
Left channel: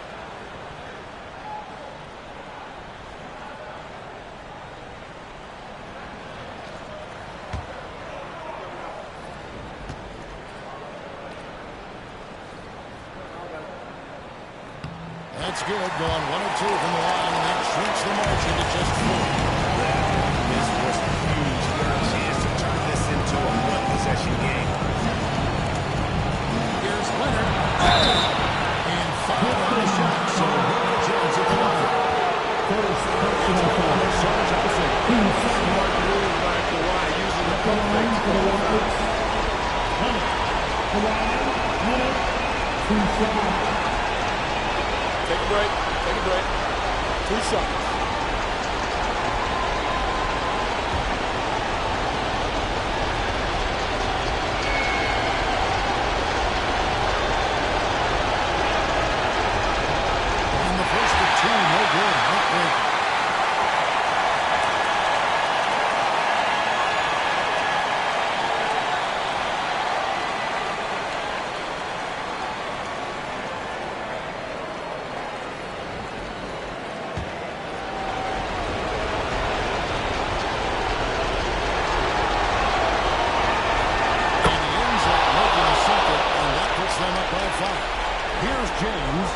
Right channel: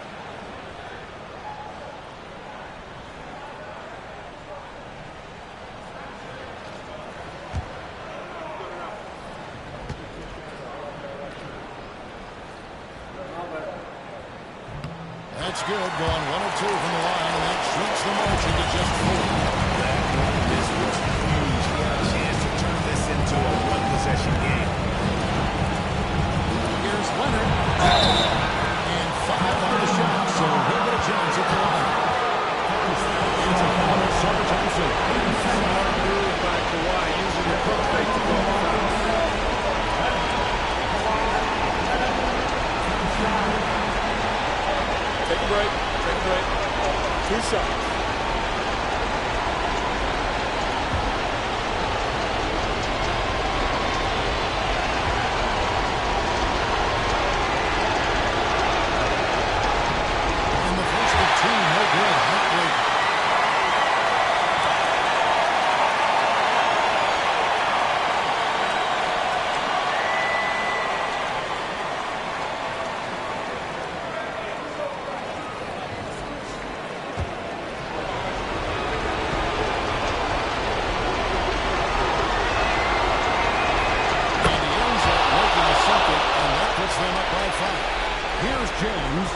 That's good. Going 1 of 2 from the line, and that shrinks the margin to just 4. That one miss was huge. He had a chance to turn this into a one-possession game. Here's Leonard. And 5 on the shot, so he'll get a chance at the line. It's a foul on Summer Thompson. Smart move by Kawhi, using the pump fake to call the foul. Take a break. Take a break. 2 shots. And the first of 2, no good. Heartbreaker. Them up by 5. Here's James.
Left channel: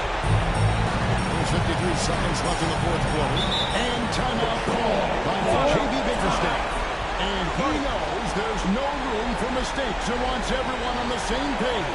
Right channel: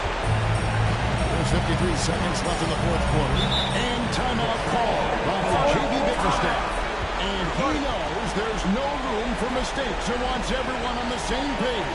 There's 53 seconds left in the fourth quarter. And timeout called by J.B. Bickerstaff. And he knows there's no room for mistakes and wants everyone on the same page.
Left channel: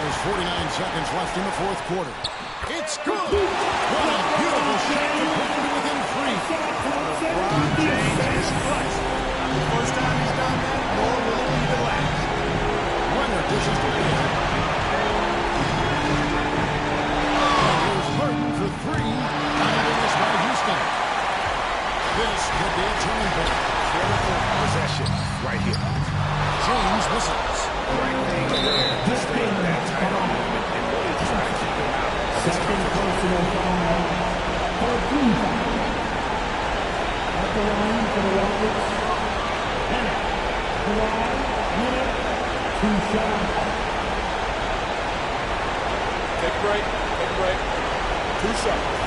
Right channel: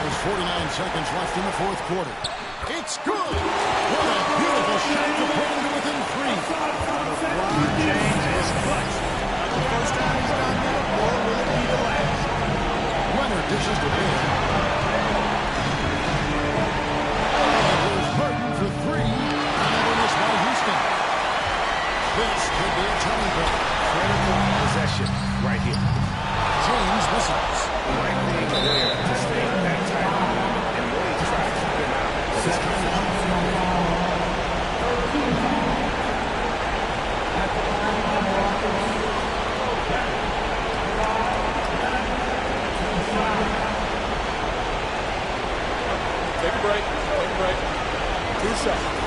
There's 49 seconds left in the fourth quarter. It's good. What a beautiful shot to put him to within 3. LeBron James is clutch. Not the first time he's done that, nor will it be the last. Runner dishes to Bear. And here's Harden for 3. Another miss by Houston. This could be a turning point. Critical possession right here. James misses. The right thing there to stay that tight on him and really try to keep him out of his comfort zone. At the line for the Rockets, 2 shots. Take a break. Take a break. 2 shots.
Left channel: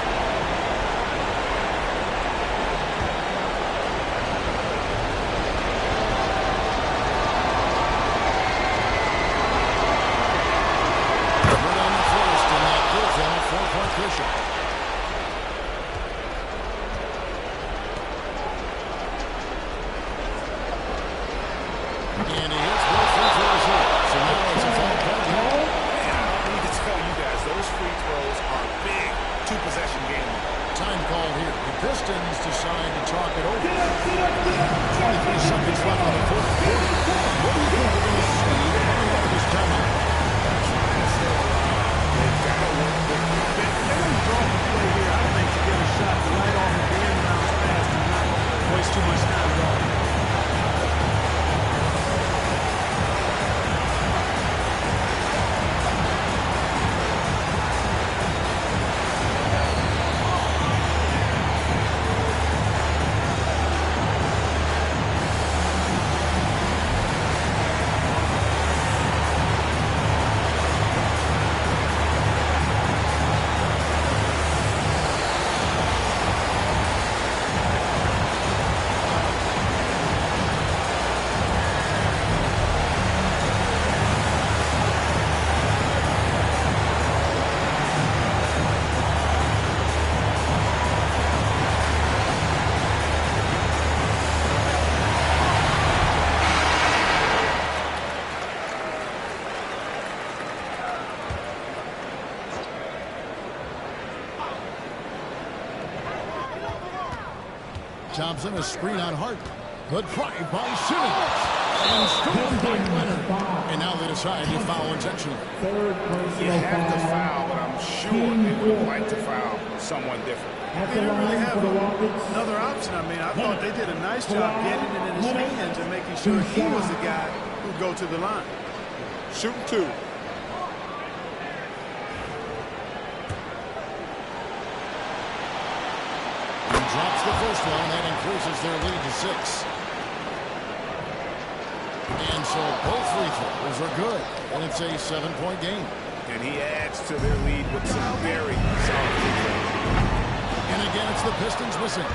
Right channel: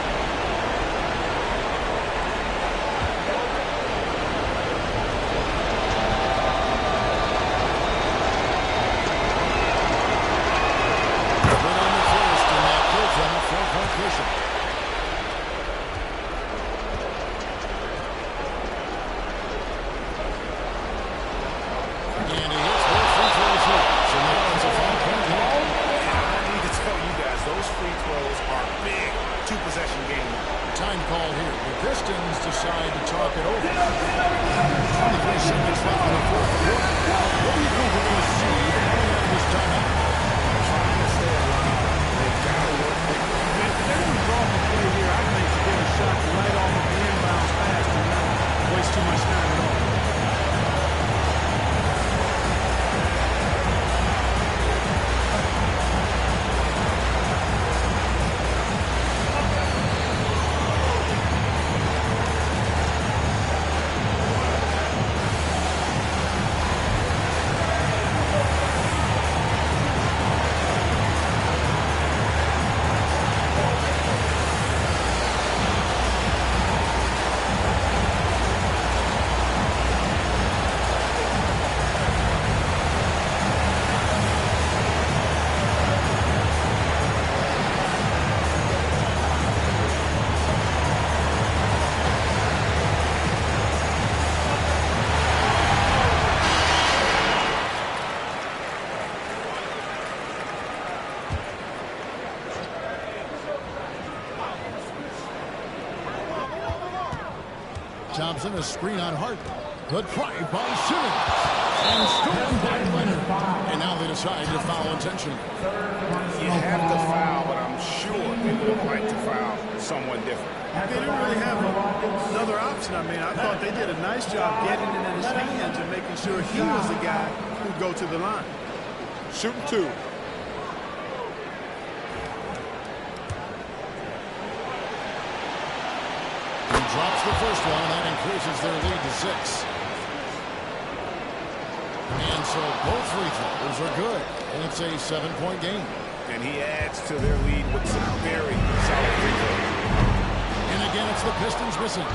Them a 4-point cushion. And he hits both free throws here. So now it's a 5-point game. And I don't need to tell you guys, those free throws are big 2-possession game now. Time call here. The Pistons decide to talk it over. 23 seconds left in the fourth quarter. What do you think we're going to see coming out of this timeout? Trying to stay alive. They've got to work quickly. If they're going to draw up a play here, I think to get a shot right off of the inbounds pass and not waste too much time at all. Thompson, a screen on Harden. Good drive by Simmons. And stolen by Leonard. And now they decide to foul intentionally. You have to foul, but I'm sure they would have liked to foul someone different. They didn't really have another option. I mean, I thought they did a nice job getting it in his hands and making sure he was the guy who'd go to the line. Shooting 2. Drops the first one, and that increases their lead to 6. And so both free throws are good, and it's a 7-point game. And he adds to their lead with some very solid free throws. And again, it's the Pistons missing.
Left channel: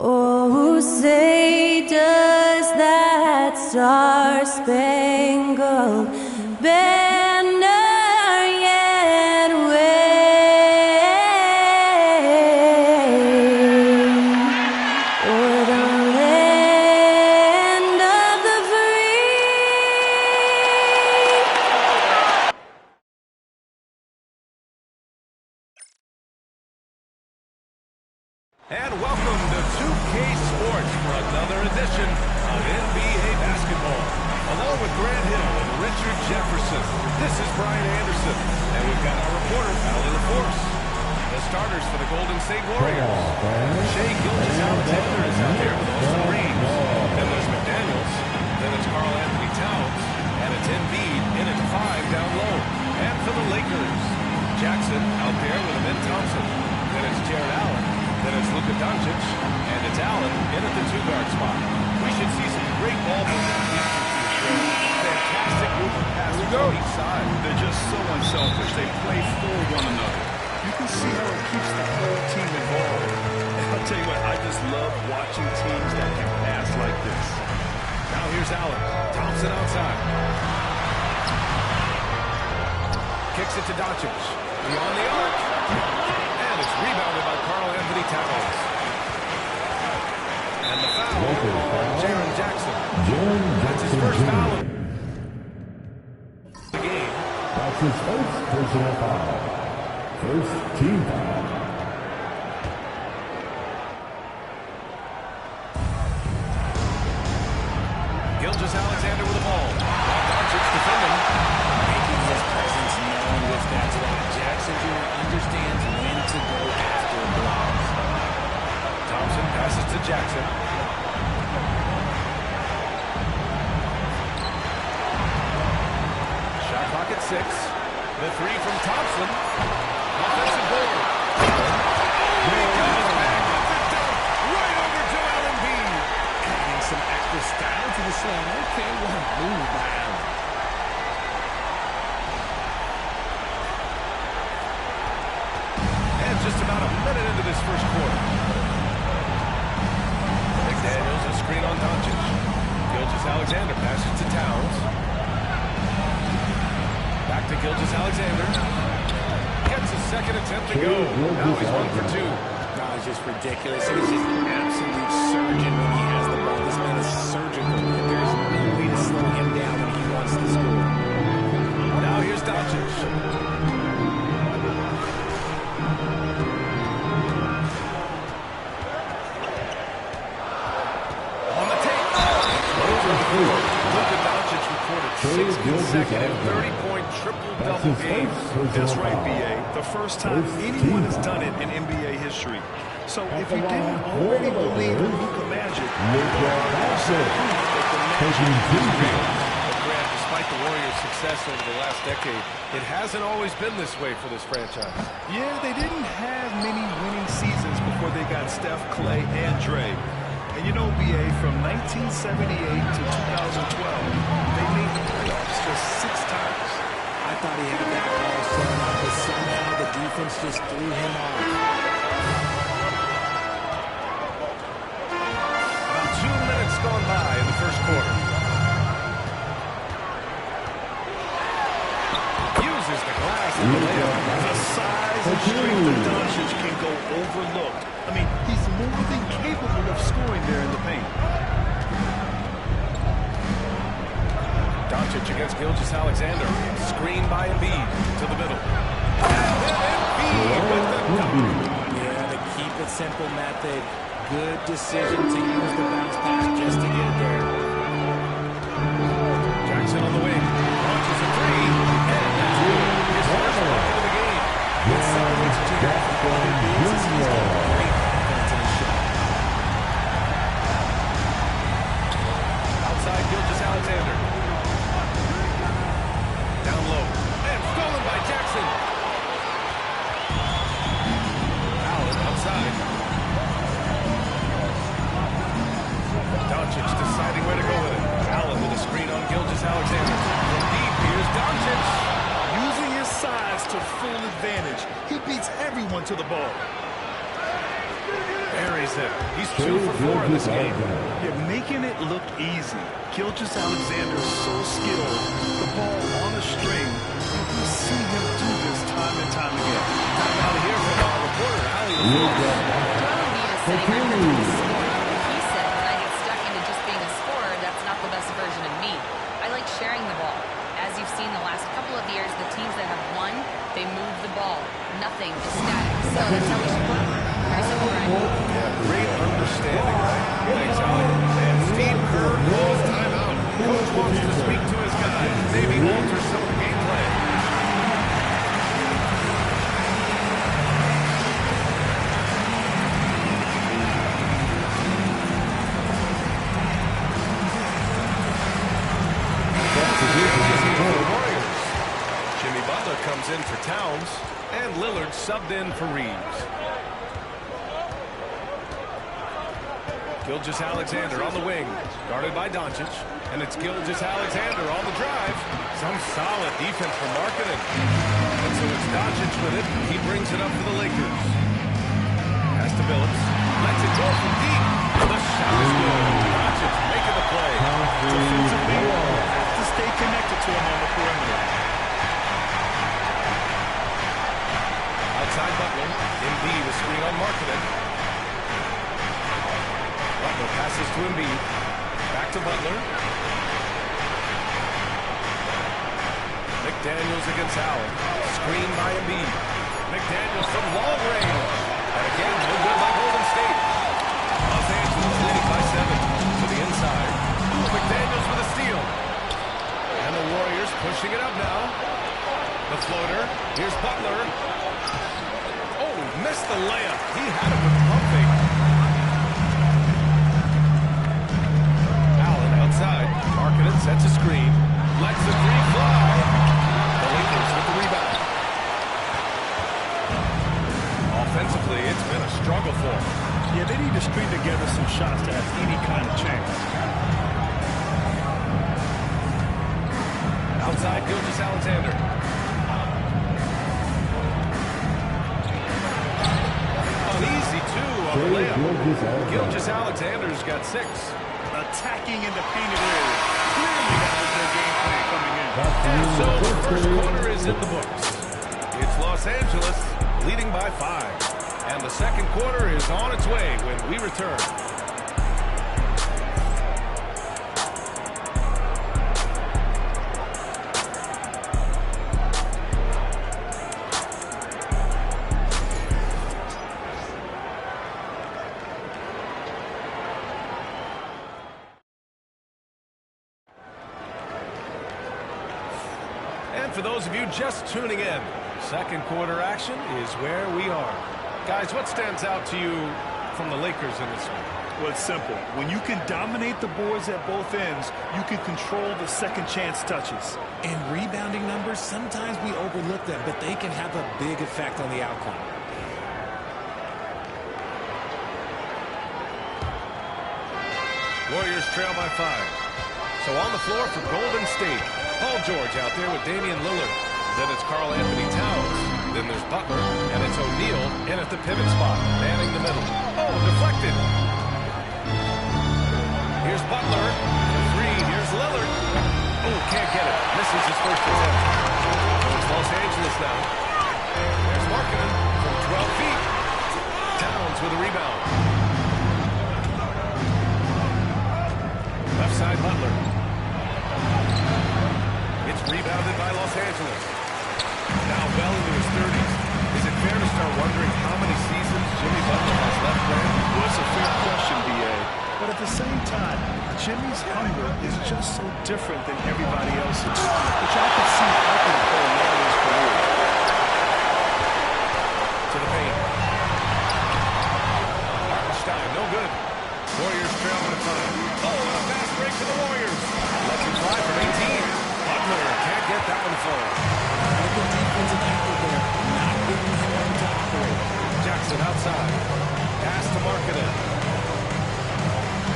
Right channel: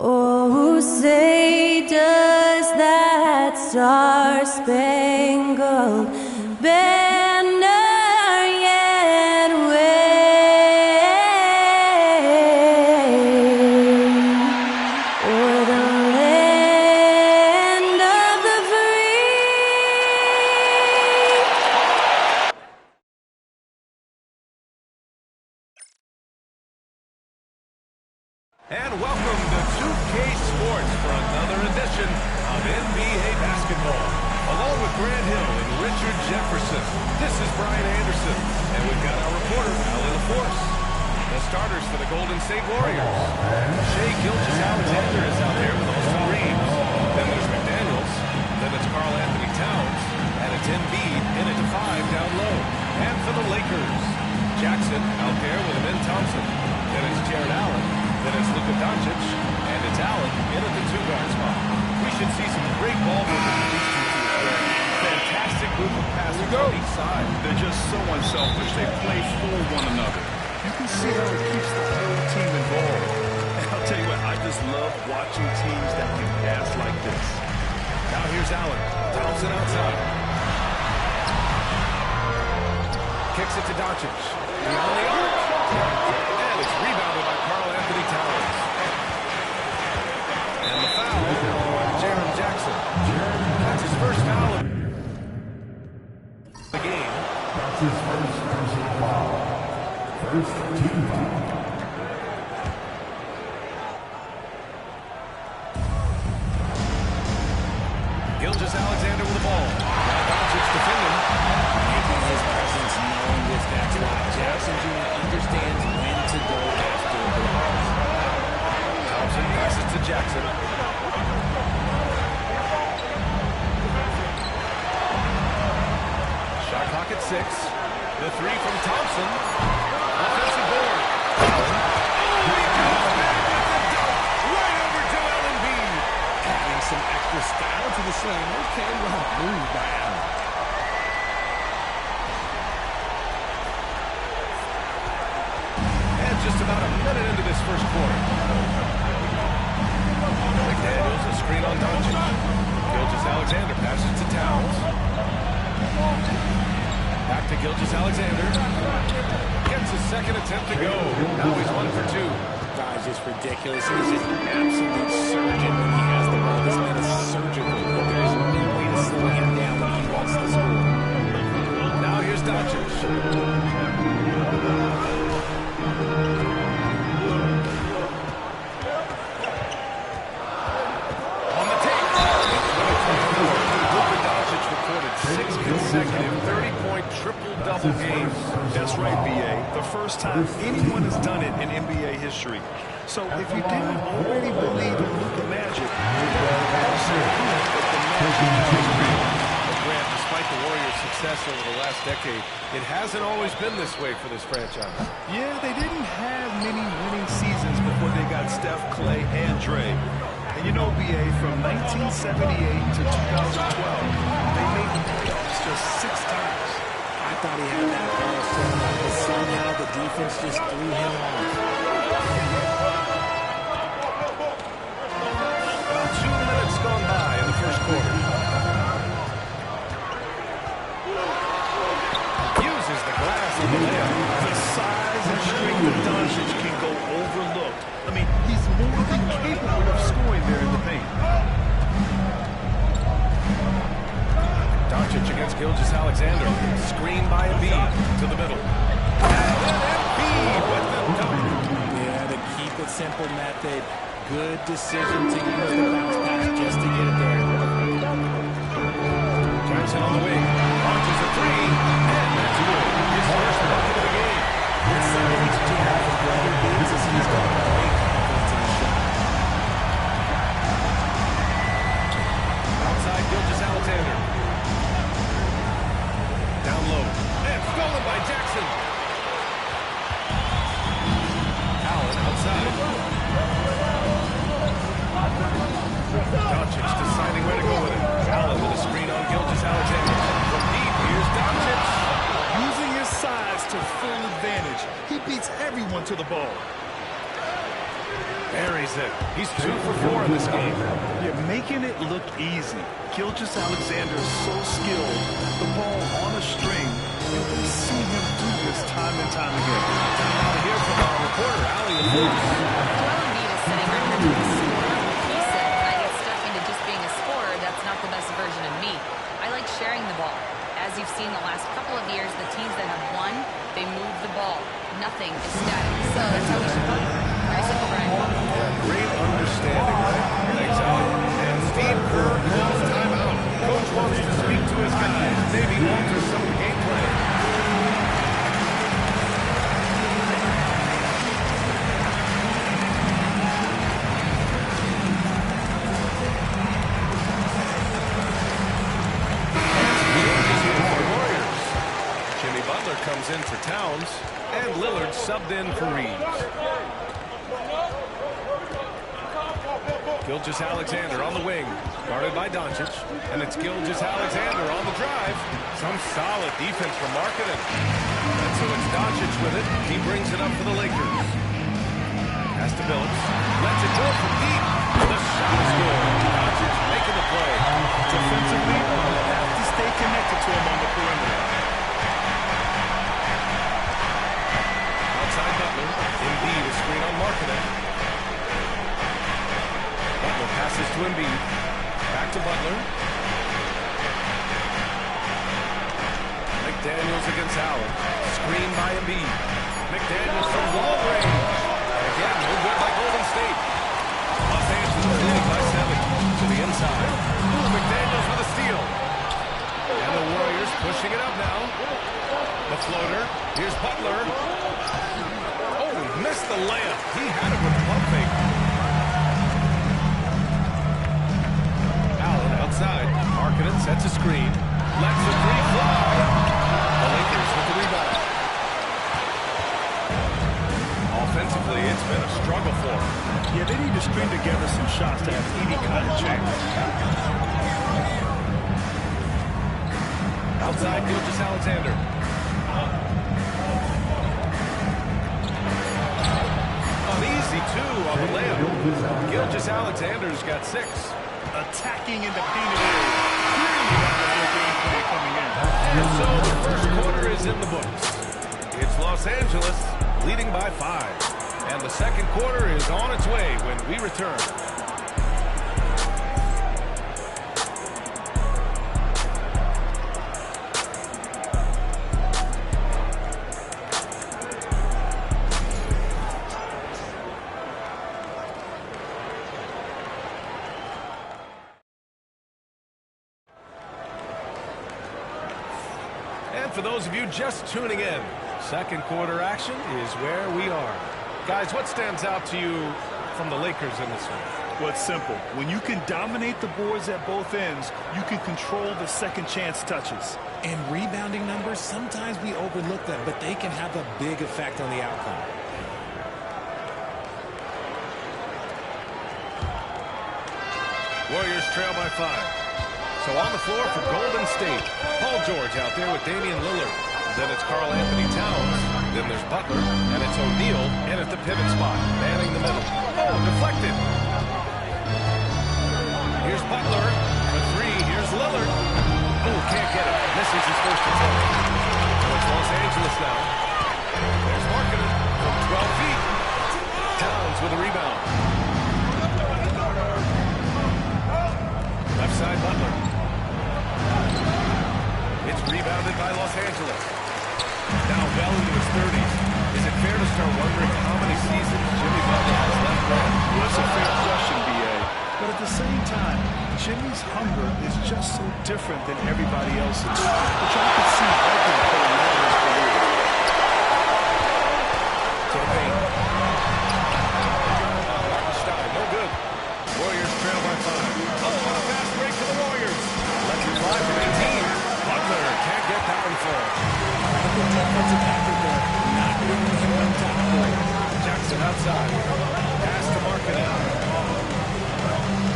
Oh, say does that star-spangled banner yet wave o'er the land of the free? And welcome to 2K Sports for another edition of NBA basketball. Along with Grant Hill and Richard Jefferson, this is Brian Anderson, and we've got our reporter, Allie LaForce. The starters for the Golden State Warriors. Shai Gilgeous-Alexander is out there with Austin Reeves. Then there's McDaniels. Then it's Karl Anthony Towns. And it's Embiid in at 5 down low. And for the Lakers, Jackson out there with Amin Thompson. Then it's Jared Allen. Then it's Luka Doncic, and it's Allen in at the 2-guard spot. We should see some great ball movement with these two teams, Grant. Fantastic group of passers on each side. They're just so unselfish. They play for one another. You can see how it keeps the whole team involved. And I'll tell you what, I just love watching teams that can pass like this. Now here's Allen. Thompson outside. Kicks it to Doncic. Beyond the arc. And it's rebounded by Karl Anthony Towns. And the foul on Jaren Jackson. That's his first foul of the game. That's his first personal foul. First team foul. Gilgeous-Alexander with the ball. Now Doncic defending. Making his presence known with that spot. Jackson Jr. understands when to go after blocks. Thompson passes to Jackson. Shot clock at 6. The 3 from Thompson. Offensive board. Allen. Oh, he comes back with the dunk. Right over Joel Embiid. Adding some extra style to the slam. Okay, what a move by Allen. And just about a minute into this first quarter. McDaniels, a screen on Doncic. Gilgeous-Alexander passes to Towns. Back to Gilgeous-Alexander. Gets his second attempt to go. Now he's 1 for 2. That was just ridiculous. He's just an absolute surgeon when he has the ball. This man is surgical. There's no way to slow him down when he wants to score. Now here's Doncic. On the tape. In 2024, Luka Doncic recorded 6 consecutive 30-point triple-double games. That's right, B.A. The first time anyone has done it in NBA history. So if you didn't already believe in Luka magic, also proof that the magic is real. But Grant, despite the Warriors' success over the last decade, it hasn't always been this way for this franchise. Yeah, they didn't have many winning seasons before they got Steph, Clay, and Dre. And you know, B.A., from 1978 to 2012, they made the playoffs just 6 times. I thought he had that ball sewn up, but somehow the defense just threw him off. About 2 minutes gone by in the first quarter. Uses the glass on the layup. The size and strength of Doncic can go overlooked. I mean, he's more than capable of scoring there in the paint. Doncic against Gilgeous-Alexander. Screen by Embiid to the middle. And then Embiid with the dunk. Yeah, the keep it simple method. Good decision to use the bounce pass just to get it there. Jackson on the wing. Launches a 3. And that's good. His first bucket of the game. What separates Jared from the other bigs is he's got great confidence in his shot. Outside Gilgeous-Alexander. Down low. And stolen by Jackson. Allen outside. Doncic deciding where to go with it. Allen with a screen on Gilgeous-Alexander. From deep, here's Doncic. Using his size to full advantage. He beats everyone to the ball. Buries it. He's 2 for 4 in this game. You're making it look easy. Gilgeous-Alexander is so skilled. The ball on a string. And we see him do this time and time again. Time now to hear from our reporter, Allie LaForce. Joel Embiid is setting records with scoring. He said, when I get stuck into just being a scorer, that's not the best version of me. I like sharing the ball. As you've seen the last couple of years, the teams that have won, they move the ball. Nothing is static. So that's how we should play. Very simple, Brian. Yeah, great understanding, right? Thanks, Allie. And Steve Kerr calls timeout. Coach wants to speak to his guys, maybe alter some of the game plan. Jimmy Butler comes in for Towns, and Lillard subbed in for Reeves. Gilgeous-Alexander on the wing, guarded by Doncic, and it's Gilgeous-Alexander on the drive. Some solid defense from Markkanen. And so it's Doncic with it. He brings it up for the Lakers. Pass to Billups. Lets it go from deep. The shot is good. Doncic making the play. Defensively, you have to stay connected to him on the perimeter. Outside Butler. Embiid is screen on Markkanen. Butler passes to Embiid. Back to Butler. McDaniels against Allen. Screen by Embiid. McDaniels from long range. And again, no good by Golden State. Los Angeles leading by 7 to the inside. Ooh, McDaniels with a steal. And the Warriors pushing it up now. The floater. Here's Butler. Oh, he missed the layup. He had it with the pump fake. Allen outside. Markkanen sets a screen. Lets the three fly. The Lakers with the rebound. Offensively, it's been a struggle for them. Yeah, they need to string together some shots to have any kind of chance. Outside, Gilgeous-Alexander. An easy 2 on the layup. Gilgeous-Alexander's got 6. Attacking in the painted area. Clearly that was their game plan coming in. And so the first quarter is in the books. It's Los Angeles leading by 5. And the second quarter is on its way when we return. And for those of you just tuning in, second quarter action is where we are. Guys, what stands out to you from the Lakers in this one? Well, it's simple. When you can dominate the boards at both ends, you can control the second chance touches. And rebounding numbers, sometimes we overlook them, but they can have a big effect on the outcome. Warriors trail by 5. So on the floor for Golden State, Paul George out there with Damian Lillard. Then it's Karl Anthony Towns. Then there's Butler, and it's O'Neal in at the pivot spot, manning the middle. Oh, deflected. Here's Butler for 3. Here's Lillard. Oh, can't get it. Misses his first attempt. So it's Los Angeles now. There's Markkanen from 12 feet. Towns with a rebound. Left side, Butler. It's rebounded by Los Angeles. Now well into his 30s. Is it fair to start wondering how many seasons Jimmy Butler has left, Grant? Well, it's a fair question, B.A. But at the same time, Jimmy's hunger is just so different than everybody else's, which I could see helping prolong his career. To the paint. Hartenstein, no good. Warriors trail by 5. Oh, and a fast break for the Warriors. Lets it fly from 18. Butler can't get that one full. Right, the defensive effort there, not giving him room to operate. Jackson outside. Pass to Markkanen.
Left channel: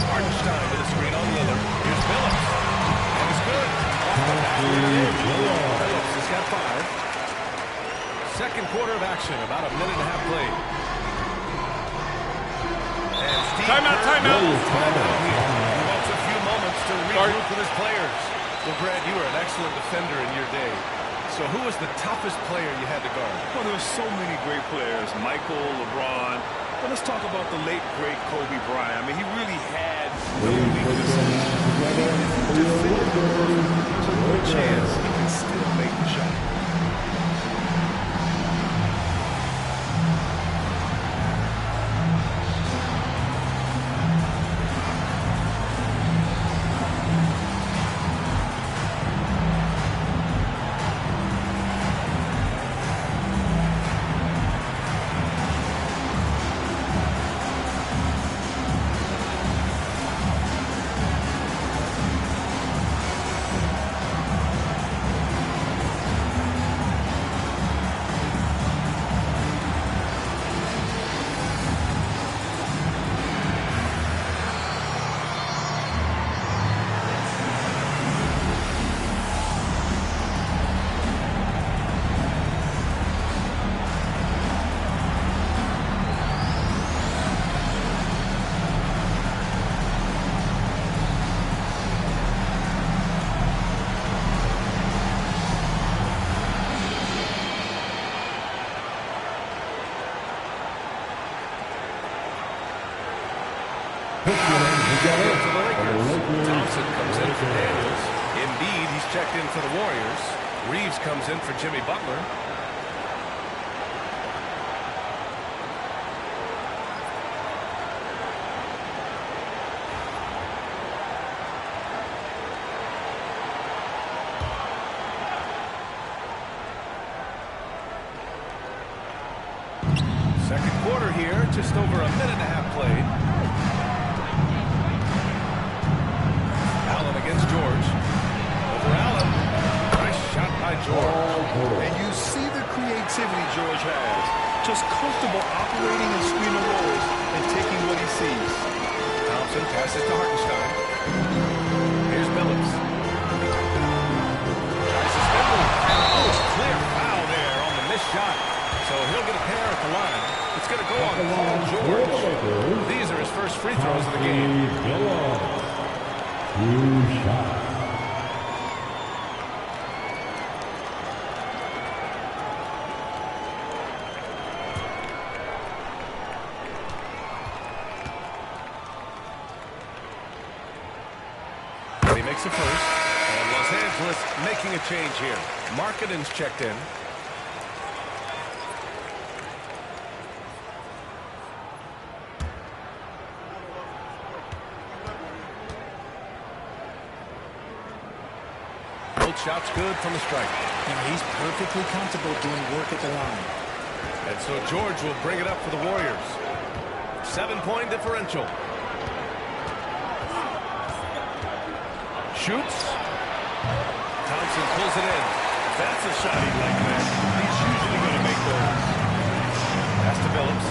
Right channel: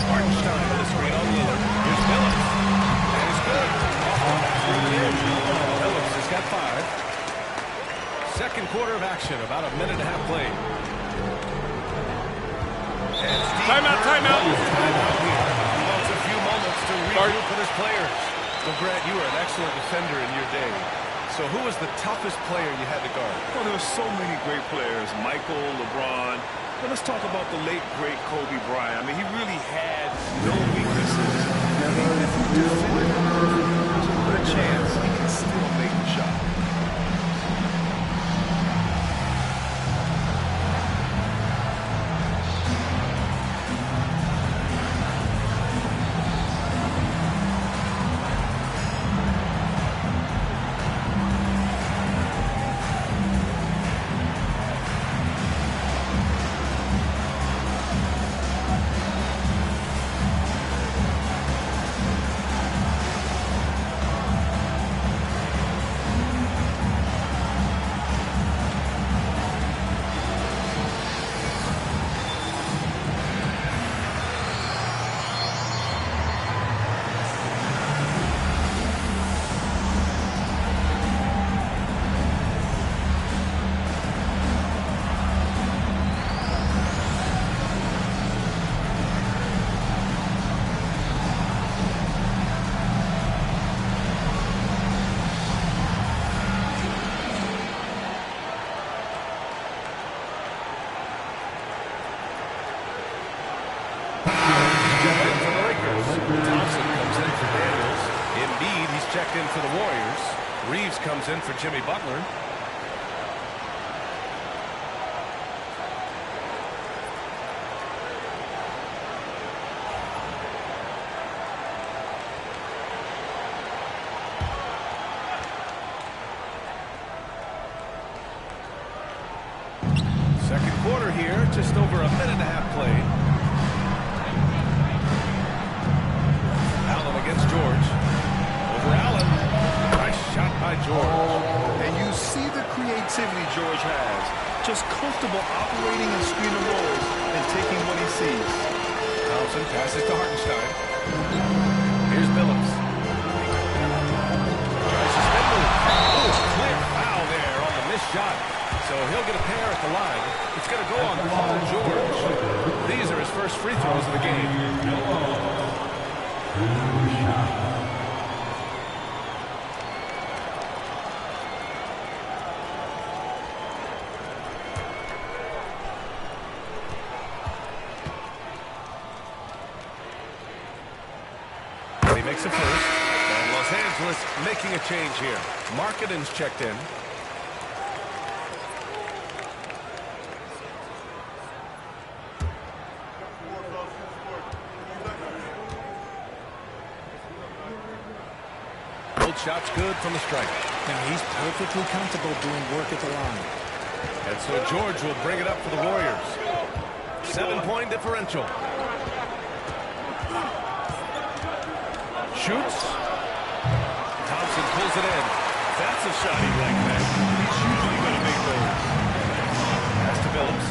Hartenstein with a screen on Lillard. Here's Phillips. And it's good. Off the back rim and in. Phillips has got 5. Second quarter of action, about a minute and a half played. And Steve Timeout. Timeout here. He wants a few moments to regroup with his players. Well, Grant, you were an excellent defender in your day. So who was the toughest player you had to guard? Well, there were so many great players. Michael, LeBron. But let's talk about the late, great Kobe Bryant. I mean, he really had no weaknesses. And even if you defended him perfect, there's a good chance he can still make the shot. For the Lakers. Thompson comes in for Daniels. Embiid, he's checked in for the Warriors. Reeves comes in for Jimmy Butler. Second quarter here, just over a minute and a half played. Allen against George. Over Allen. Nice shot by George. And you see the creativity George has. Just comfortable operating in screen and rolls and taking what he sees. Thompson passes to Hartenstein. Here's Phillips. Tries to spin move. Oh, clear foul there on the missed shot. So he'll get a pair at the line. It's going to go on Paul George. These are his first free throws of the game. He makes it first. And Los Angeles making a change here. Markkanen's checked in. Shot's good from the stripe. Now he's perfectly comfortable doing work at the line. And so George will bring it up for the Warriors. 7-point differential. Shoots. Thompson pulls it in. That's a shot he'd like, man. He's usually going to make those. Pass to Phillips.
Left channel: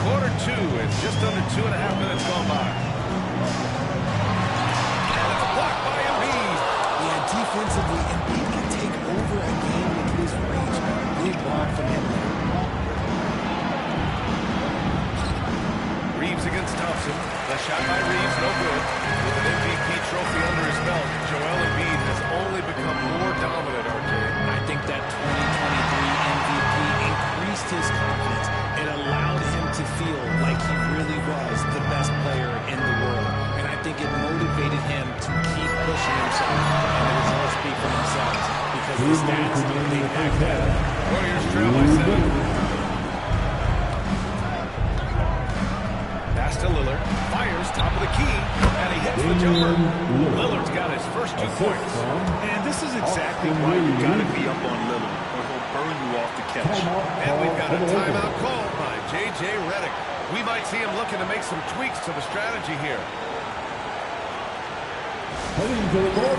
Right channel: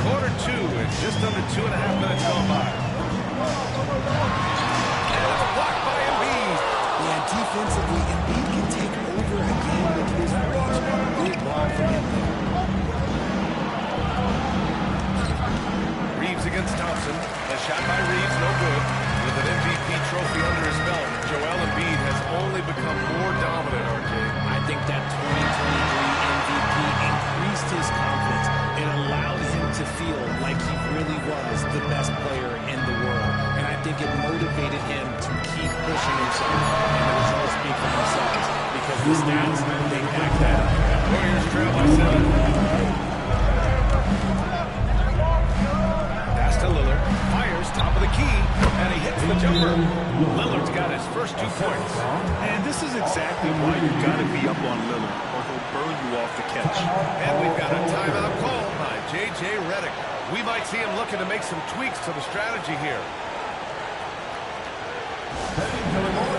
Quarter 2 and just under 2.5 minutes gone by. And it's blocked by Embiid. Yeah, defensively, Embiid can take over a game with his reach. Big block from him there. Reeves against Thompson. The shot by Reeves, no good. With an MVP trophy under his belt, Joel Embiid has only become more dominant, RJ. I think that 2023 MVP increased his confidence. It allowed him to feel like he really was the best player in the world. And I think it motivated him to keep pushing himself. And the results speak for themselves because the stats, they back that up. Warriors trail by 7. Pass to Lillard. Fires top of the key. And he hits the jumper. Lillard's got his first 2 points. And this is exactly why you got to be up on Lillard, or he'll burn you off the catch. And we've got a timeout called by J.J. Redick. We might see him looking to make some tweaks to the strategy here. Heading to the court,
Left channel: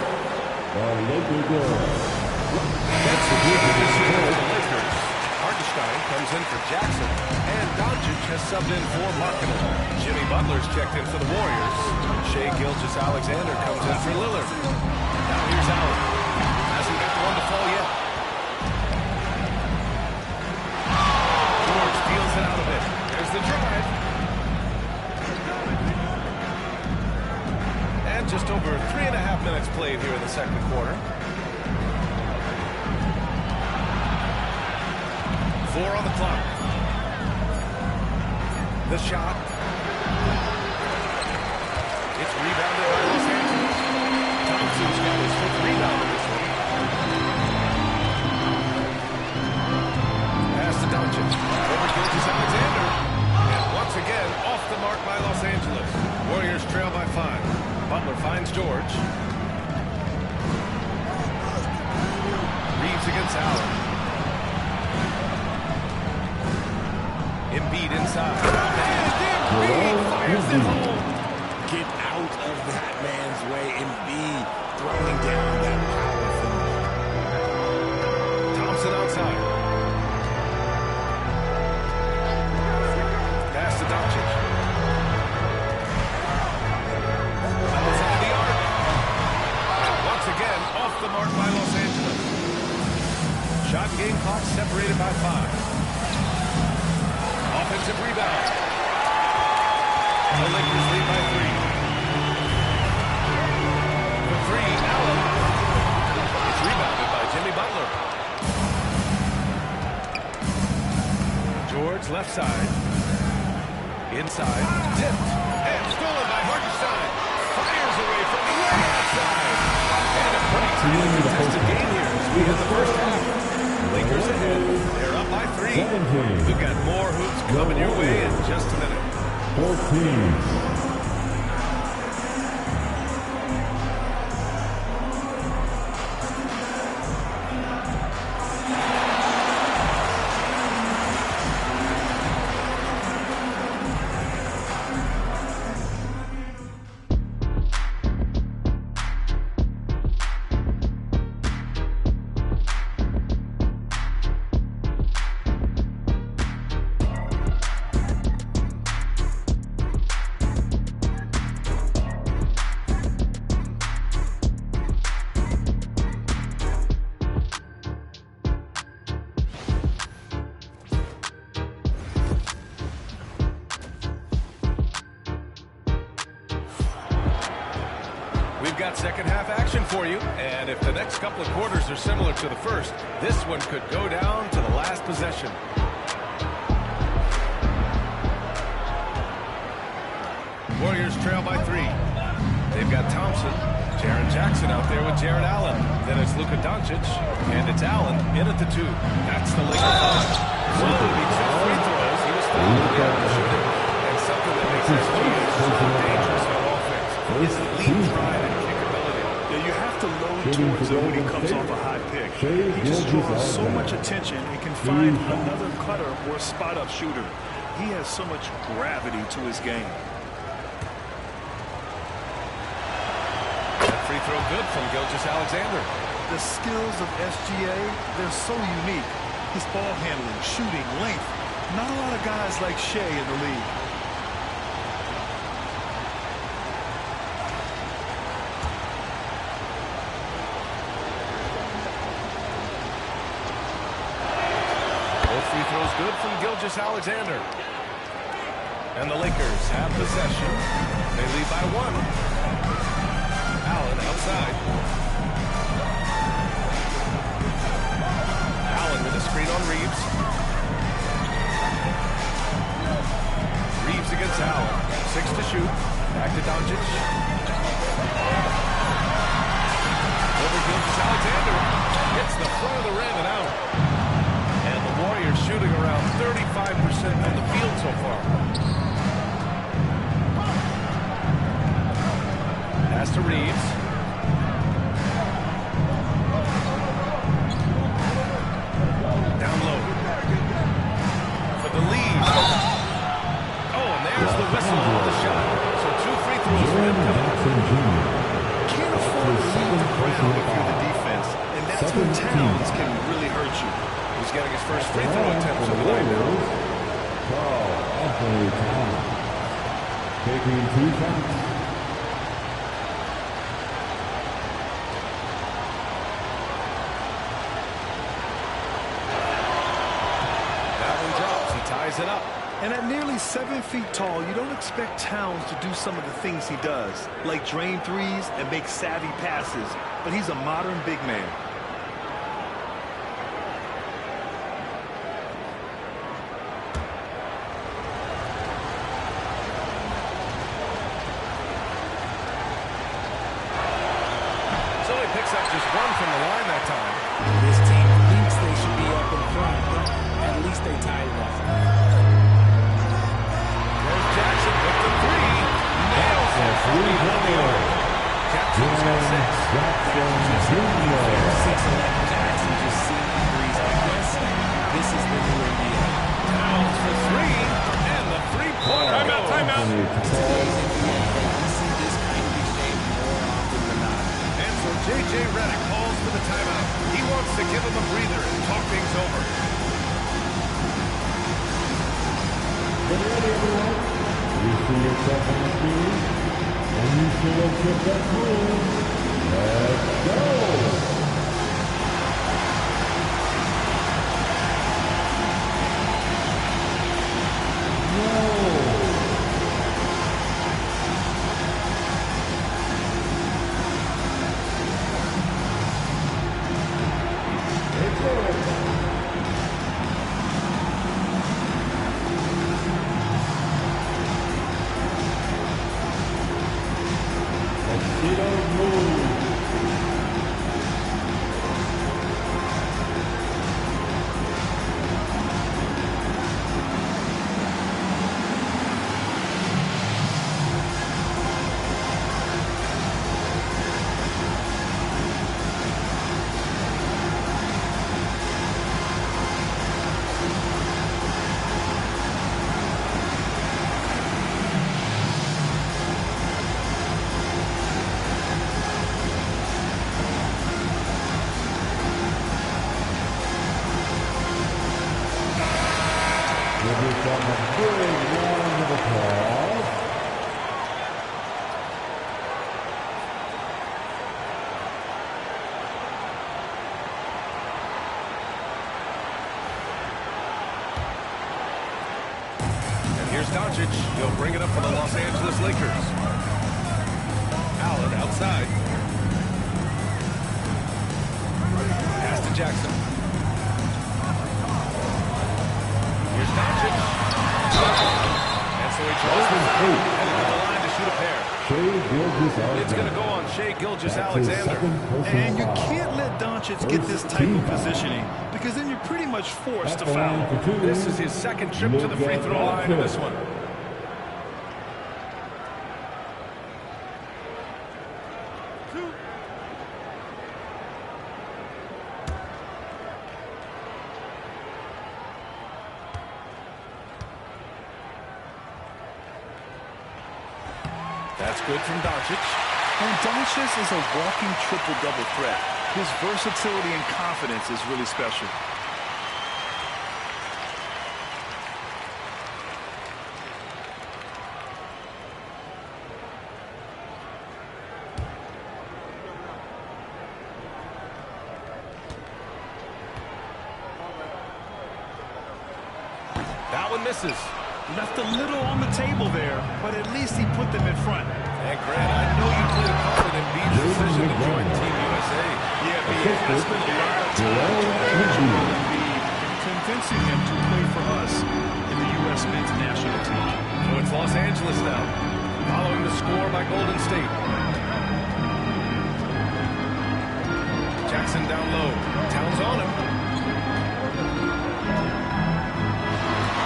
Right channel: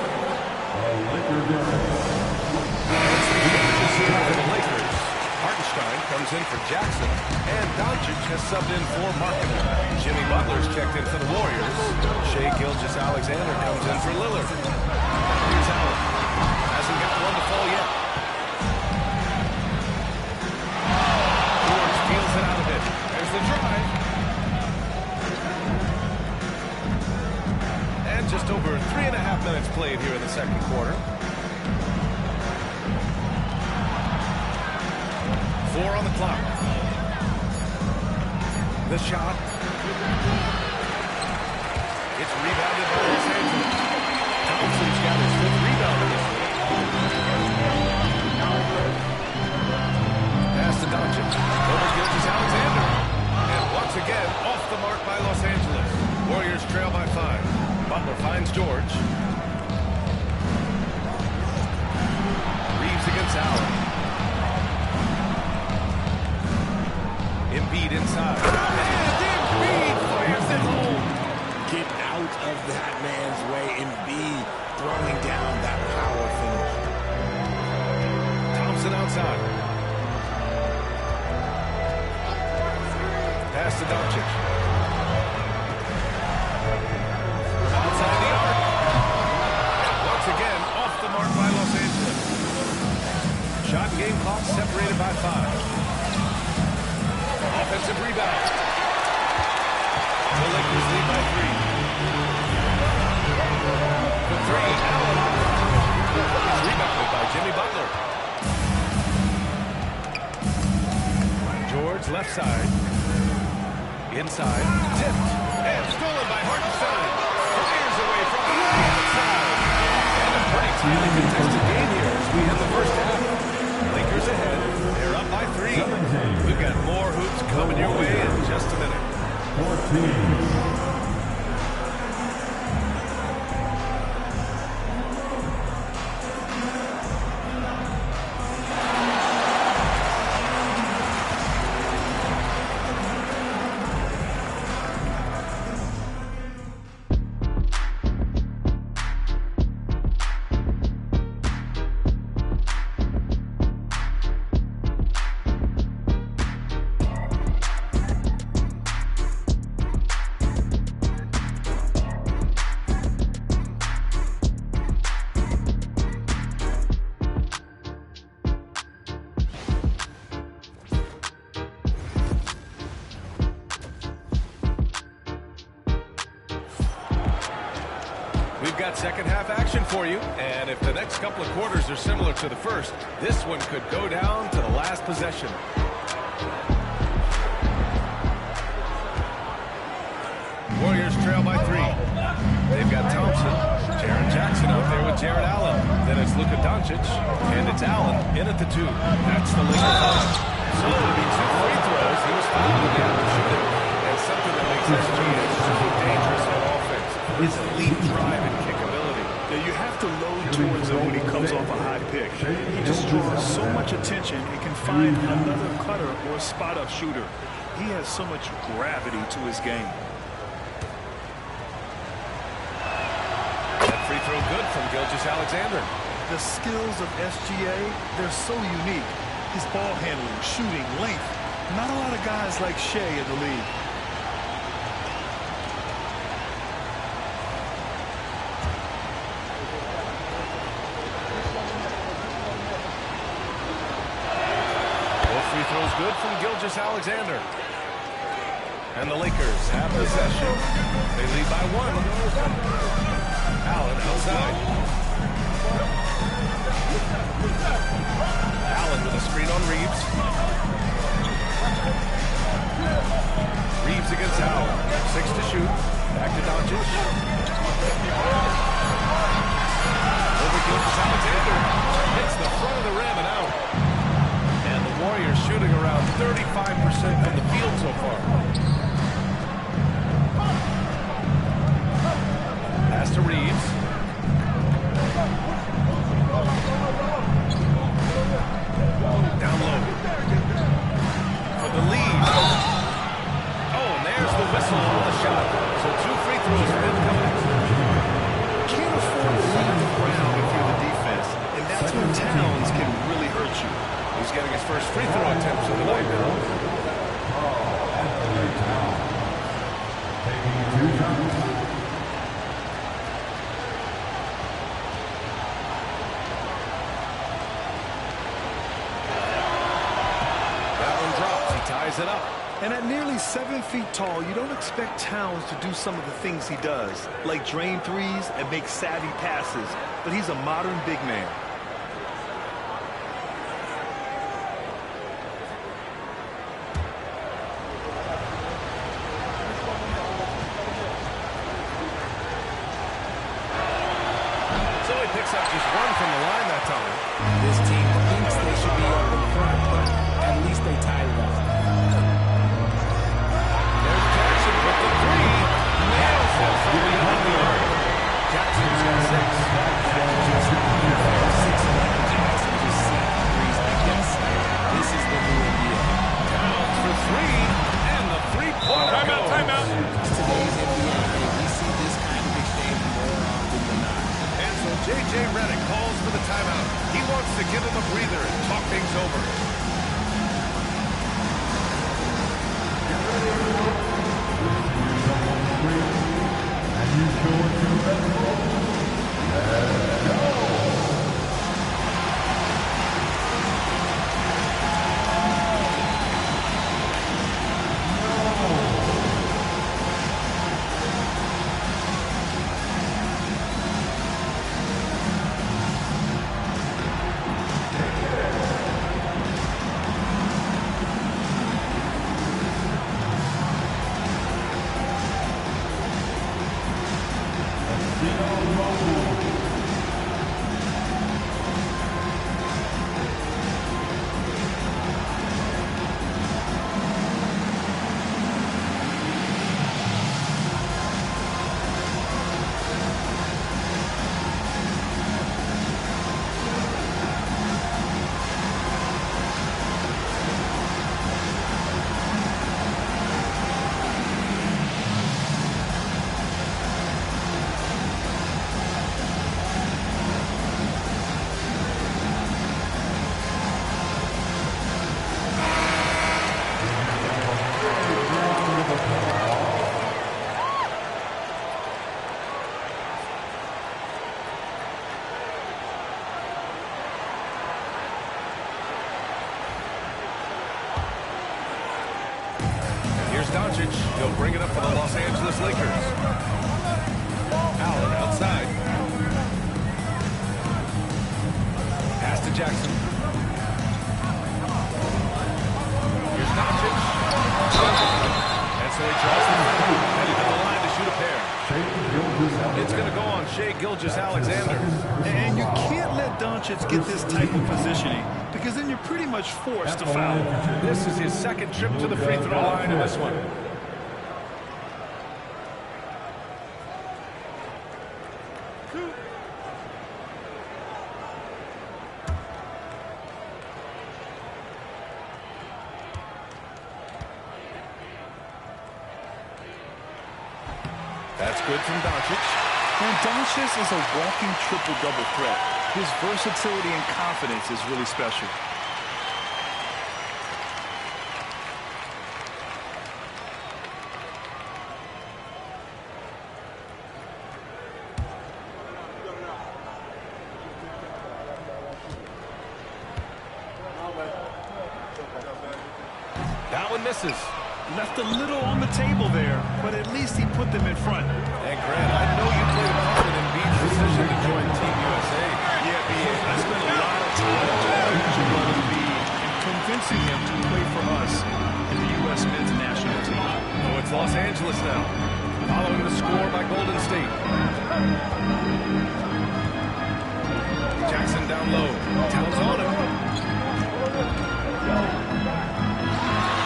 Laker girl. And some changes here for the Lakers. Hartenstein comes in for Jackson, and Doncic has subbed in for Markkanen. Jimmy Butler's checked in for the Warriors. Shai Gilgeous-Alexander comes in for Lillard. Now here's Allen. Hasn't gotten one to fall yet. George feels it out of it. There's the drive. And just over 3.5 minutes played here in the second quarter. 4 on the clock. The shot. It's rebounded by Los Angeles. Thompson's got his 5th rebound in this one. Pass to Doncic. Over Gilgeous-Alexander. And once again, off the mark by Los Angeles. Warriors trail by 5. Butler finds George. Reeves against Allen. Embiid inside. And Embiid fires it home. Get out of that man's way. Embiid throwing down that power finish. Thompson outside. Pass to Doncic. Outside the arc. And once again, off the mark by Los Angeles. Shot and game clock separated by 5. Offensive rebound. The Lakers lead by 3. For 3, Allen. It's rebounded by Jimmy Butler. George left side. Inside. Tipped. And stolen by Hartenstein. Fires away from way outside. And a pretty tightly contested game here as we hit the first half. Lakers ahead. They're up by 3. We've got more hoops coming your way in just a minute. 14. We've got second half action for you, and if the next couple of quarters are similar to the first, this one could go down to the last possession. Warriors trail by 3. They've got Thompson, Jaren Jackson out there with Jared Allen. Then it's Luka Doncic, and it's Allen in at the 2. That's the Lakers line. So it'll be 2 free throws. He was fouled in the act of shooting. And something that makes SGA so dangerous on offense is elite drive and kickability. Yeah, you have to load towards him when he comes off a high pick. He just draws so much attention and can find another cutter or spot-up shooter. He has so much gravity to his game. That free throw good from Gilgeous-Alexander. The skills of SGA, they're so unique. His ball handling, shooting, length. Not a lot of guys like Shai in the league. Free throws good from Gilgeous-Alexander. And the Lakers have possession. They lead by 1. Allen outside. Allen with a screen on Reeves. Reeves against Allen. 6 to shoot. Back to Doncic. Over Gilgeous-Alexander. Hits the front of the rim and out. And the Warriors shooting around 35% from the field so far. Pass to Reeves. Down low. For the lead. Oh, and there's the whistle on the shot. So 2 free throws for him coming up. Can't afford to leave the ground if you're the defense. And that's when Towns can really hurt you. He's getting his first free throw attempts of the night now. Taking 2 shots. That one drops. He ties it up. And at nearly 7 feet tall, you don't expect Towns to do some of the things he does, like drain threes and make savvy passes. But he's a modern big man. So he picks up just one from the line that time. This team thinks they should be up in front, but at least they tied it up. There's Jackson with the three. Nails it from beyond the arc. Jackson's got 6. That's just unfair. 6'11" Jackson just sinking threes. I guess this is the new NBA. Towns for 3, and the three-pointer goes. Timeout. Today's NBA. Hey, we see this kind of exchange more often than not. And so J.J. Redick calls for the timeout. He wants to give him a breather and talk things over. Get ready, everyone. You see yourself on the field, and you show us your best moves. Let's go. Here's Doncic. He'll bring it up for the Los Angeles Lakers. Allen outside. Pass to Jackson. Here's Doncic. And so he draws the foul. Headed to the line to shoot a pair. It's going to go on Shai Gilgeous-Alexander. And you can't let Doncic get this type of positioning, because then you're pretty much forced to foul. This is his second trip to the free throw line in this one. That's good from Doncic. And Doncic is a walking triple-double threat. His versatility and confidence is really special. That one misses. Left a little on the table there, but at least he put them in front. And Grant, I know you played a part in Embiid's decision to join Team USA. Yeah, B.A. I spent a lot of time talking to Joel Embiid and convincing him to play for us in the U.S. men's national team. So it's Los Angeles now, following the score by Golden State. Jackson down low. Towns on him.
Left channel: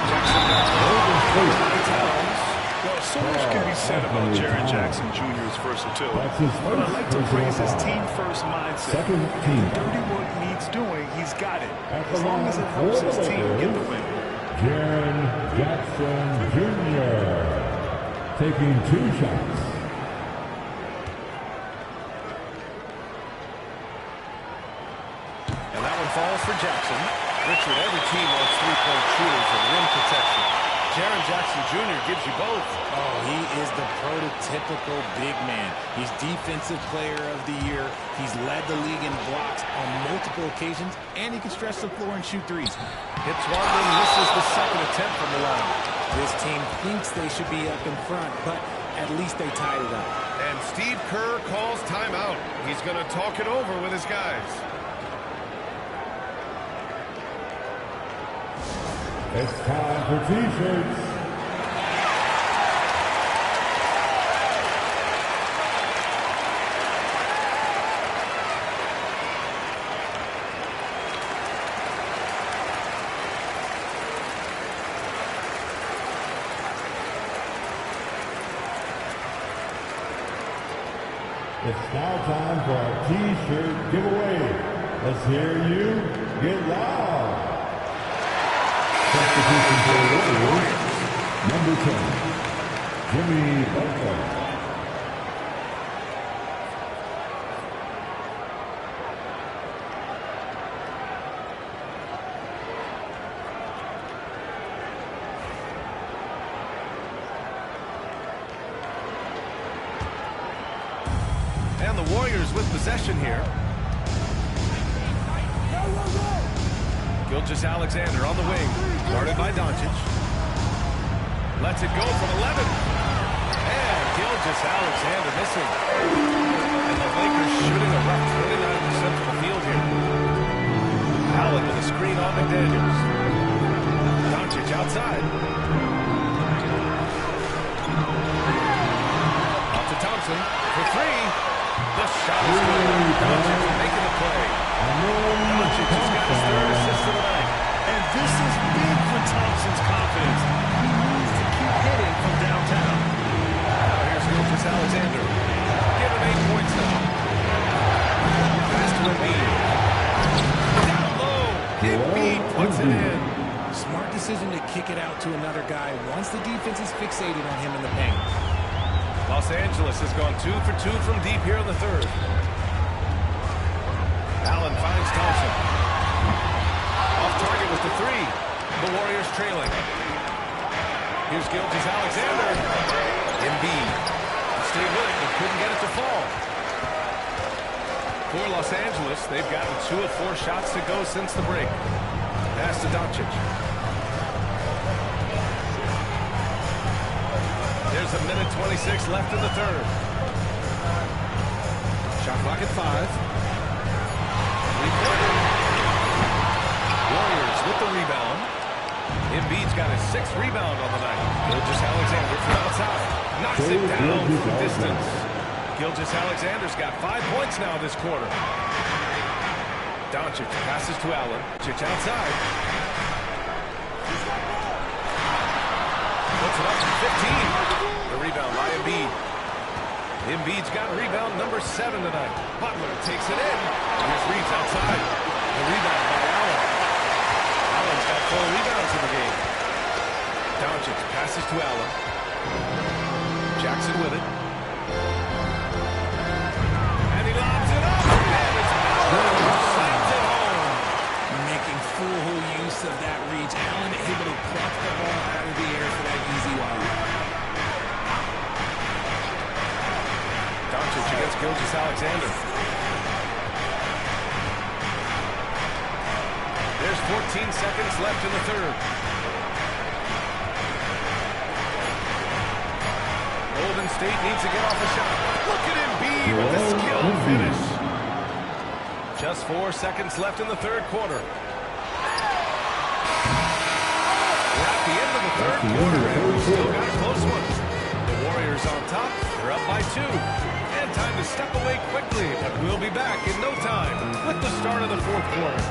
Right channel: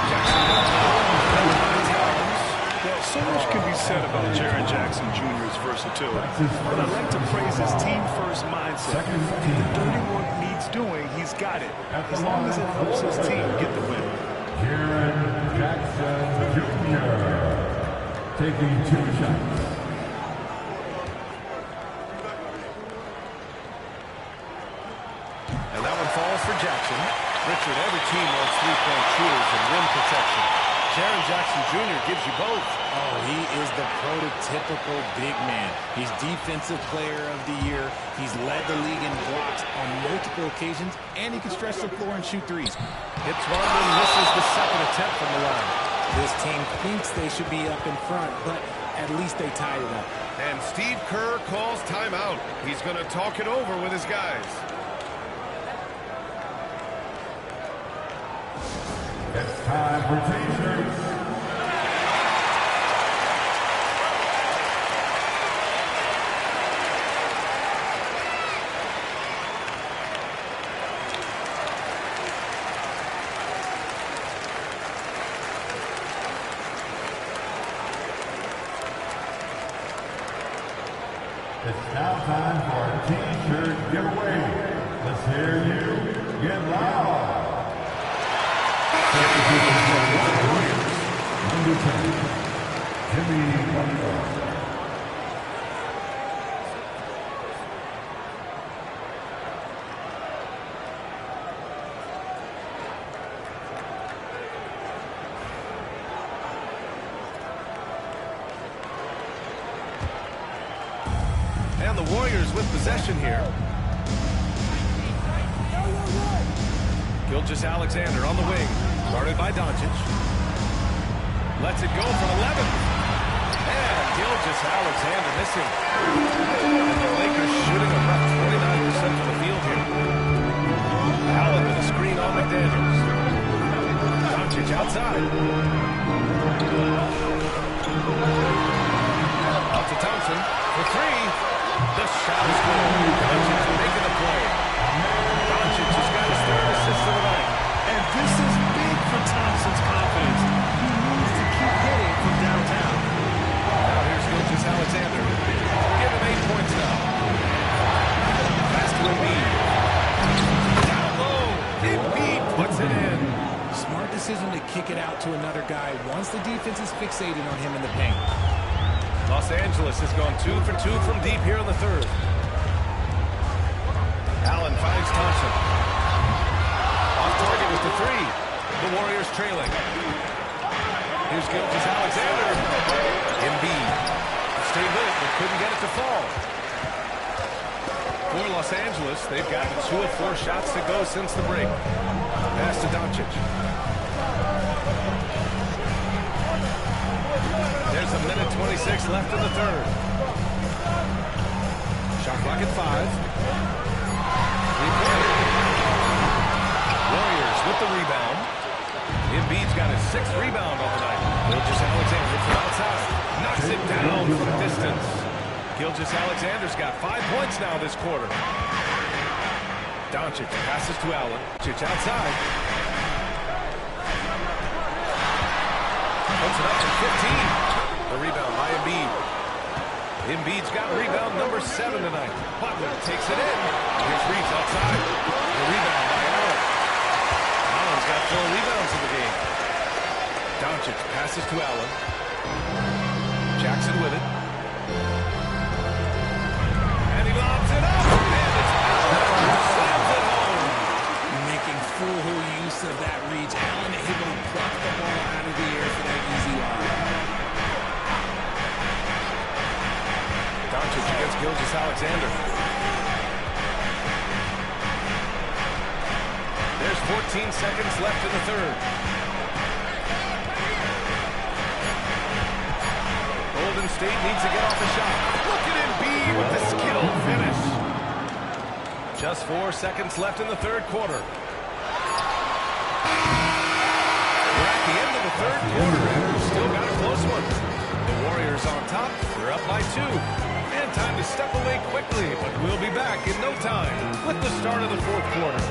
Jackson down low. Covered by Towns. Well, so much can be said about Jaren Jackson Jr.'s versatility, but I'd like to praise his team-first mindset. If the dirty work needs doing, he's got it, as long as it helps his team get the win. Jaren Jackson Jr. taking 2 shots. And that one falls for Jackson. Richard, every team wants three-point shooters and rim protection. Jaren Jackson Jr. gives you both. Oh, he is the prototypical big man. He's Defensive Player of the Year. He's led the league in blocks on multiple occasions, and he can stretch the floor and shoot threes. Hits one and misses the second attempt from the line. This team thinks they should be up in front, but at least they tied it up. And Steve Kerr calls timeout. He's going to talk it over with his guys. It's time for T-shirts. It's now time for our T-shirt giveaway. Let's hear you get loud. Warriors. Number 10, Jimmy Butler. And the Warriors with possession here. Gilgeous-Alexander on the wing, guarded by Doncic. Lets it go from 11. And Gilgeous-Alexander missing. And the Lakers shooting a rough 29% from the field here. Allen with a screen on McDaniels. Doncic outside. Out to Thompson for three. The shot is good. Doncic making the play. Doncic has got his third assist of the night. And this is big for Thompson's confidence. He needs to keep hitting from downtown. Now here's Gilgeous-Alexander. Give him 8 points now. Pass to Embiid. Down low. Embiid puts it in. Smart decision to kick it out to another guy once the defense is fixated on him in the paint. Los Angeles has gone 2 for 2 from deep here in the third. Allen finds Thompson. Off target with the three. The Warriors trailing. Here's Gilgeous-Alexander. Embiid stayed with it, but couldn't get it to fall. For Los Angeles, they've gotten 2 of 4 shots to go since the break. Pass to Doncic. There's a minute 26 left in the third. Shot clock at 5. Three-pointer. Warriors with the rebound. Embiid's got his 6th rebound on the night. Gilgeous-Alexander from outside. Knocks it down from distance. Gilgeous-Alexander's got 5 points now this quarter. Doncic passes to Allen. Doncic outside. Puts it up from 15. The rebound by Embiid. Embiid's got rebound number 7 tonight. Butler takes it in. Here's Reeves outside. The rebound by Allen. Allen's got 4 rebounds in the game. Doncic passes to Allen. Jackson with it. And he lobs it up. And it's Allen who slams it home. Making full use of that reach. Allen able to pluck the ball out of the air for that easy lob. Doncic against Gilgeous-Alexander. There's 14 seconds left in the third. Golden State needs to get off a shot. Look at Embiid with the skilled finish. Just 4 seconds left in the third quarter. We're at the end of the third quarter, and we've still got a close one. The Warriors on top. They're up by 2. And time to step away quickly, but we'll be back in no time with the start of the fourth quarter.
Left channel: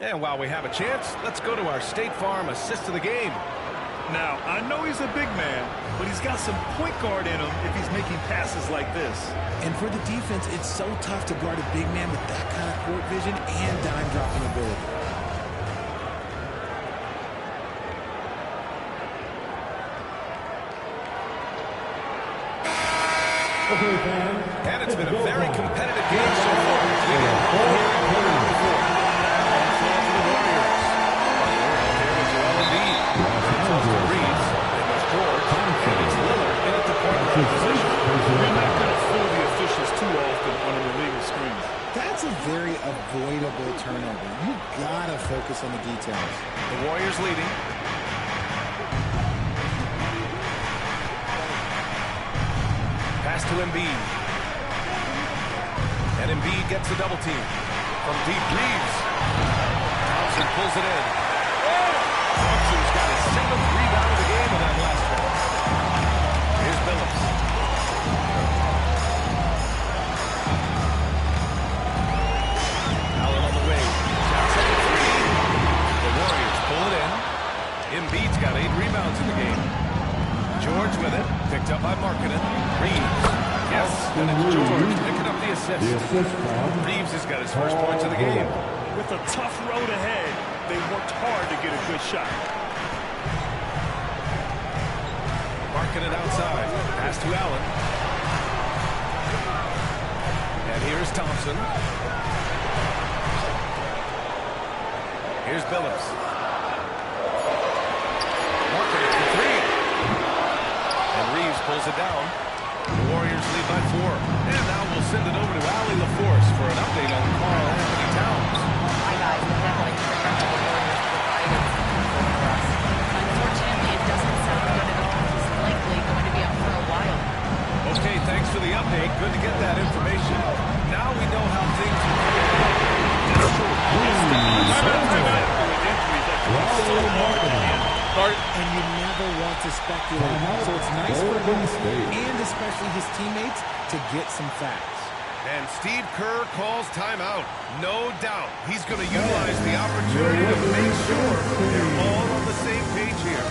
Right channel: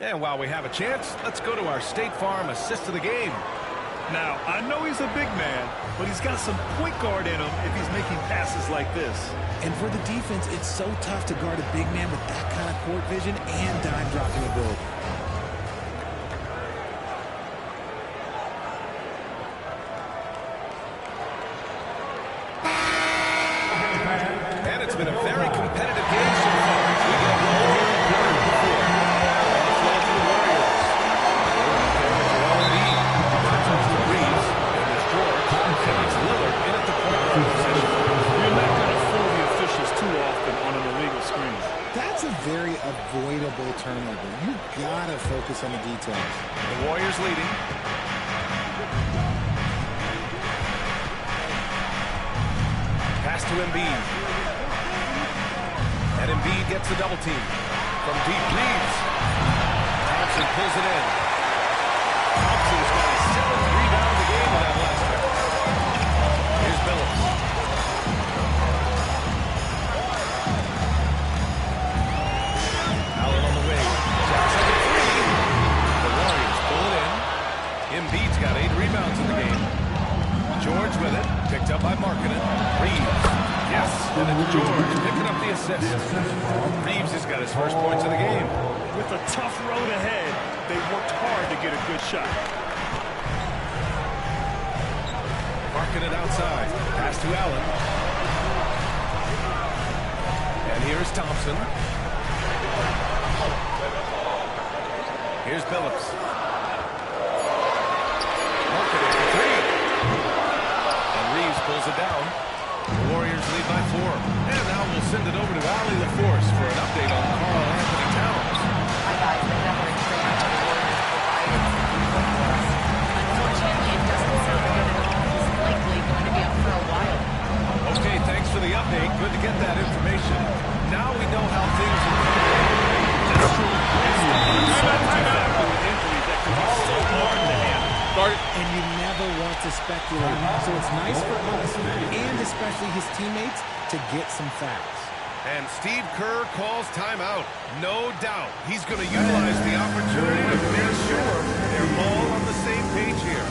And while we have a chance, let's go to our State Farm assist of the game. Now, I know he's a big man, but he's got some point guard in him if he's making passes like this. And for the defense, it's so tough to guard a big man with that kind of court vision and dime-dropping ability. And it's been a very competitive game so far as we get rolling here in quarter number 4. On the floor for the Warriors. Butler out there with Joel Embiid. Then it's off to Reeves. Then there's George. And it's Lillard in at the point guard position. You're not going to fool the officials too often on an illegal screen. That's a very avoidable turnover. You gotta focus on the details. The Warriors leading. Pass to Embiid. And Embiid gets the double team. From deep, Reeves. Thompson pulls it in. Thompson's got his 7th rebound of the game with that last one. Here's Billups. Allen on the wing. Jackson the 3. The Warriors pull it in. Embiid's got 8 rebounds in the game. George with it. Picked up by Markkanen. Reeves. Yes, and it's George picking up the assist. Reeves has got his first points of the game. With a tough road ahead, they worked hard to get a good shot. Markkanen outside. Pass to Allen. And here's Thompson. Here's Billups. Markkanen for 3. And Reeves pulls it down. The Warriors lead by 4. And now we'll send it over to Allie LaForce for an update on Karl Anthony Towns. Hi, guys. The athletic trainer for the Warriors provided some info for us. Unfortunately, it doesn't sound good at all. He's likely going to be out for a while. Okay, thanks for the update. Good to get that information. Now we know how things are coming along. That's true. It's the uncertainty factor with injuries that can be so hard to handle. And you never want to speculate. So it's nice for us and especially his teammates to get some facts. And Steve Kerr calls timeout. No doubt he's going to utilize the opportunity to make sure they're all on the same page here.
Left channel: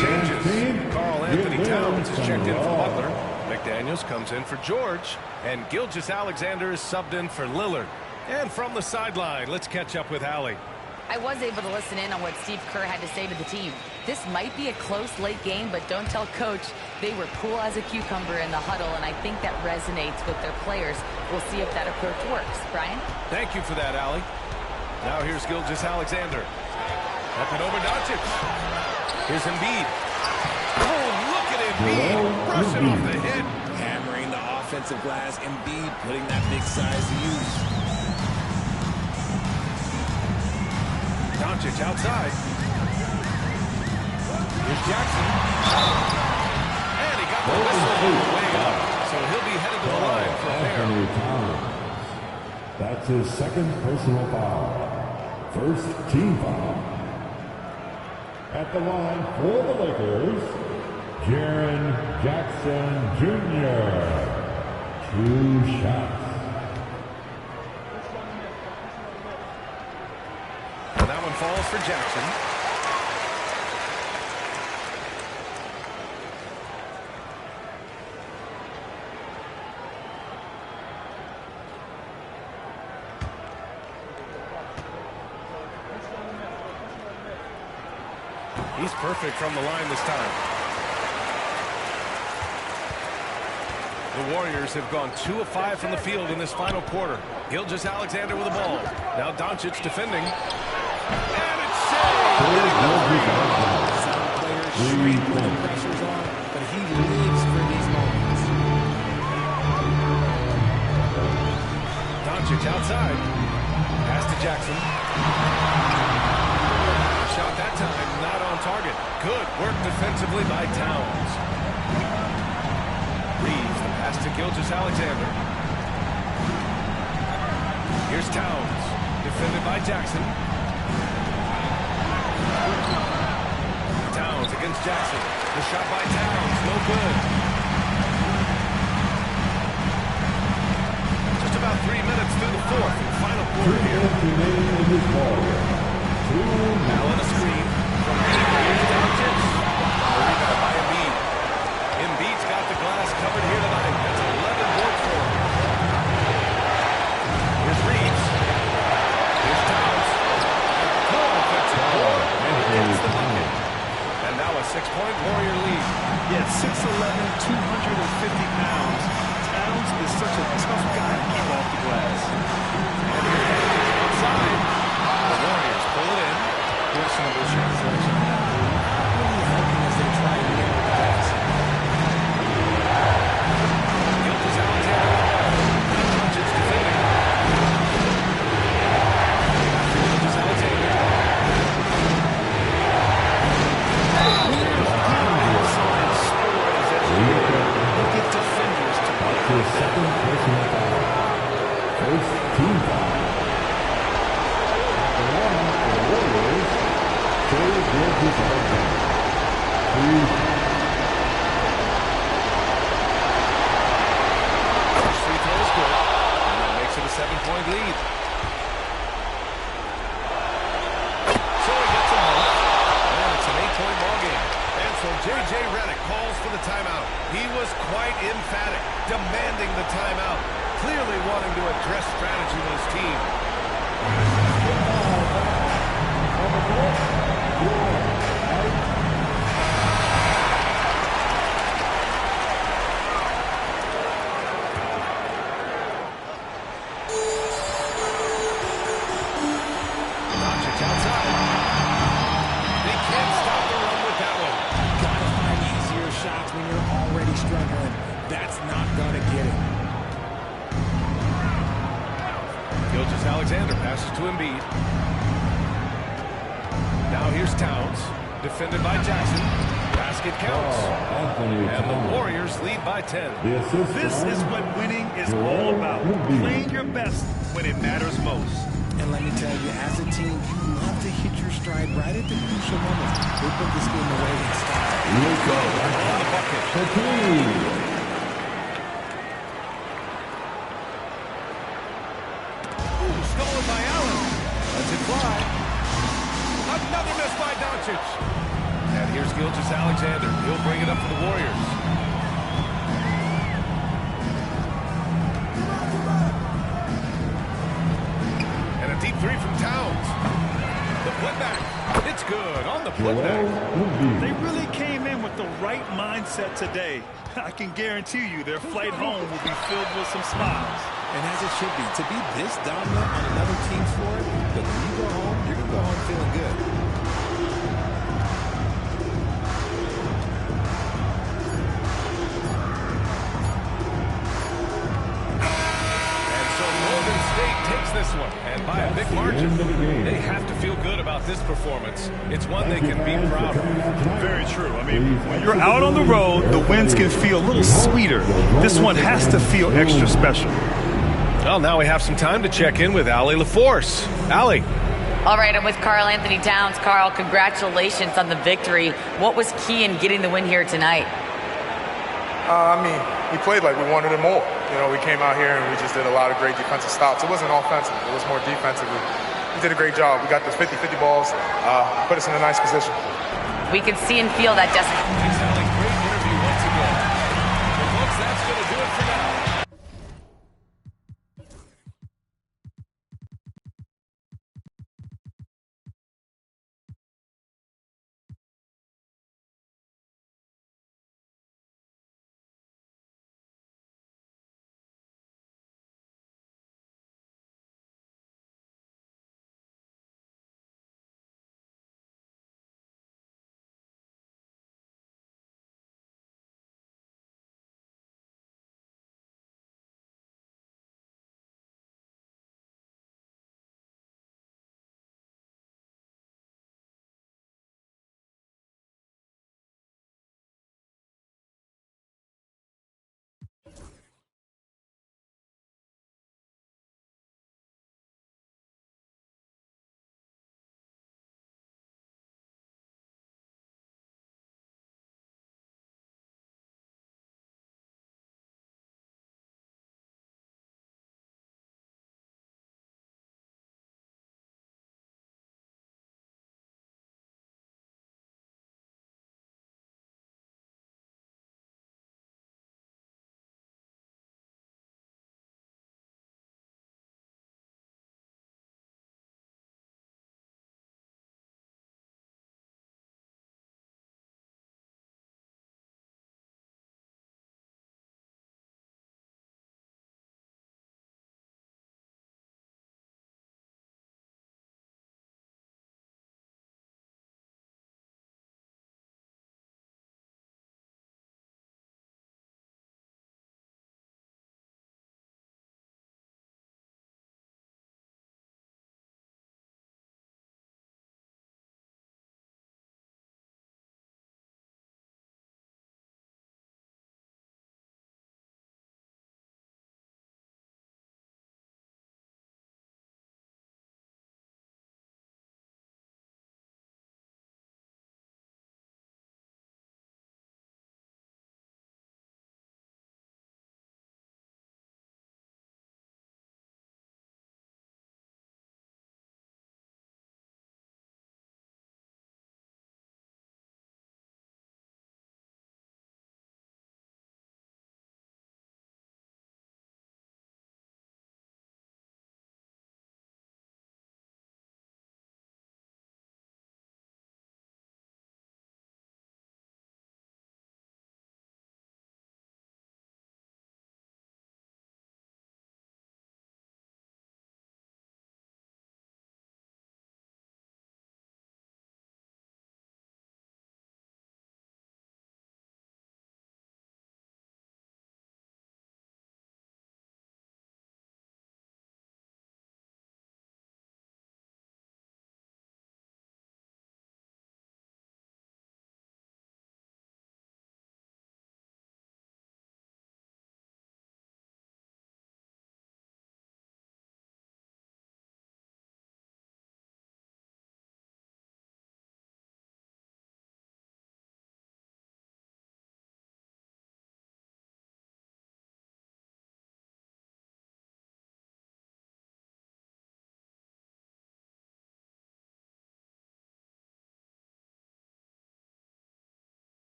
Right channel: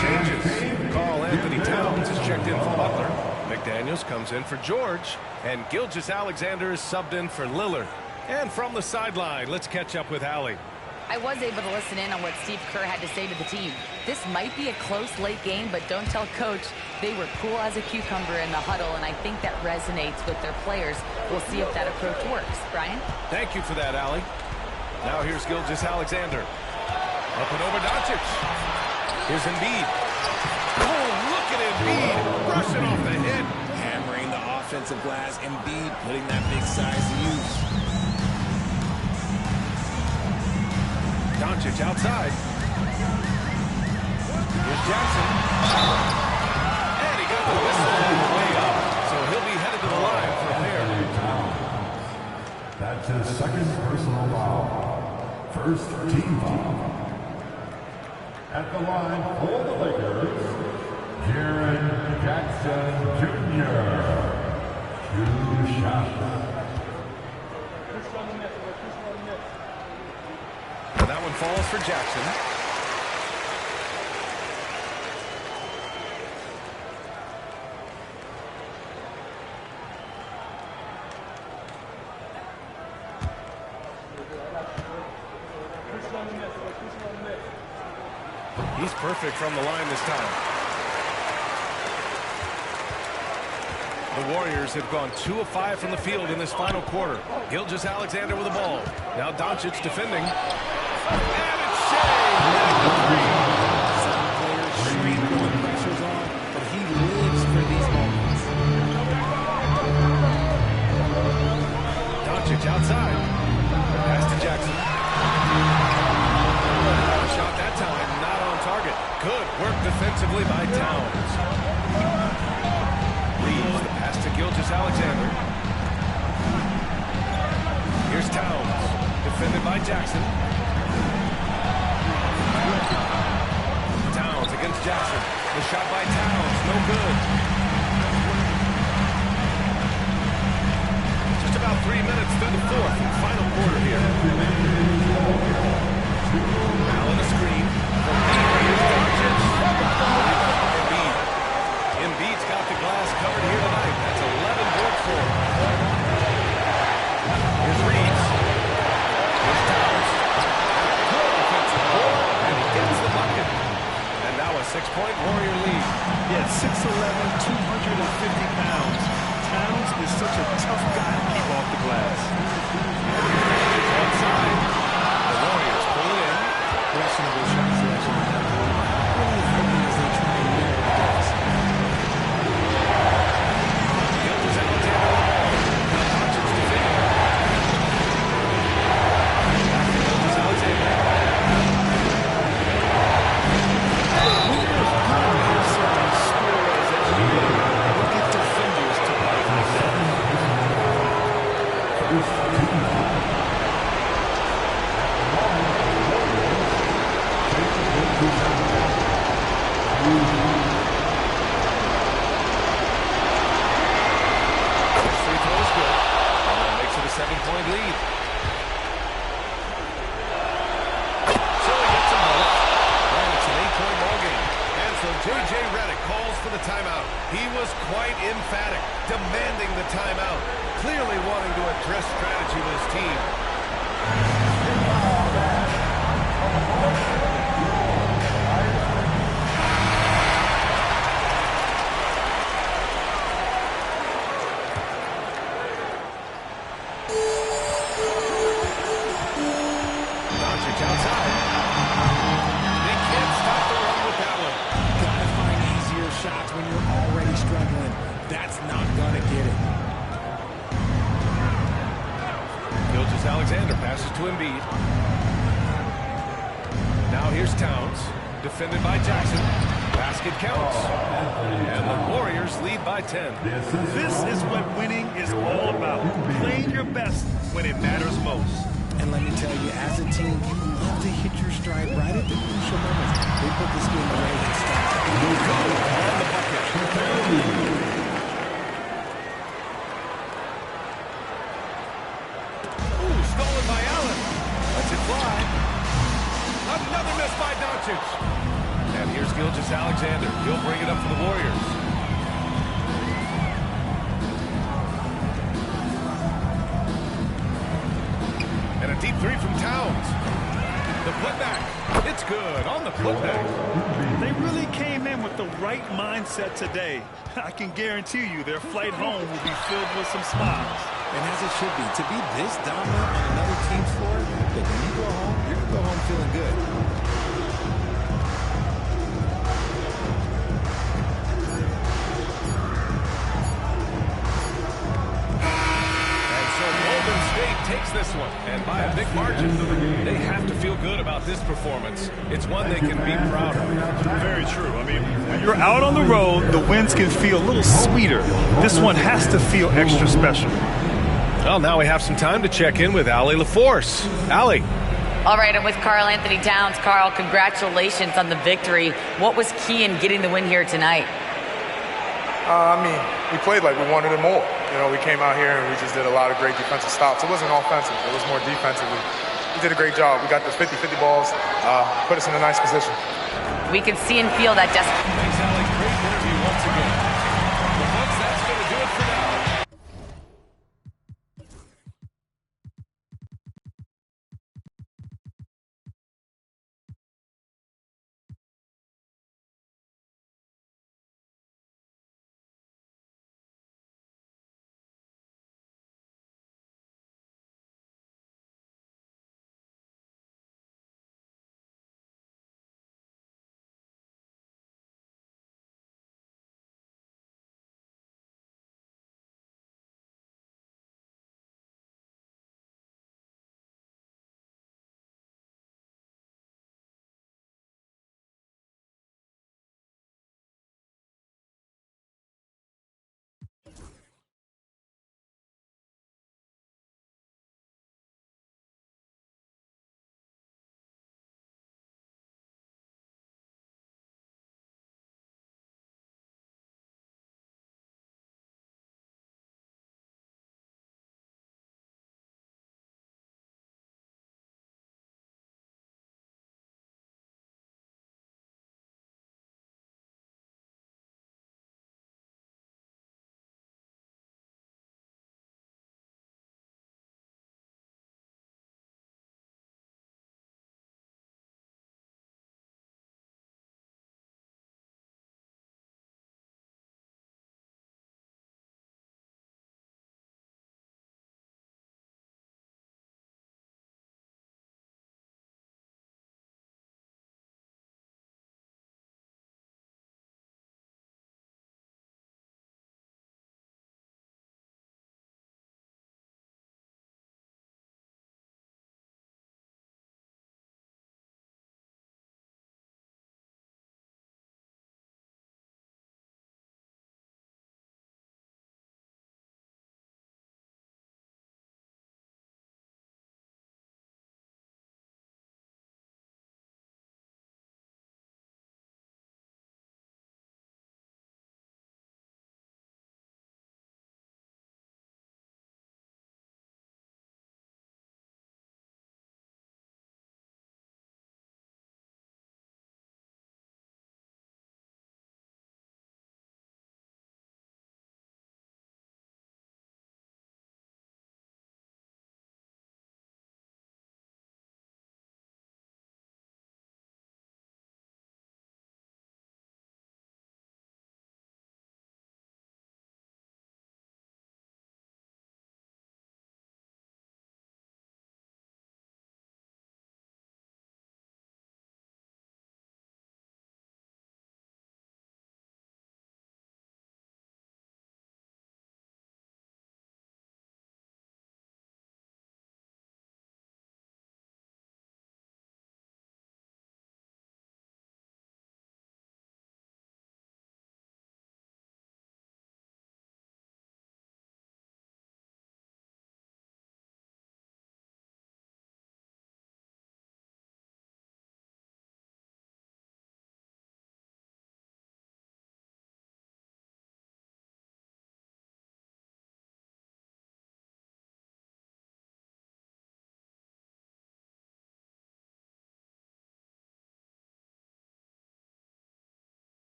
Changes. Karl Anthony Towns is checked in for Butler. McDaniels comes in for George. And Gilgeous-Alexander is subbed in for Lillard. And from the sideline, let's catch up with Allie. I was able to listen in on what Steve Kerr had to say to the team. This might be a close late game, but don't tell Coach. They were cool as a cucumber in the huddle, and I think that resonates with their players. We'll see if that approach works. Brian? Thank you for that, Allie. Now here's Gilgeous-Alexander. Up and over Doncic. Here's Embiid. Oh, look at Embiid brushing off the hit. Hammering the offensive glass. Embiid putting that big size to use. Doncic outside. Here's Jackson. And he got the whistle on the way up. So he'll be headed to the line for a pair. That's his second personal foul. First team foul. At the line for the Lakers, Jaren Jackson Jr. 2 shots. And that one falls for Jackson. He's perfect from the line this time. The Warriors have gone 2 of 5 from the field in this final quarter. Gilgeous-Alexander with the ball. Now Doncic defending. And it's Shea hitting the 3. Some players shrink when the pressure's on, but he lives for these moments. Doncic outside. Pass to Jackson. Shot that time, not on target. Good work defensively by Towns. Reeves, the pass to Gilgeous-Alexander. Here's Towns, defended by Jackson. Towns against Jackson. The shot by Towns, no good. Just about 3 minutes through the fourth and final quarter here. Allen a screen from Embiid. Here's Doncic. The rebound by Embiid. Embiid's got the glass covered here tonight. That's 11 boards for him. Here's Reeves. Here's Towns. And a good offensive board, and he gets the bucket. And now a 6-point Warrior lead. Yeah, 6'11", 250 pounds. Towns is such a tough guy to keep off the glass. And here's Doncic one side. The Warriors pull it in. Questionable shot selection on that move. Not really helping as they try and narrow the deficit. Gilgeous-Alexander with the ball. Now Doncic defending. Back to Gilgeous-Alexander. Here's good hustle and score as SGA. Look at defenders to bite like that. First team foul. First free throw is good, and that makes it a 7-point lead. So he gets them both, and it's an 8-point ball game. And so J.J. Redick calls for the timeout. He was quite emphatic, demanding the timeout, clearly wanting to address strategy with his team. Doncic outside. They can't stop the run with that one. Gotta find easier shots when you're already struggling. That's not gonna get it. Gilgeous-Alexander passes to Embiid. Now here's Towns, defended by Jackson. Basket counts. And the Warriors lead by 10. This is what winning is all about. Playing your best when it matters most. And let me tell you, as a team, you love to hit your stride right at the crucial moments. They put this game away in style. Luka on the bucket. Ooh, stolen by Allen. Lets it fly. Another miss by Doncic. And here's Gilgeous-Alexander. He'll bring it up for the Warriors. And a deep three from Towns. The putback. It's good on the putback. They really came in with the right mindset today. I can guarantee you their flight home will be filled with some smiles. And as it should be, to be this dominant on another team's floor, look, when you go home, you're going to go home feeling good. So Golden State takes this one, and by a big margin. They have to feel good about this performance. It's one they can be proud of. Very true. I mean, when you're out on the road, the wins can feel a little sweeter. This one has to feel extra special. Well, now we have some time to check in with Allie LaForce. Allie. All right, I'm with Karl Anthony Towns. Karl, congratulations on the victory. What was key in getting the win here tonight? I mean, we played like we wanted it more. You know, we came out here and we just did a lot of great defensive stops. It wasn't offensive. It was more defensively. We did a great job. We got those 50-50 balls, put us in a nice position. We can see and feel that Thanks, Allie. Great interview once again. Well, folks, that's going to do it for now.